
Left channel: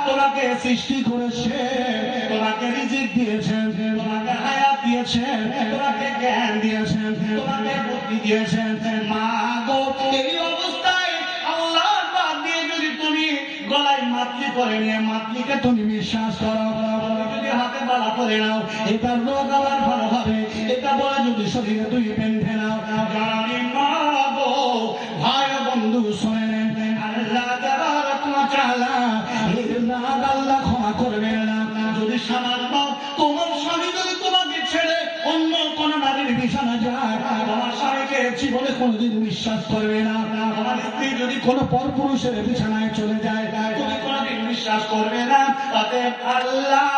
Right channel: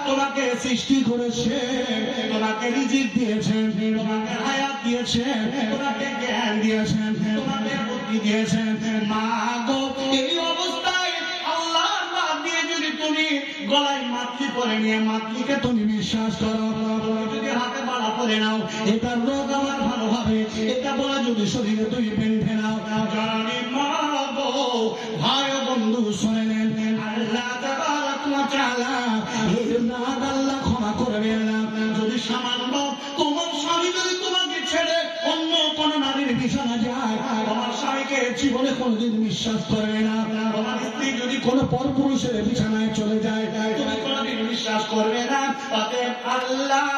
তোমাকে সৃষ্টি করেছে, তোমাকে রিজিক দিয়েছেন, তোমাকে হায়াত দিয়েছেন, তোমাকে জ্ঞান দিয়েছেন, তোমাকে বুদ্ধি দিয়েছেন। মা গো, এই অবস্থায় আল্লাহর বাদ দিয়ে যদি তুমি গলায় মাতলি পরে নিয়ে মাতলিকে তুমি বিশ্বাস করো, যদি হাতে বালা পরে নাও, এটার রোগ আমার ভালো হবে, এটা বলে যদি শরীরে তুমি বেঁধে নাও, জানি মা গো, ভাই ও বন্ধু শুনে নেন, আল্লাহ তাবারক ওয়া তাআলা এর রাগ আল্লাহ ক্ষমা করবেন না। যদি সামান্য তোমার স্বামী যদি তোমাকে ছেড়ে অন্য কোন নারীর বিছানা যায়, তোমার স্বামীকে জীবনে কোনদিন বিশ্বাস করবে না। তোমার স্ত্রী যদি কোন পরপুরুষের বিছানায় চলে যায়, তুমি কোনদিন বিশ্বাস করবে না। তাতে আল্লাহ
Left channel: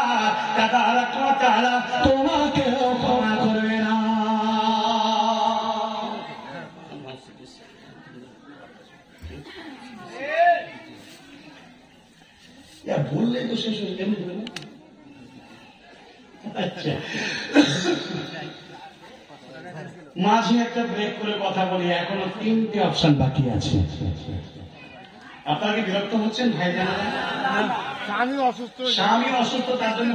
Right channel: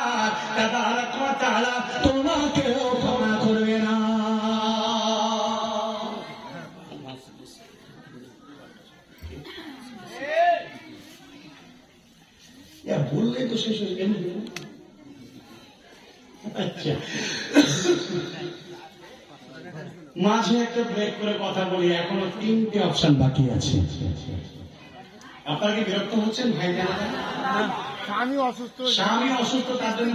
তাবারক ওয়া তাআলা তোমাকে ক্ষমা করবে না। বললেই তো শেষ হয়ে গেল। আচ্ছা, মাঝে একটা ব্রেক করে কথা বলি, এখনো 3টে অপশন বাকি আছে। আপনারা কি বিরক্ত হচ্ছেন ভাই? জানারা স্বামী অসুস্থ, তার জন্য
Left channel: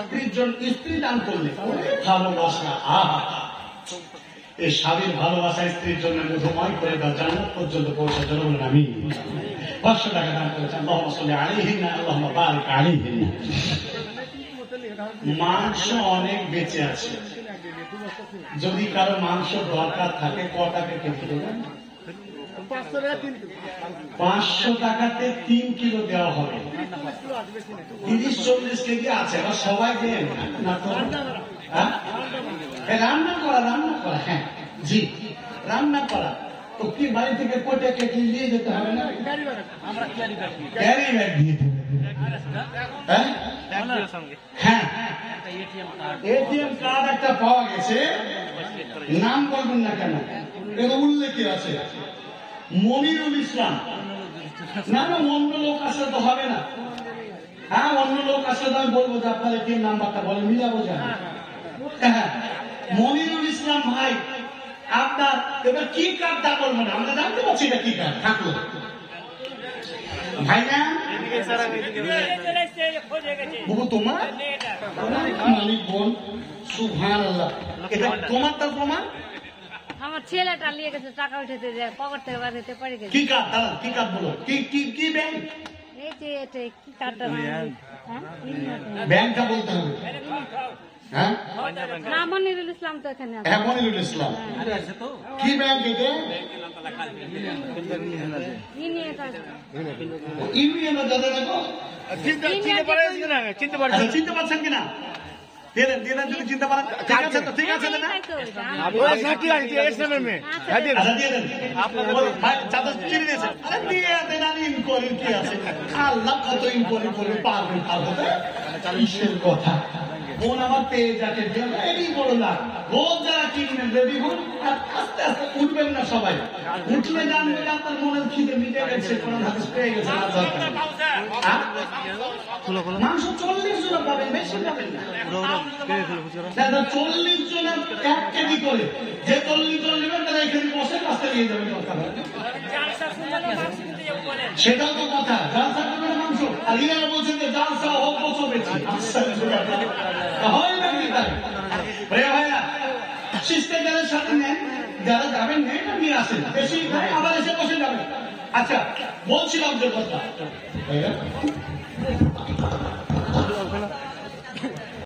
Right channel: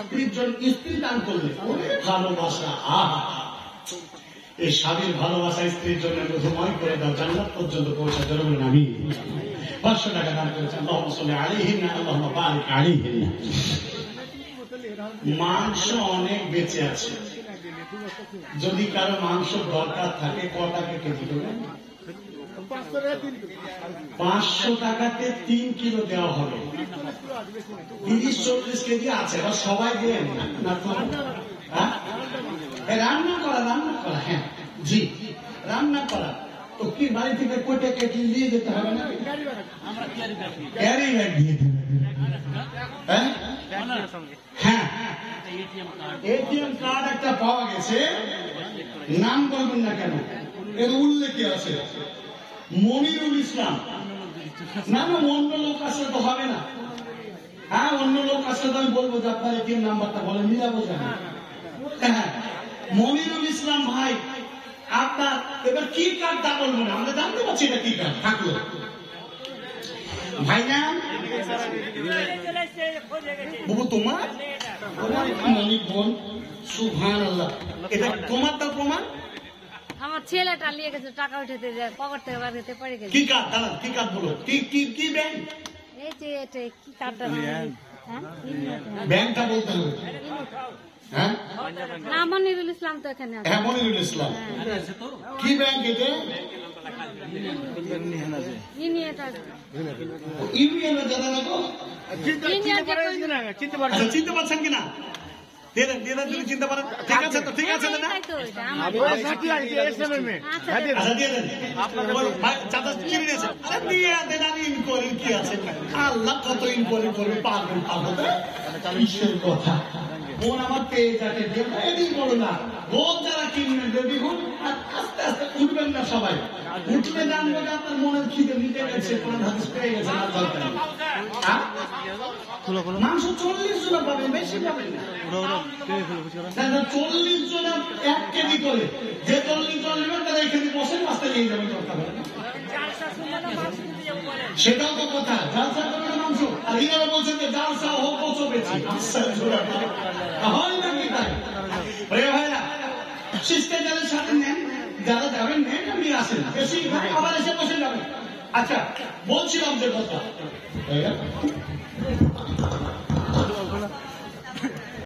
স্ত্রীর জন্য স্ত্রী দান করলে ভালোবাসা, এই স্বামীর ভালোবাসা স্ত্রীর জন্য মধুময় করে দাও, জান্নাত পর্যন্ত পৌঁছার জন্য বলেন আমি 500 টাকা দান করেছেন। আল্লাহুম্মা সাল্লি আলাইহিন্না, আল্লাহুম্মা বারিক আলাইহিন্না। মাংস অনেক বেঁচে আছে, যদি কারো মাংস দরকার থাকে কটাকে কেটে দেবেন? 500 টাকাতে 3 কিলো দেওয়া হবে, 30-40 কেজি আছে। এবার সবাই দেন না তো, রান্না করা, রান্না করা, হ্যাঁ জি, রান্না করা। তো কি বাড়ি থেকে কয়টা কেটে নিয়ে যেতে হবে না? ক্যারি ব্যাগ দিয়ে দেবে। হ্যাঁ, এটিএম কার্ড একটা পাওয়া গেছে, নাম বলবেন না কেন, এর উল্লেখ আছে। মনিরুল ইসলাম। না না, অন্য লোক আসলে তো হবে না। হ্যাঁ, অন্য লোক আসলে তো আমি বলবো যে আপনার এটিএম নাম্বারটা বলে মিলাবো জানি। হ্যাঁ, মনিরুল ইসলাম ভাই, আপনার এবার কি কার্ডটা বলবো না, আমরা জানতে পারছি এটা কি কার্ড থাকলো ভাই না বাবু তোমার মালিক বোন সুবহানাল্লাহ, এটা তোমার তার প্রমাণ? আমার ছেলেটা নিয়ে গেছে টাকা উঠাতে যায়, পকেট থেকে বার হতে পারে গেছে। কি কার্ড দাঁড়া, কি কার্ড বলো, কি কি কি ব্যাংক? এই যে এটা কি কার্ডটা ব্যাংকটা বলতে হবে। হ্যাঁ না, মনিরুল ইসলাম তো এখানে আছে। হ্যাঁ, মনিরুল ইসলাম। কি ব্যাংক এটা? ইউনিয়ন দাদা দেখো, চিনতে পারছেন কিনা? দিয়ে দেন যদি চিনতে পারেন। ঠিক আছে তো, ঠিক আছে না? আচ্ছা দিয়ে দেন, চাচা চিনে নিয়েছেন। আরে দিয়ে দেন, আর ইনকোয়ারি কি আছে? আল্লাহ কত ইনকোয়ারি করবে, পারবেন কথা। বোন আমার পেয়ে যাকে এরই বড় না, রোজ যারা কিনবেন রেডি হন, আর আস্তে আস্তে উঠবেন না সবাই। উঠলে জানবে যে আপনার মনের খিদে মিটে গেছে, কোরআন হাদিস পেয়ে গেছে, আর দরকার নেই। মাংস 40 জন পাবেন, বেশি পাবেন না। 40 জনের 1 কেজি করে, যে 40 জন নেবেন তারা এখানে বসে রাস্তা নিয়ে যাবেন, দরকার হয় সেটাও তো কথা। জালসা করবে মাংস, আর ইনারা বলছেন যে জালসা হোক কচো বেশি হয় নাকি ভাই? প্রিয় ভাইরা, শিষ্টাচারের সাথে নেন, যারা যাবেন নেন, নিয়ে আসেন, বেশি আবার এসে বসে যাবেন। আচ্ছা, বলছিলাম যে কথা